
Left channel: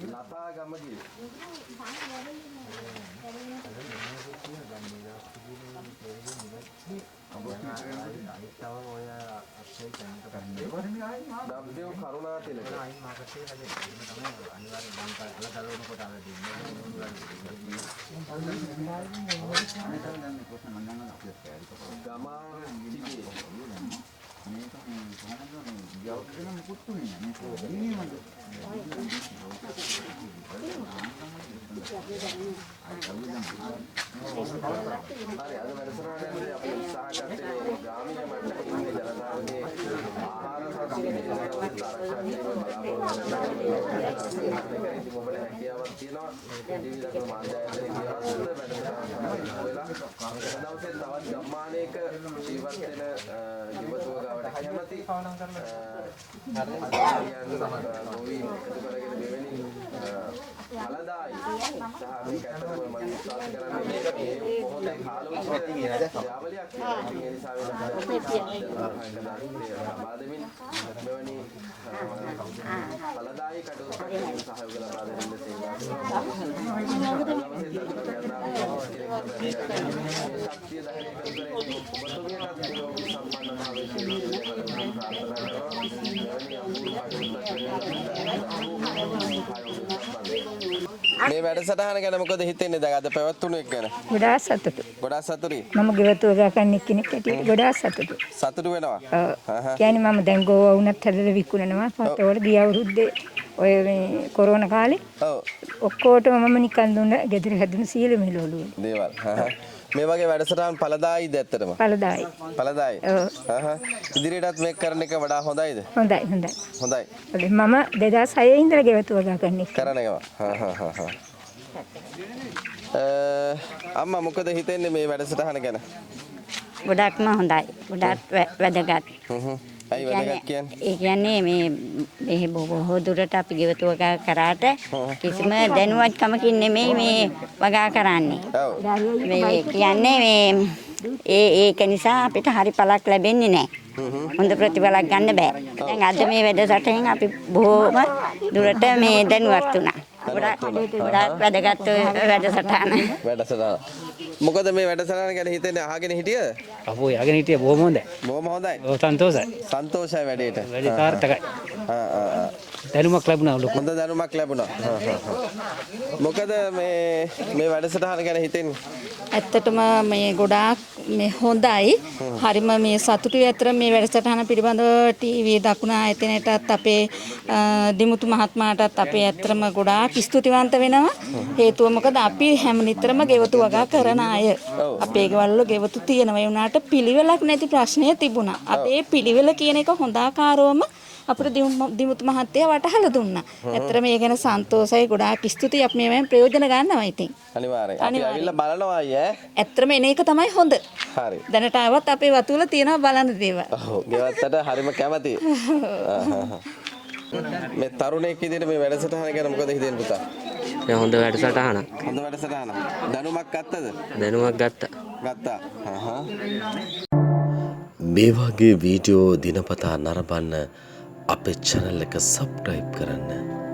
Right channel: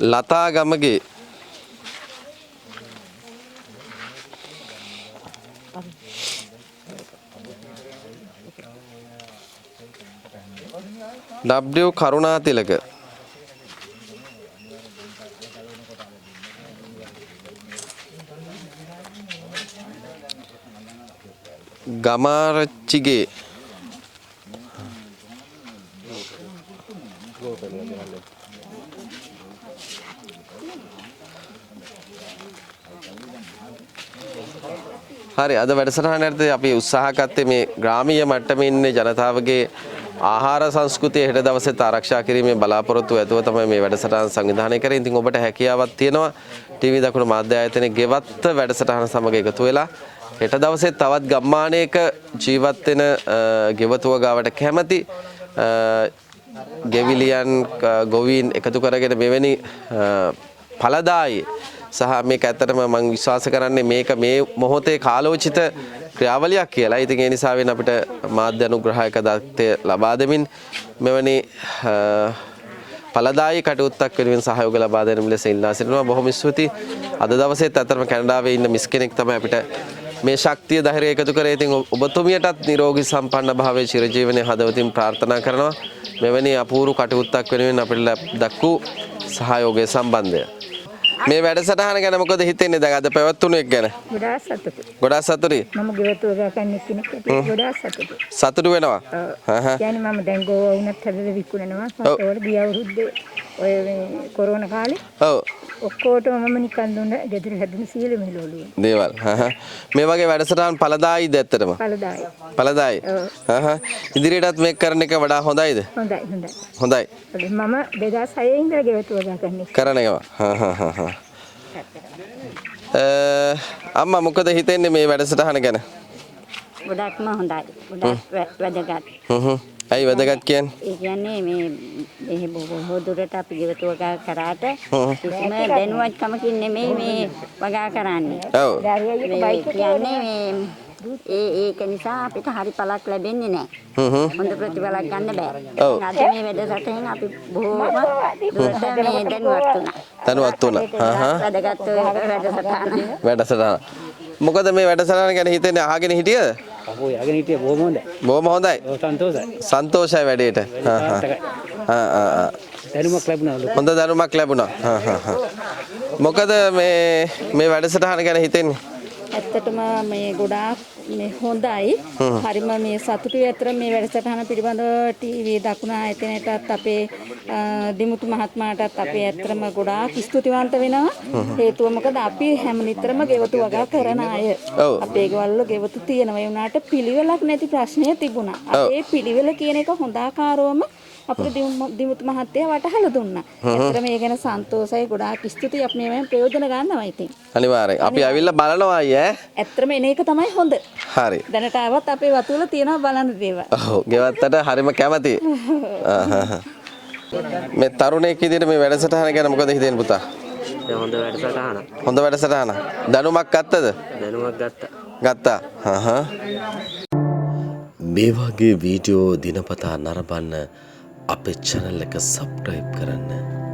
ලතා ගමගේ W කරුණාතිලක ගමාරච්චිගේ හරි අද වැඩසටහන යටතේ අපි උත්සාහ ගත්තේ මේ ග්‍රාමීය මට්ටමේ ඉන්න ජනතාවගේ ආහාර සංස්කෘතිය හෙට දවසේත් ආරක්ෂා කිරීමේ බලාපොරොත්තු ඇතුව තමයි මේ වැඩසටහන සංවිධානය කරේ. ඉතින් ඔබට හැකියාවක් තියෙනවා ටීවී දකුණු මාධ්‍ය ආයතනයේ ගෙවත්ත වැඩසටහන සමග එකතු වෙලා හෙට දවසේ තවත් ගම්මානයක ජීවත් වෙන ගෙවතුව ගාවට කැමති ගෙවිලියන් ගොවීන් එකතු කරගෙන මෙවැනි ඵලදායි සහ මේක ඇත්තටම මම විශ්වාස කරන්නේ මේක මේ මොහොතේ කාලෝචිත ක්‍රියාවලියක් කියලා. ඉතින් ඒ නිසා වෙන අපිට මාධ්‍ය අනුග්‍රහයක දත්තය ලබා දෙමින් මෙවැනි ඵලදායි කටයුත්තක් වෙනුවෙන් සහයෝග ලබා දෙන ලෙස ඉල්ලා සිටිනවා. බොහොම ස්තුතියි. අද දවසේත් අතරම කැනඩාවේ ඉන්න මිස් කෙනෙක් තමයි අපිට මේ ශක්තිය ධෛර්යය එකතු කරේ. ඉතින් ඔබතුමියටත් නිරෝගී සම්පන්න භාවයේ චිරජීවනයේ හදවතින් ප්‍රාර්ථනා කරනවා. මෙවැනි අපූර්ව කටයුත්තක් වෙනුවෙන් අපිට දක්වූ සහයෝගය සම්බන්ධය. මේ වැඩසටහන ගැන මොකද හිතෙන්නේ දැන් අද පැවැත්වුණු එක ගැන? ගොඩාක් සතුටුයි. ගොඩාක් සතුටුයි. මම ගෙවතුව ගන්න කෙනෙක් ඇටියෙ ගොඩාක් සතුටුයි. සතුටු වෙනවා. කියන්නේ මම දැන් ගෝවා වුණත් හැදලා විකුණනවා. මට ඔය ගිය අවුරුද්දේ ඔය මේ කොරෝනා කාලේ. ඔව්. ඔක්කොටම මම නිකන් දුන්න ගෙදර හැදුණු සීල මෙලවලු. දේවල්. මේ වගේ වැඩසටහන් ඵලදායිද ඇත්තටම? පළදායි. ඵලදායි. ඉදිරියටත් මේක කරන එක වඩා හොඳයිද? හොඳයි හොඳයි. හොඳයි. මම 2006 ඉඳලා ගෙවතු වගා කරන්නේ. කරන ඒවා. අම්මා මොකද හිතෙන්නේ මේ වැඩසටහන ගැන? ගොඩක්ම හොඳයි. ගොඩක් වැදගත්. ඇයි වැදගත් කියන්නේ? ඒ කියන්නේ මේ බොහෝ දුරට අපි ගෙවතු වගා කරාට කිසිම දැනුවත්කමකින් නෙමෙයි මේ වගා කරන්නේ. ඔව්. මේ කියන්නේ මේ ඒක නිසා අපිට හරි පළක් ලැබෙන්නේ නැහැ. හොඳ ප්‍රතිඵලයක් ගන්න බෑ. දැන් අද මේ වැඩසටහෙන් අපි බොහෝම දුරට මේ දැනුවත් වුණා. දැනුවත් වුණා. වැදගත් වැඩසටහන. මොකද මේ වැඩසටහන ගැන හිතෙන්නේ අහගෙන හිටියද? අපෝ යගෙන හිටියේ බොහොම හොඳයි. බොහොම හොඳයි. සන්තෝෂයි. සන්තෝෂයි වැඩේට. දැනුමක් ලැබුණා. හොඳ දැනුමක් ලැබුණා. මොකද මේ වැඩසටහන ගැන හිතෙන්නේ? ඇත්තටම මේ ගොඩාක් මේ හොඳයි. හරිම මේ සතුටුයි අතර මේ වැඩසටහන පිළිබඳව ටීවී දකුණ ආයතනයටත් අපේ දිමුතු මහත්මයාටත් අපේ ඇත්තටම ගොඩාක් ස්තුතිවන්ත වෙනවා. හේතුව මොකද අපි හැම නිතරම ගෙවතු වගා කරන අය. අපේ ගෙවල් වල ගෙවතු තියෙනවා. ඒ වුණාට පිළිවෙලක් නැති ප්‍රශ්නය තිබුණා. අපේ පිළිවෙල කියන එක හොඳ ආකාරවම අපිට දිමුතු මහත්තයා වටහලා දුන්නා. ඇත්තටම මේ ගැන සන්තෝෂයි ගොඩාක් ස්තුතියි. අපි මේවෙන් ප්‍රයෝජන ගන්නවා ඉතින්. අනිවාර්යෙන්. අපි ඇවිල්ලා බලනවා අයියේ. ඇත්තටම එන එක තමයි හොඳ. හරි. දැනට ආවත් අපේ වතුවල තියෙනවා බලන්න දේවල්. ඔව් ගෙවත්තට හරිම කැමතියි. මේ තරුණයෙක් විදිහට මේ වැඩසටහන ගැන මොකද හිතෙන්නේ පුතා? හොඳ වැඩසටහන. හොඳ වැඩසටහන. දැනුමක් ගත්තද? දැනුමක් ගත්තා. ගත්තා. මේ වගේ වීඩියෝ දිනපතා නරඹන්න අපේ channel එක subscribe කරන්න.